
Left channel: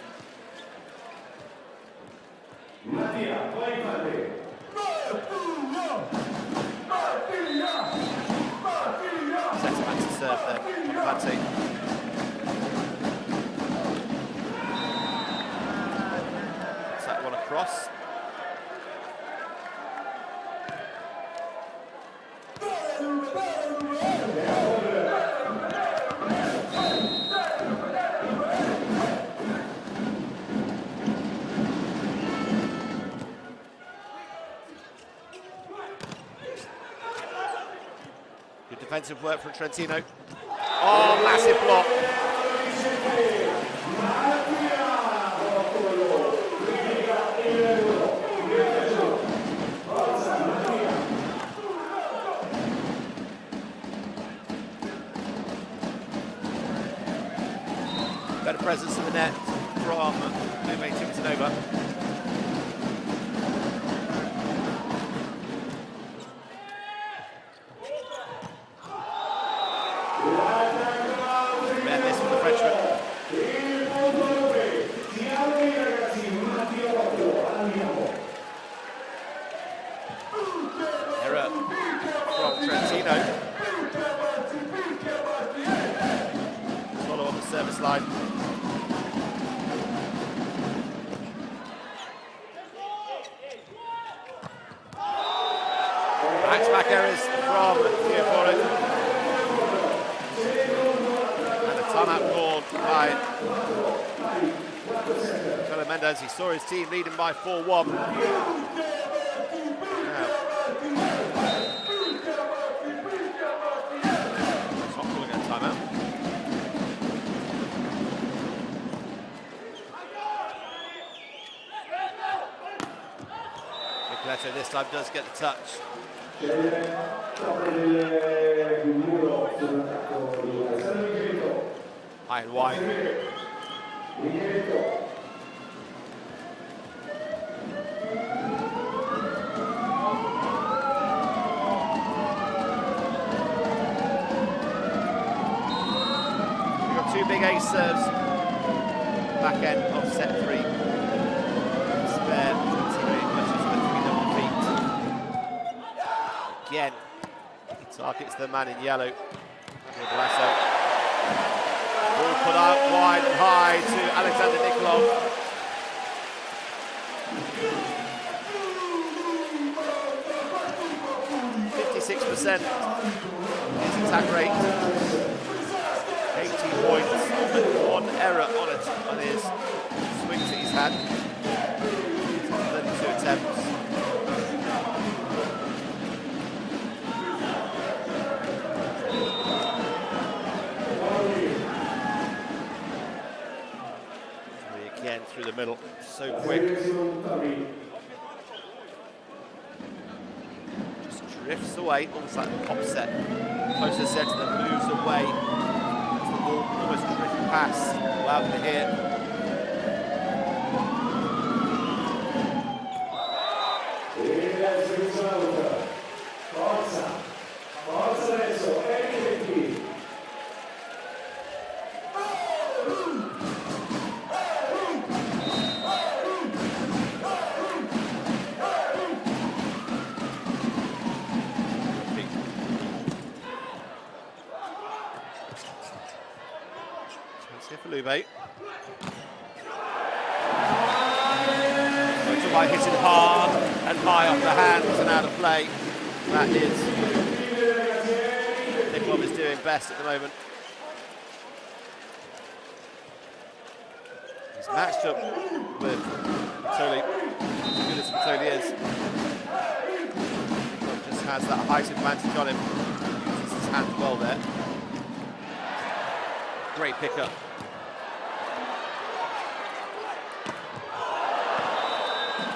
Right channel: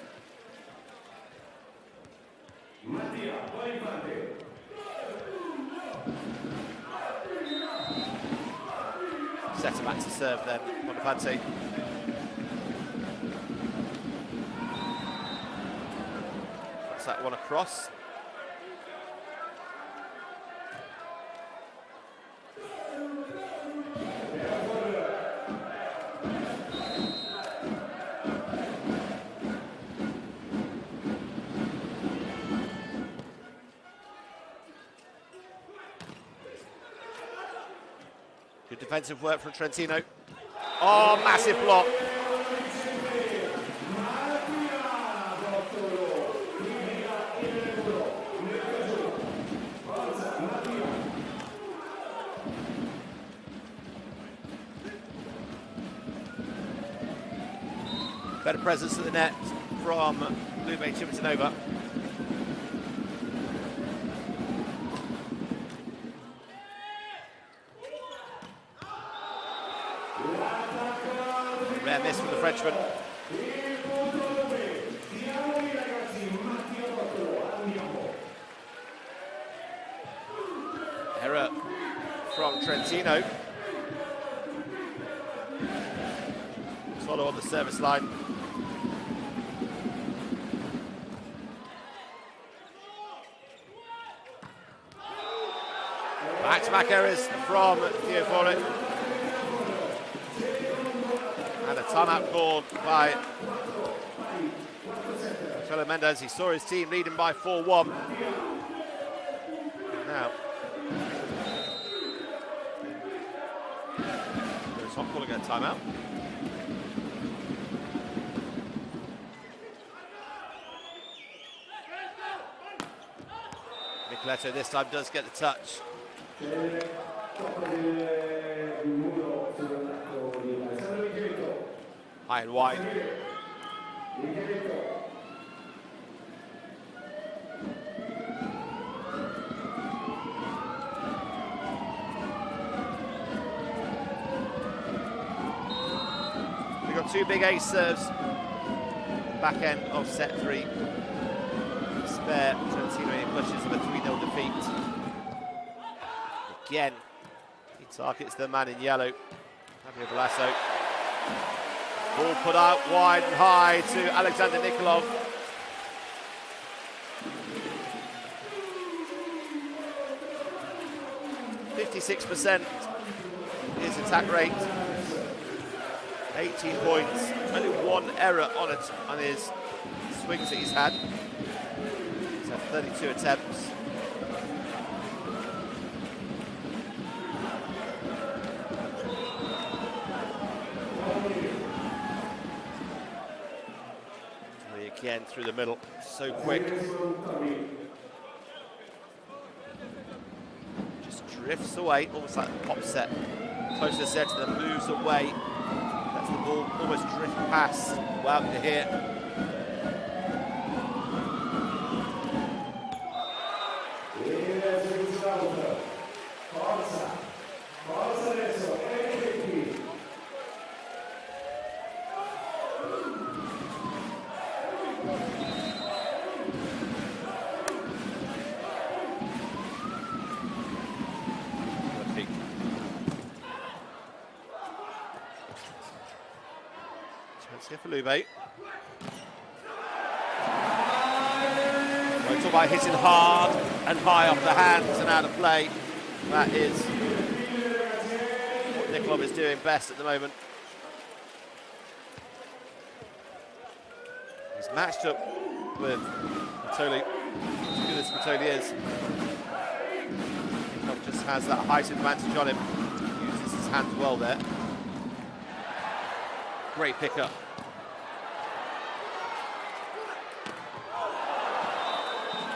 Back to serve then, Bonaparte. Puts that one across. Good defensive work from Trentino. Oh, massive block. Better presence of the net from Lube Civitanova. Rare miss from the Frenchman. Error from Trentino. Swallow on the service line. Back-to-back errors from Theophoric. And a timeout called by Cholo Mendes. He saw his team leading by 4-1. Now, it's not calling a timeout. Nicoletto this time does get the touch. High and wide. We've got two big ace serves. Back end of set 3. Spare Trentino pushes the 3-0 defeat. Again, he targets the man in yellow. Andrea Balasso. Ball put out wide and high to Alexander Nikolov. %56% his attack rate. 18 points, only one error on his swings that he's had. He's had 32 attempts. Again through the middle, so quick. Just drifts away, almost like a pop set. Close to the center, then moves away. Lets the ball almost drift past. Wow, to hit. Here for Lube. We talk about hitting hard and high off the hands and out of play. That is what Nikolov is doing best at the moment. He's matched up with Spitoli, as good as Spitoli is. Nikolov just has that height advantage on him. Uses his hands well there. Great pickup.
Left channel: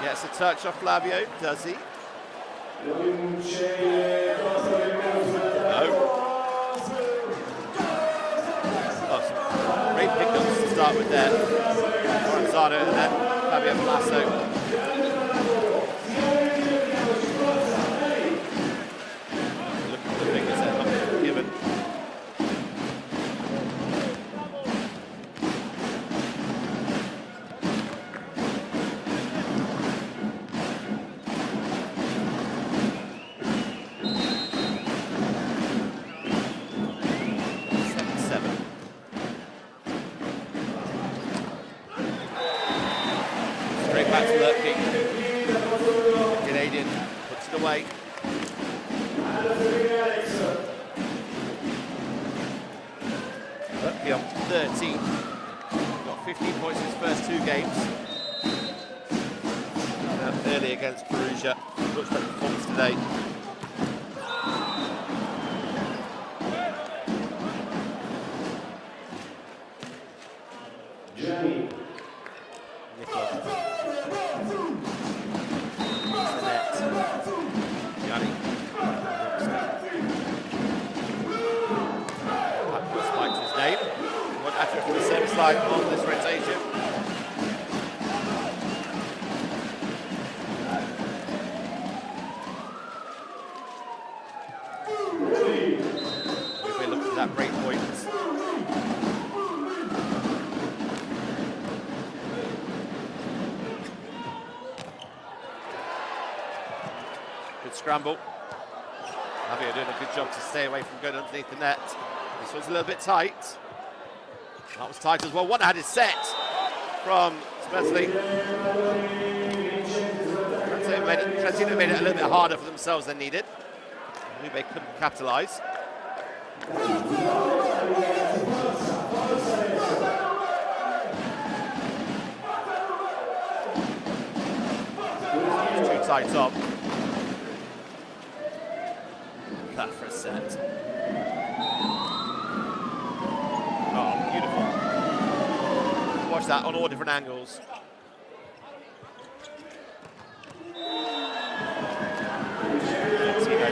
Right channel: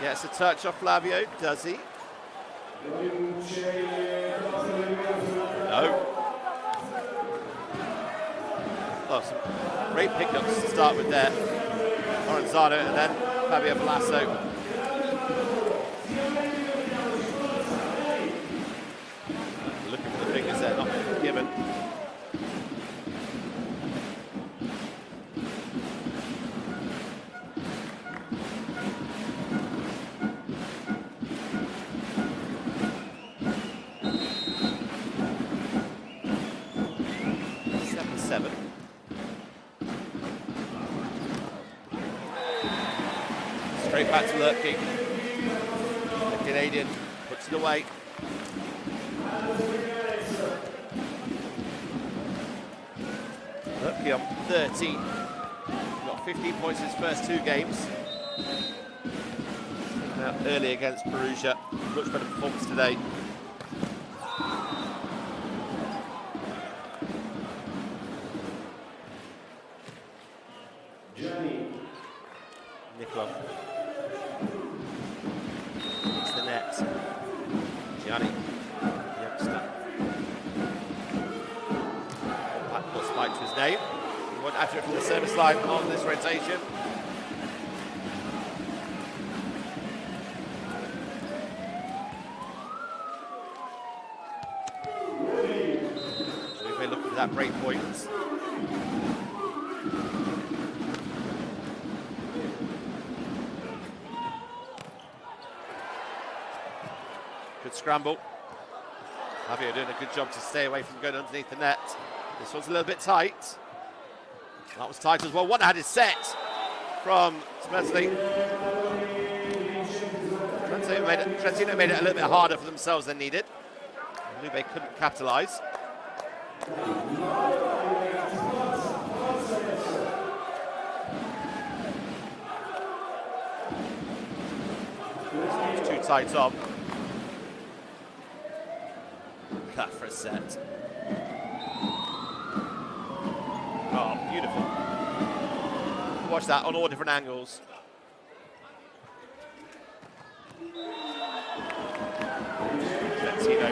Gets a touch off Flavio, does he? No. Oh, some great pickups to start with there. Lorenzano and then Fabio Balasso. Looking for the fingers there, not given. Straight back to Lurpke. The Canadian puts it away. Lurpke on 13. Got 15 points in his first 2 games. Early against Perugia. Much better performance today. Nikolov. It's the net. Gianni. Youngster. Pat got spike to his name. One after it from the service line on this rotation. We've been looking for that break point. Good scramble. Javier doing a good job to stay away from going underneath the net. This one's a little bit tight. That was tight as well. One-handed set from Smedley. Trentino made it a little bit harder for themselves than needed. Lube couldn't capitalise. It's too tight up. That for a set. Oh, beautiful. Watch that on all different angles. Trentino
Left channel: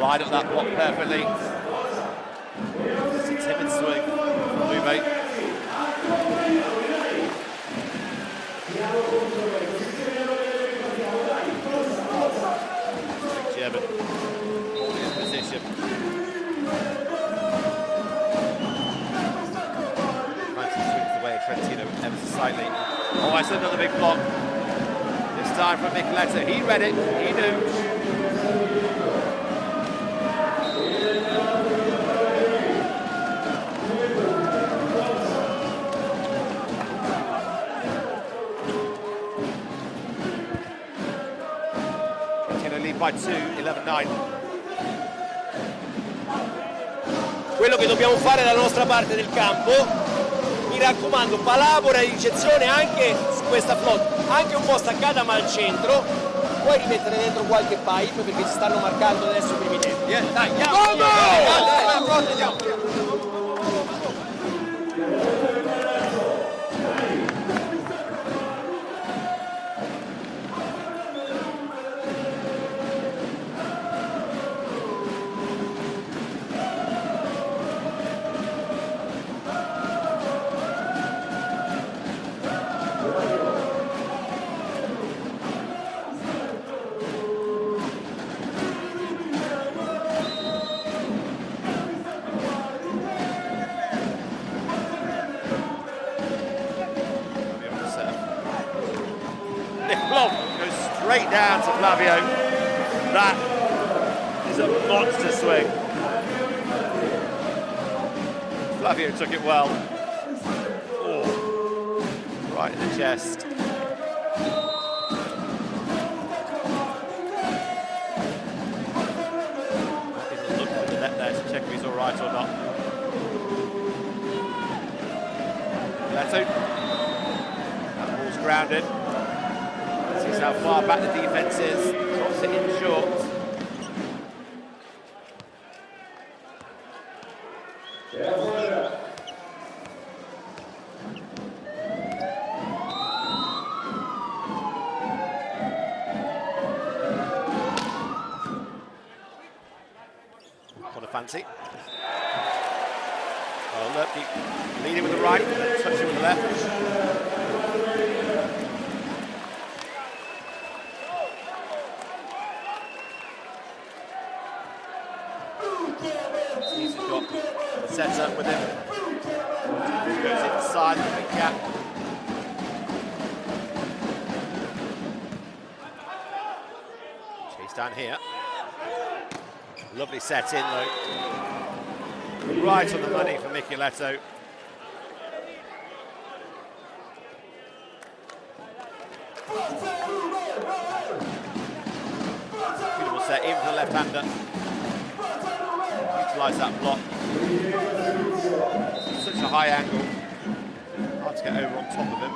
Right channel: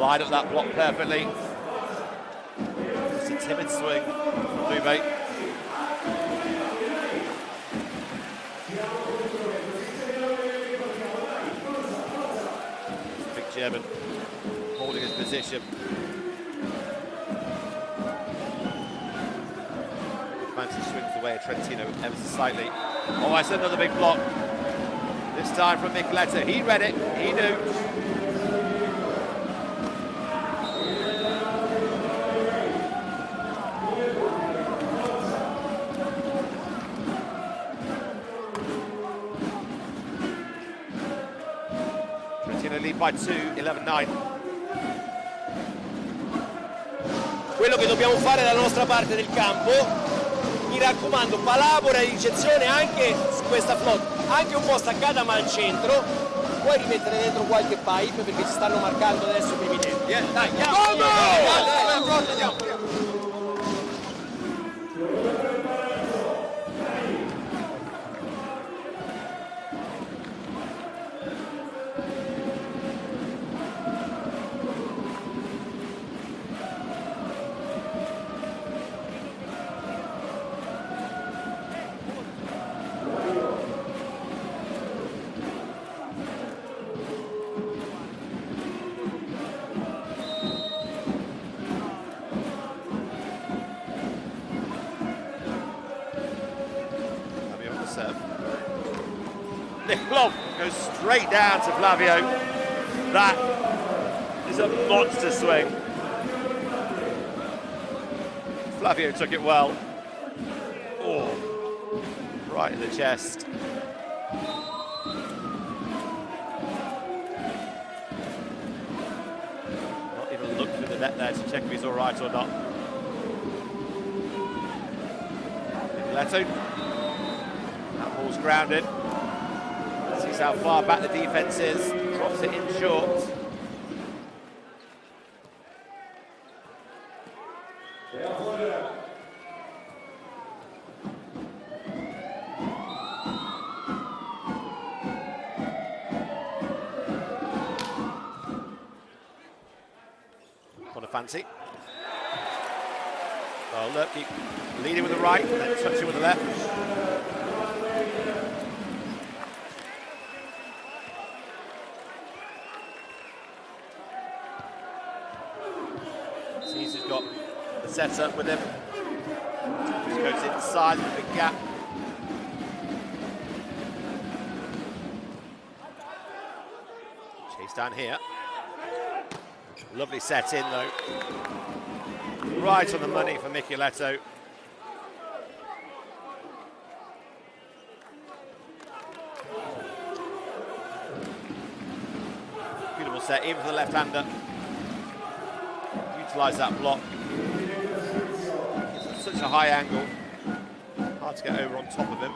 line up that block perfectly. Just a timid swing from Lube. Big German holding his position. Mantis swings away at Trentino ever so slightly. Oh, that's another big block. This time from Micheletto. He read it. He knew. Trentino lead by 2, 11-9. Quello che dobbiamo fare dalla nostra parte del campo, mi raccomando, palabora di ricezione anche su questa flotta, anche un po' staccata ma al centro, puoi rimettere dentro qualche pipe perché ci stanno marcando adesso i primi tempi. Dai, andiamo! Andiamo! Nikolov goes straight down to Flavio. That is a monster swing. Flavio took it well. Oh, right in the chest. Not even looked through the net there to check if he's all right or not. Nicoletto. That ball's grounded. Sees how far back the defence is. Drops it in short. Corner fancy. Oh, look, leading with the right, then touching with the left. He's got the setup with him. Just goes inside the big gap. Chase down here. Lovely set in though. Right on the money for Beautiful set, even for the left-hander. Utilise that block. Such a high angle. Hard to get over on top of him.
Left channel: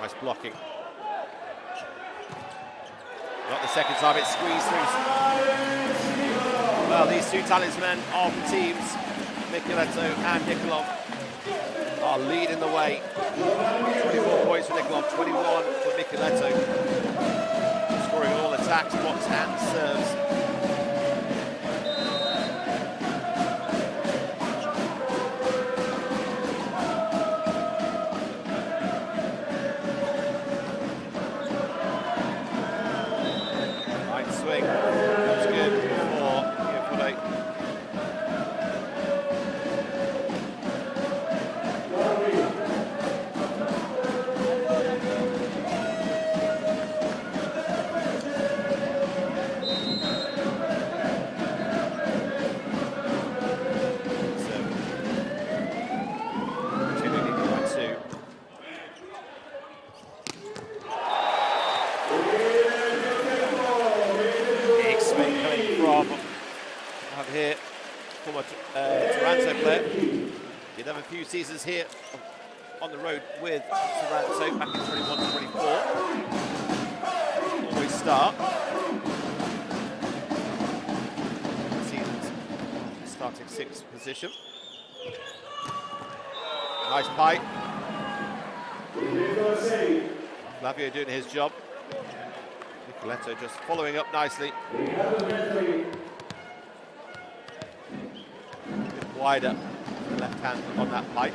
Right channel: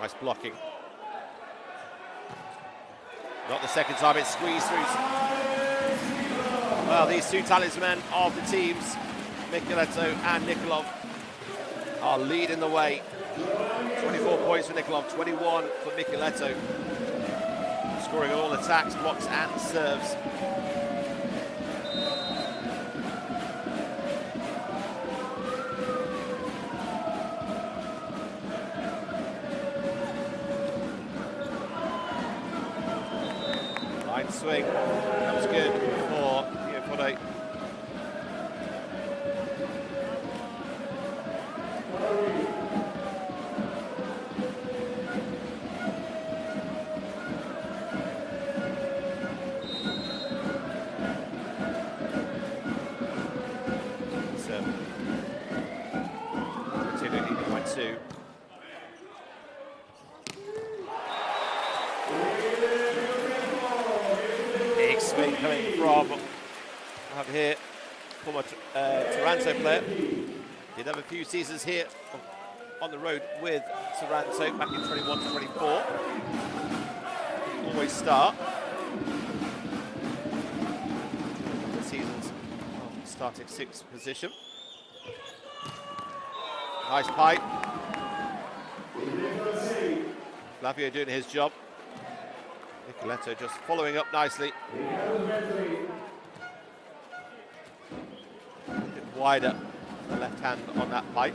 Nice blocking. Not the second time it's squeezed through. Well, these two talismen of the teams, Micheletto and Nikolov, are leading the way. 24 points for Nikolov, 21 for Micheletto. Scoring on all attacks, blocks and serves. Line swing comes good for Iapode. Big swing coming from out here, former Taranto player. Did have a few seasons here on the road with Taranto back in 21-24. Always start. Seasons starting 6th position. Nice pipe. Flavio doing his job. Micheletto just following up nicely. A bit wider, the left hand on that pipe.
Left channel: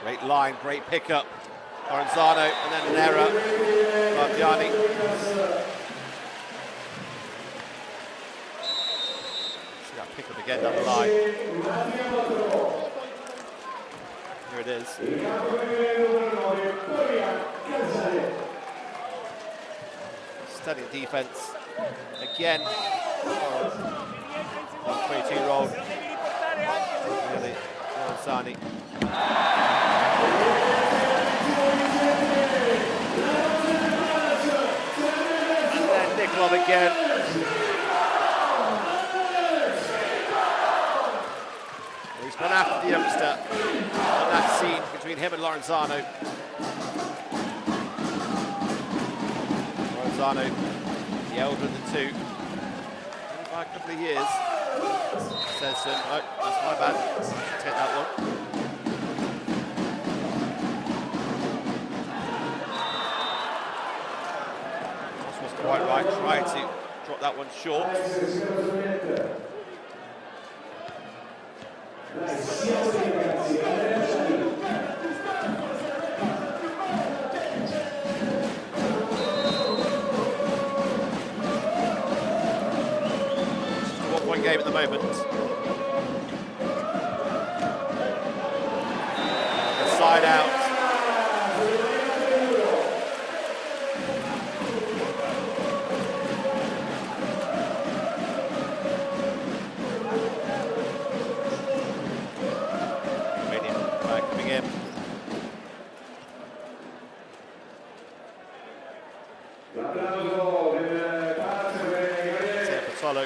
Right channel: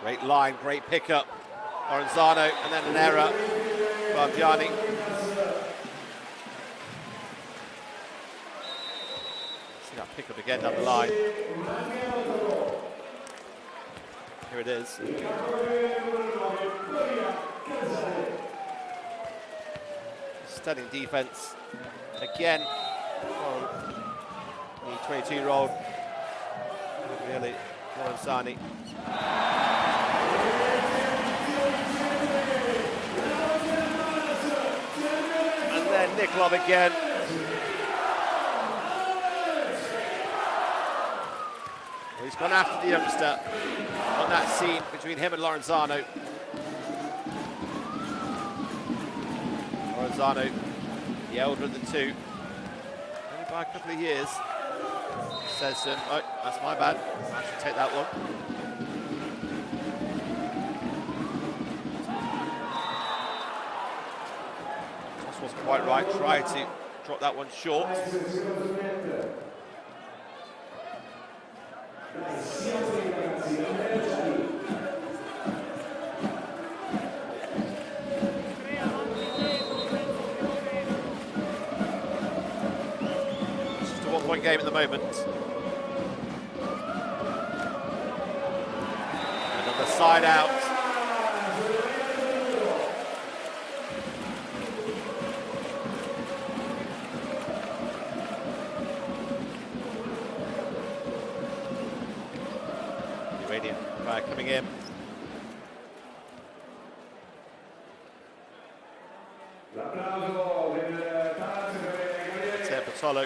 Great line, great pickup. Lorenzano, and then an error. Bargiani. See that pick up again down the line. Here it is. Stunning defense again. The 22-year-old, really, Lorenzani. And then Nikolov again. Well, he's gone after the youngster on that scene between him and Lorenzano. Lorenzano, the elder of the two, only by a couple of years. Says to him, oh, that's my bad, I should take that one. Toss wasn't quite right, tried to drop that one short. Just a one-point game at the moment. Another side out. Coming in. Tempatolo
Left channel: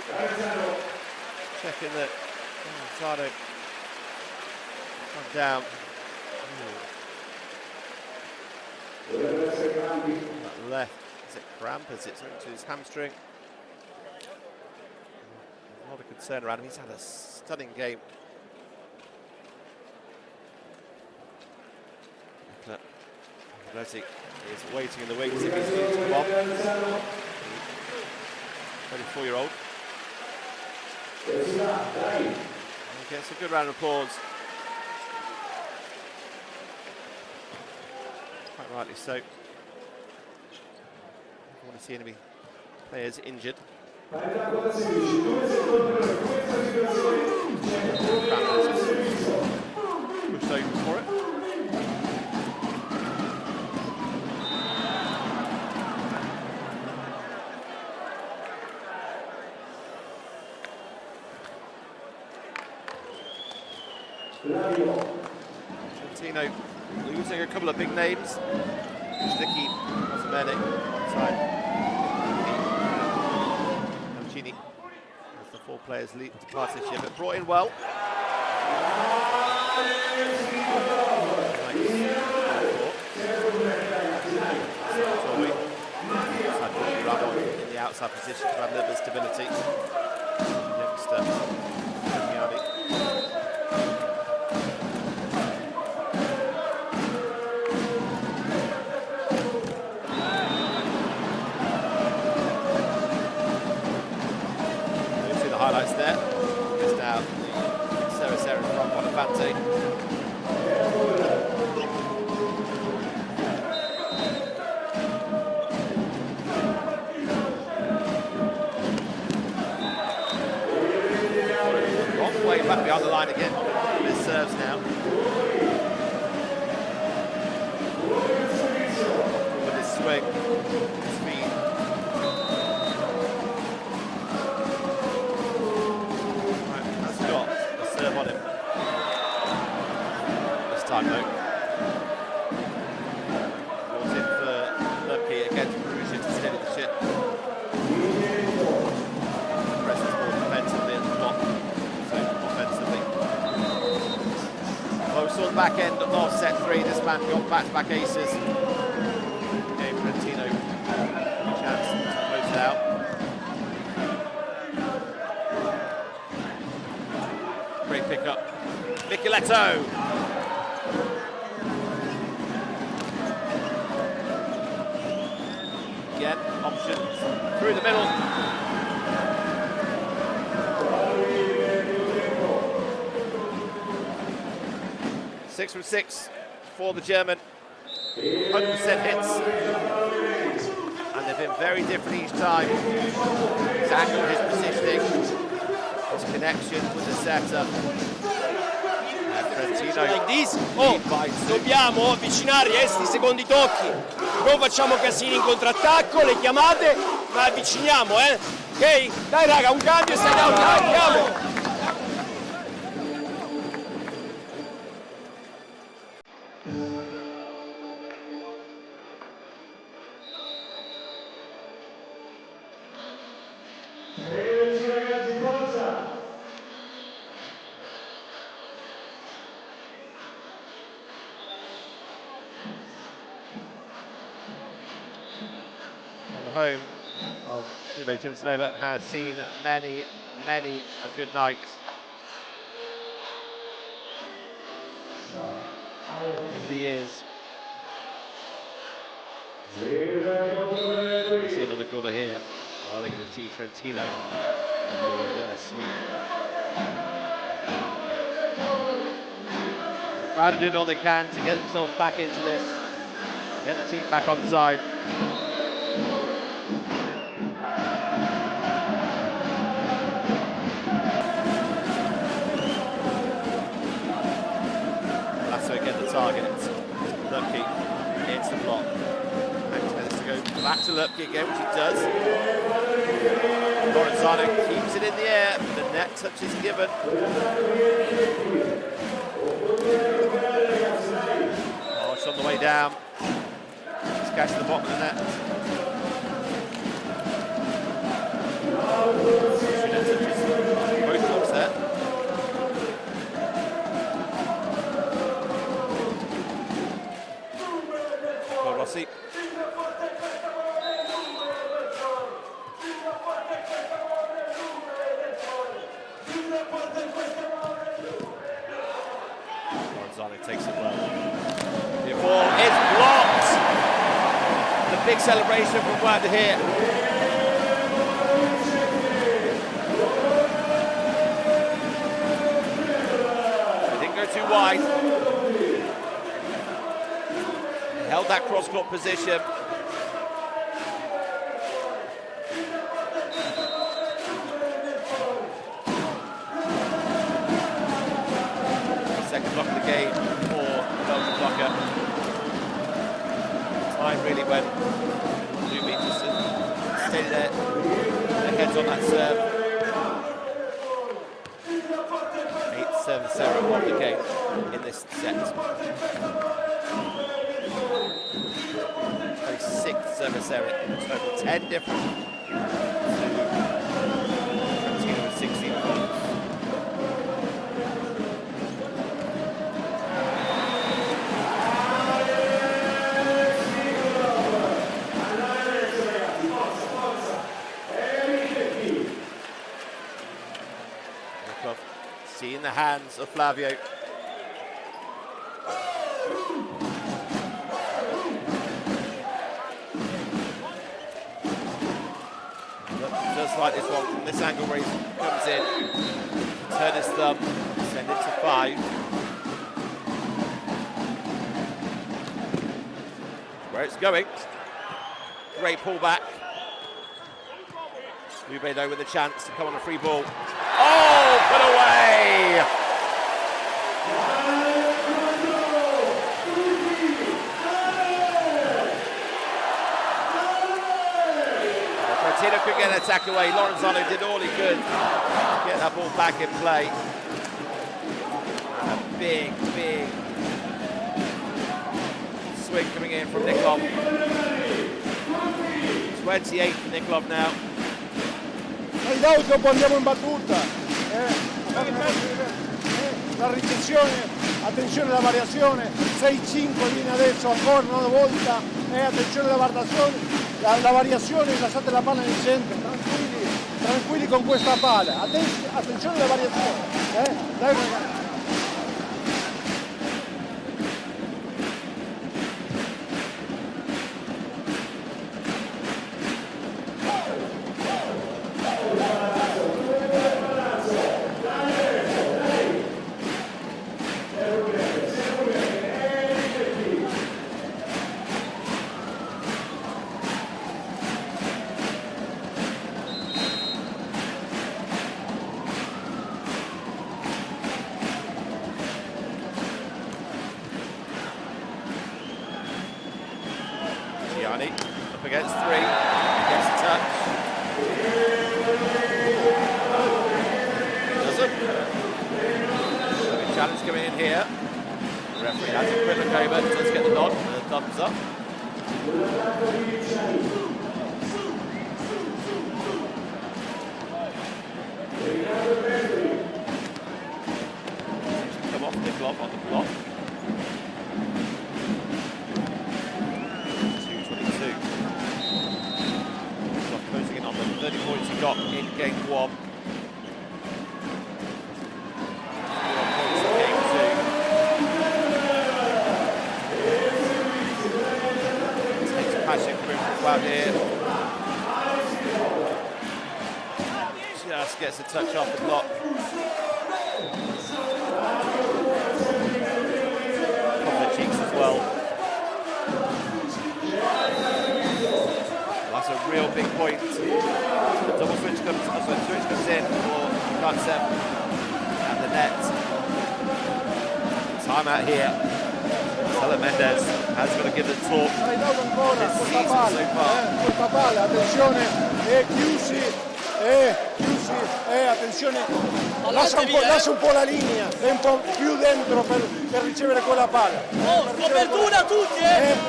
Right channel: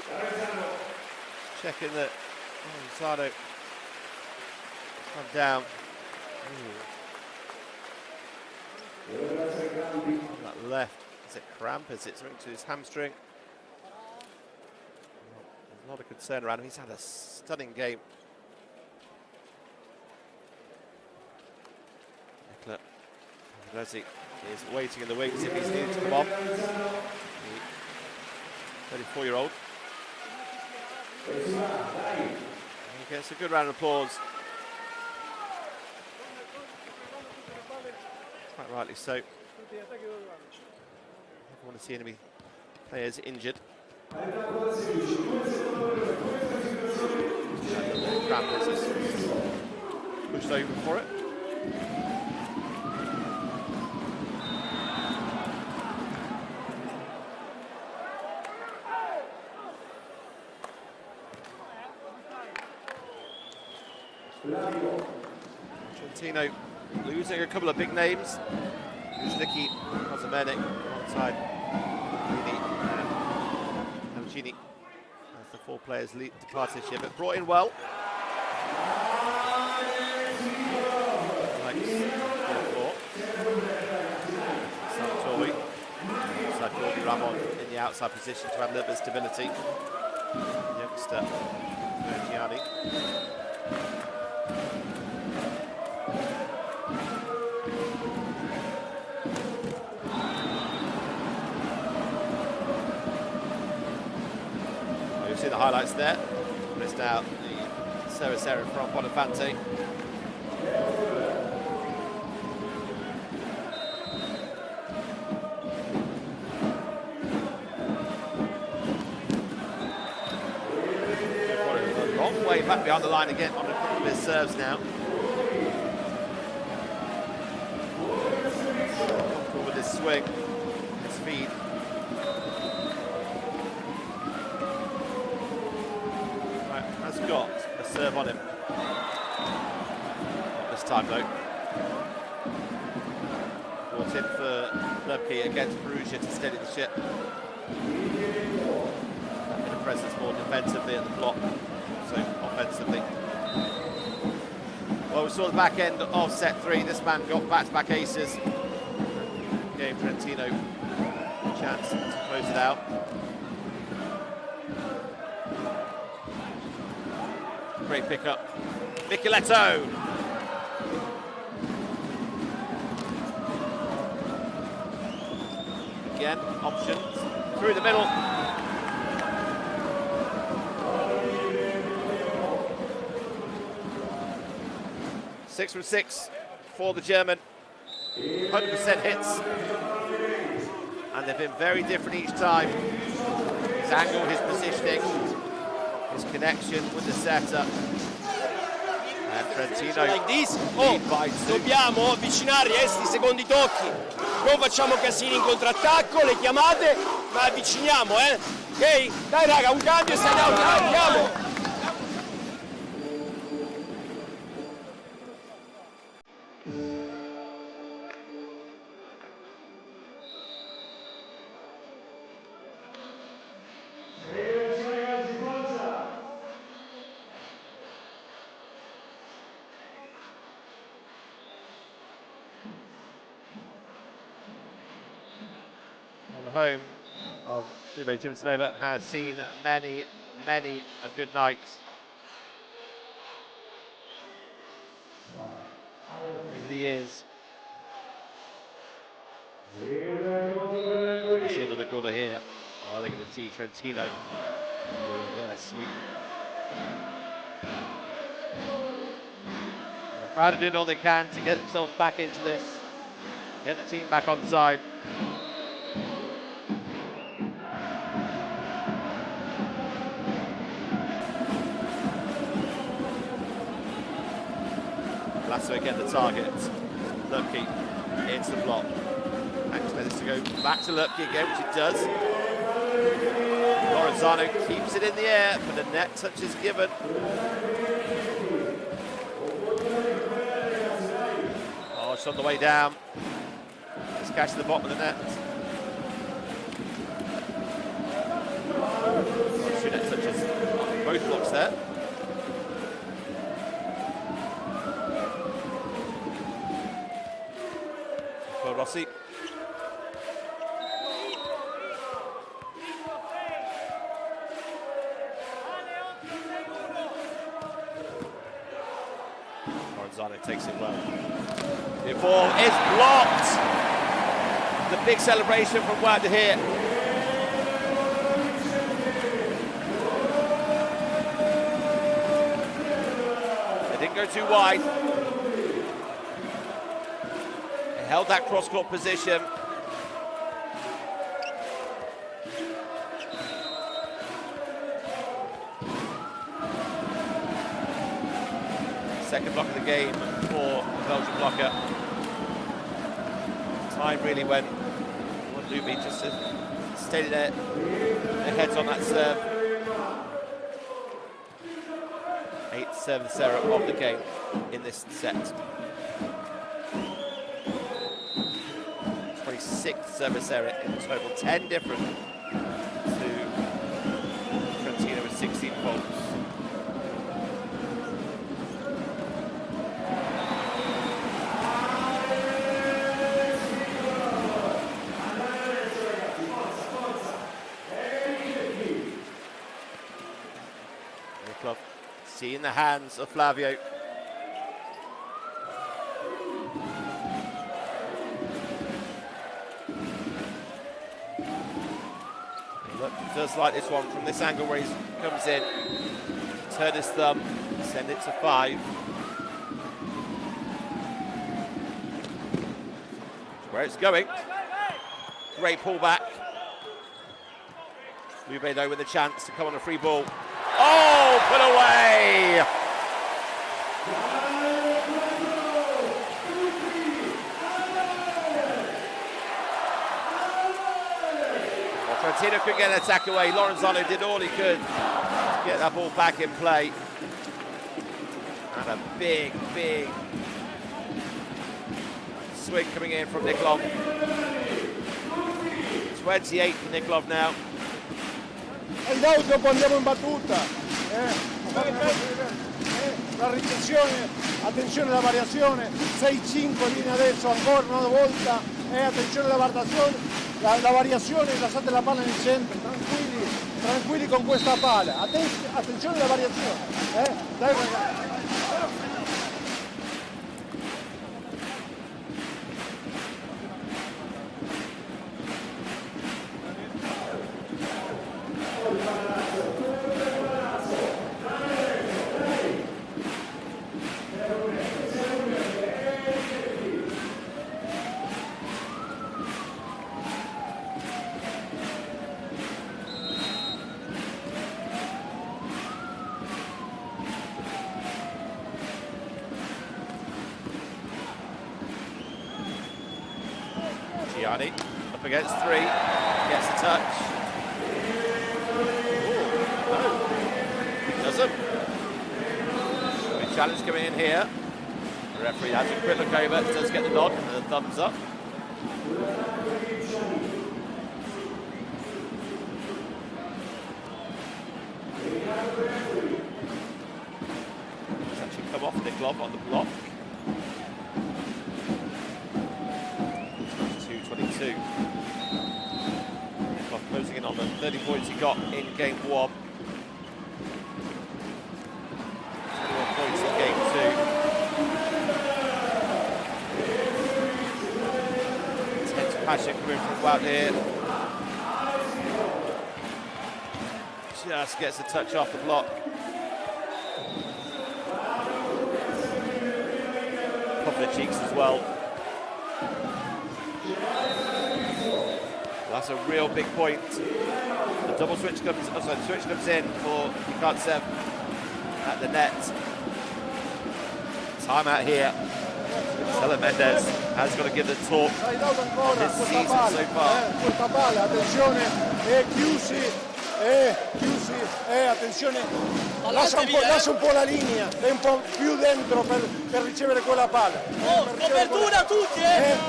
checking that Lorenzano come down. On that left, is it cramp? Is it something to his hamstring? There's a lot of concern around him. He's had a stunning game. Leslie is waiting in the wings if he's needed to come on. 34-year-old. He gets a good round of applause. Quite rightly so. Never want to see any players injured. Pushed over for it. Trentino losing a couple of big names. Kucznicki, Kozmenik on one side. Hamchini as the 4 players departed here, but brought in well. Ramon in the outside position to add a little bit of stability. Youngster, Gianni. We've seen the highlights there. Missed out the Serra from Bonifante. Way back behind the line again on a couple of his serves now. With his swing, his speed. Right, has got a serve on him. This time though. Brought in for Lubke against Perugia to steady the ship. The presence more defensively at the block. Offensively. Well, we saw the back end of set 3. This man got back-to-back aces. Gave Trentino a chance to close it out. Great pickup. Micheletto. Again, options through the middle. 6 from 6 for the German. 100% hits. And they've been very different each time. His angle, his positioning, his connection with the setter. And Trentino. Like this. Oh, dobbiamo avvicinare questi secondi tocchi. Non facciamo casini in contrattacco, le chiamate, ma avviciniamo, Ok? Dai raga, un cambio e stai down, andiamo! Home of Lube Civitanova has seen many a good night. In the years. We see another goal here. Oh, they're going to see Trentino. Sweet. Brad did all they can to get themselves back into this. Get the team back on side. Lasso again the target. Lubke into the block. Expects to go back to Lubke again, which it does. Lorenzano keeps it in the air, but the net touch is given. Oh, it's on the way down. It's catching the bottom of the net. Two net touches on both blocks there. Rossi. Lorenzano takes it well. The ball is blocked. The big celebration from Wanda here. They didn't go too wide. Held that cross-court position. Second block of the game for the Belgian blocker. Time really went. Lube just stayed there. Their heads on that serve. 8 service error of the game in this set. 26th service error in total, 10 different to Trentino with 16 points. Nikolov seeing the hands of Flavio. Just like this one from this angle where he comes in, turn his thumb, send it to 5. Where it's going. Great pullback. Lube though with a chance to come on a free ball. Oh, put away! Trentino could get an attack away. Lorenzano did all he could to get that ball back in play. And a big, big swing coming in from Nikolov. 28 for Nikolov now. Dopo andiamo in battuta. La ricessione, attenzione alla variazione. 6-5 viene adesso ancora una volta. Attenzione alla variazione, lasciate la palla nel centro, tranquilli con questa palla, attenzione alla variazione, dai ragazzi. Up against 3, gets a touch. No, he doesn't. So a challenge coming in here. The referee has a quick look over, does get the nod and a thumbs up. Actually come off Nikolov on the block. 2-22. Nikolov closing in on the 30 points he got in game 1. 21 points in game 2. Takes passion coming from out here. Just gets a touch off the block. Couple of cheeks as well. That's a real big point. The double switch comes, the switch comes in for Cucine at the net. Time out here. Stella Mendes has got to give the talk on his season so far. Questa palla, attenzione, Cucine, attenzione, lascia un po' la linea, è un po' più dentro per ricevere quella palla. Copertura tutti,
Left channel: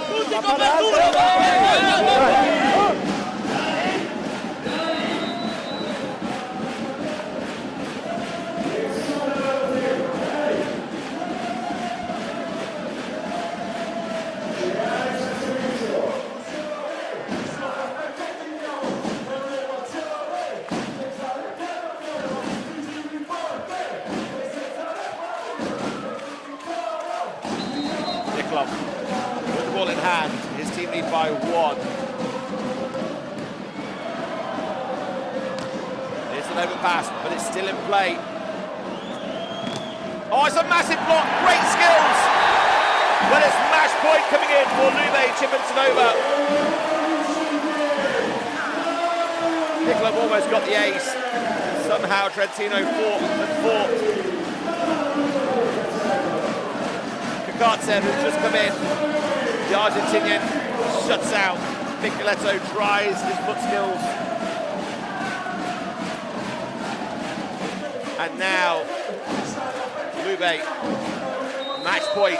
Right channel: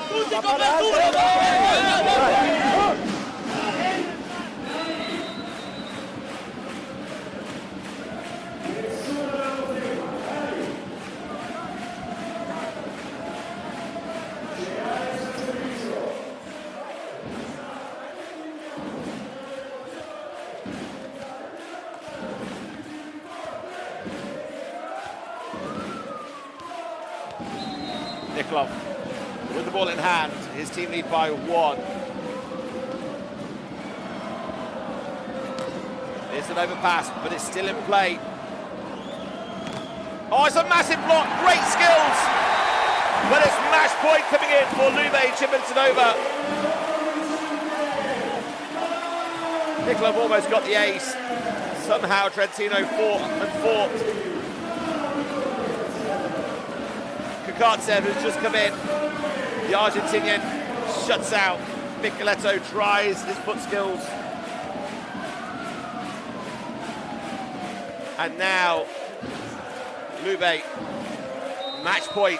tutti copertura! Nikolov with the ball in hand, his team lead by 1. It's an overpass, but it's still in play. Oh, it's a massive block, great skills. But it's match point coming in for Lube Civitanova. Nikolov almost got the ace. Somehow Trentino fought. Cucine, who's just come in. The Argentinian shuts out. Micheletto tries his foot skills. And now Lube, match point.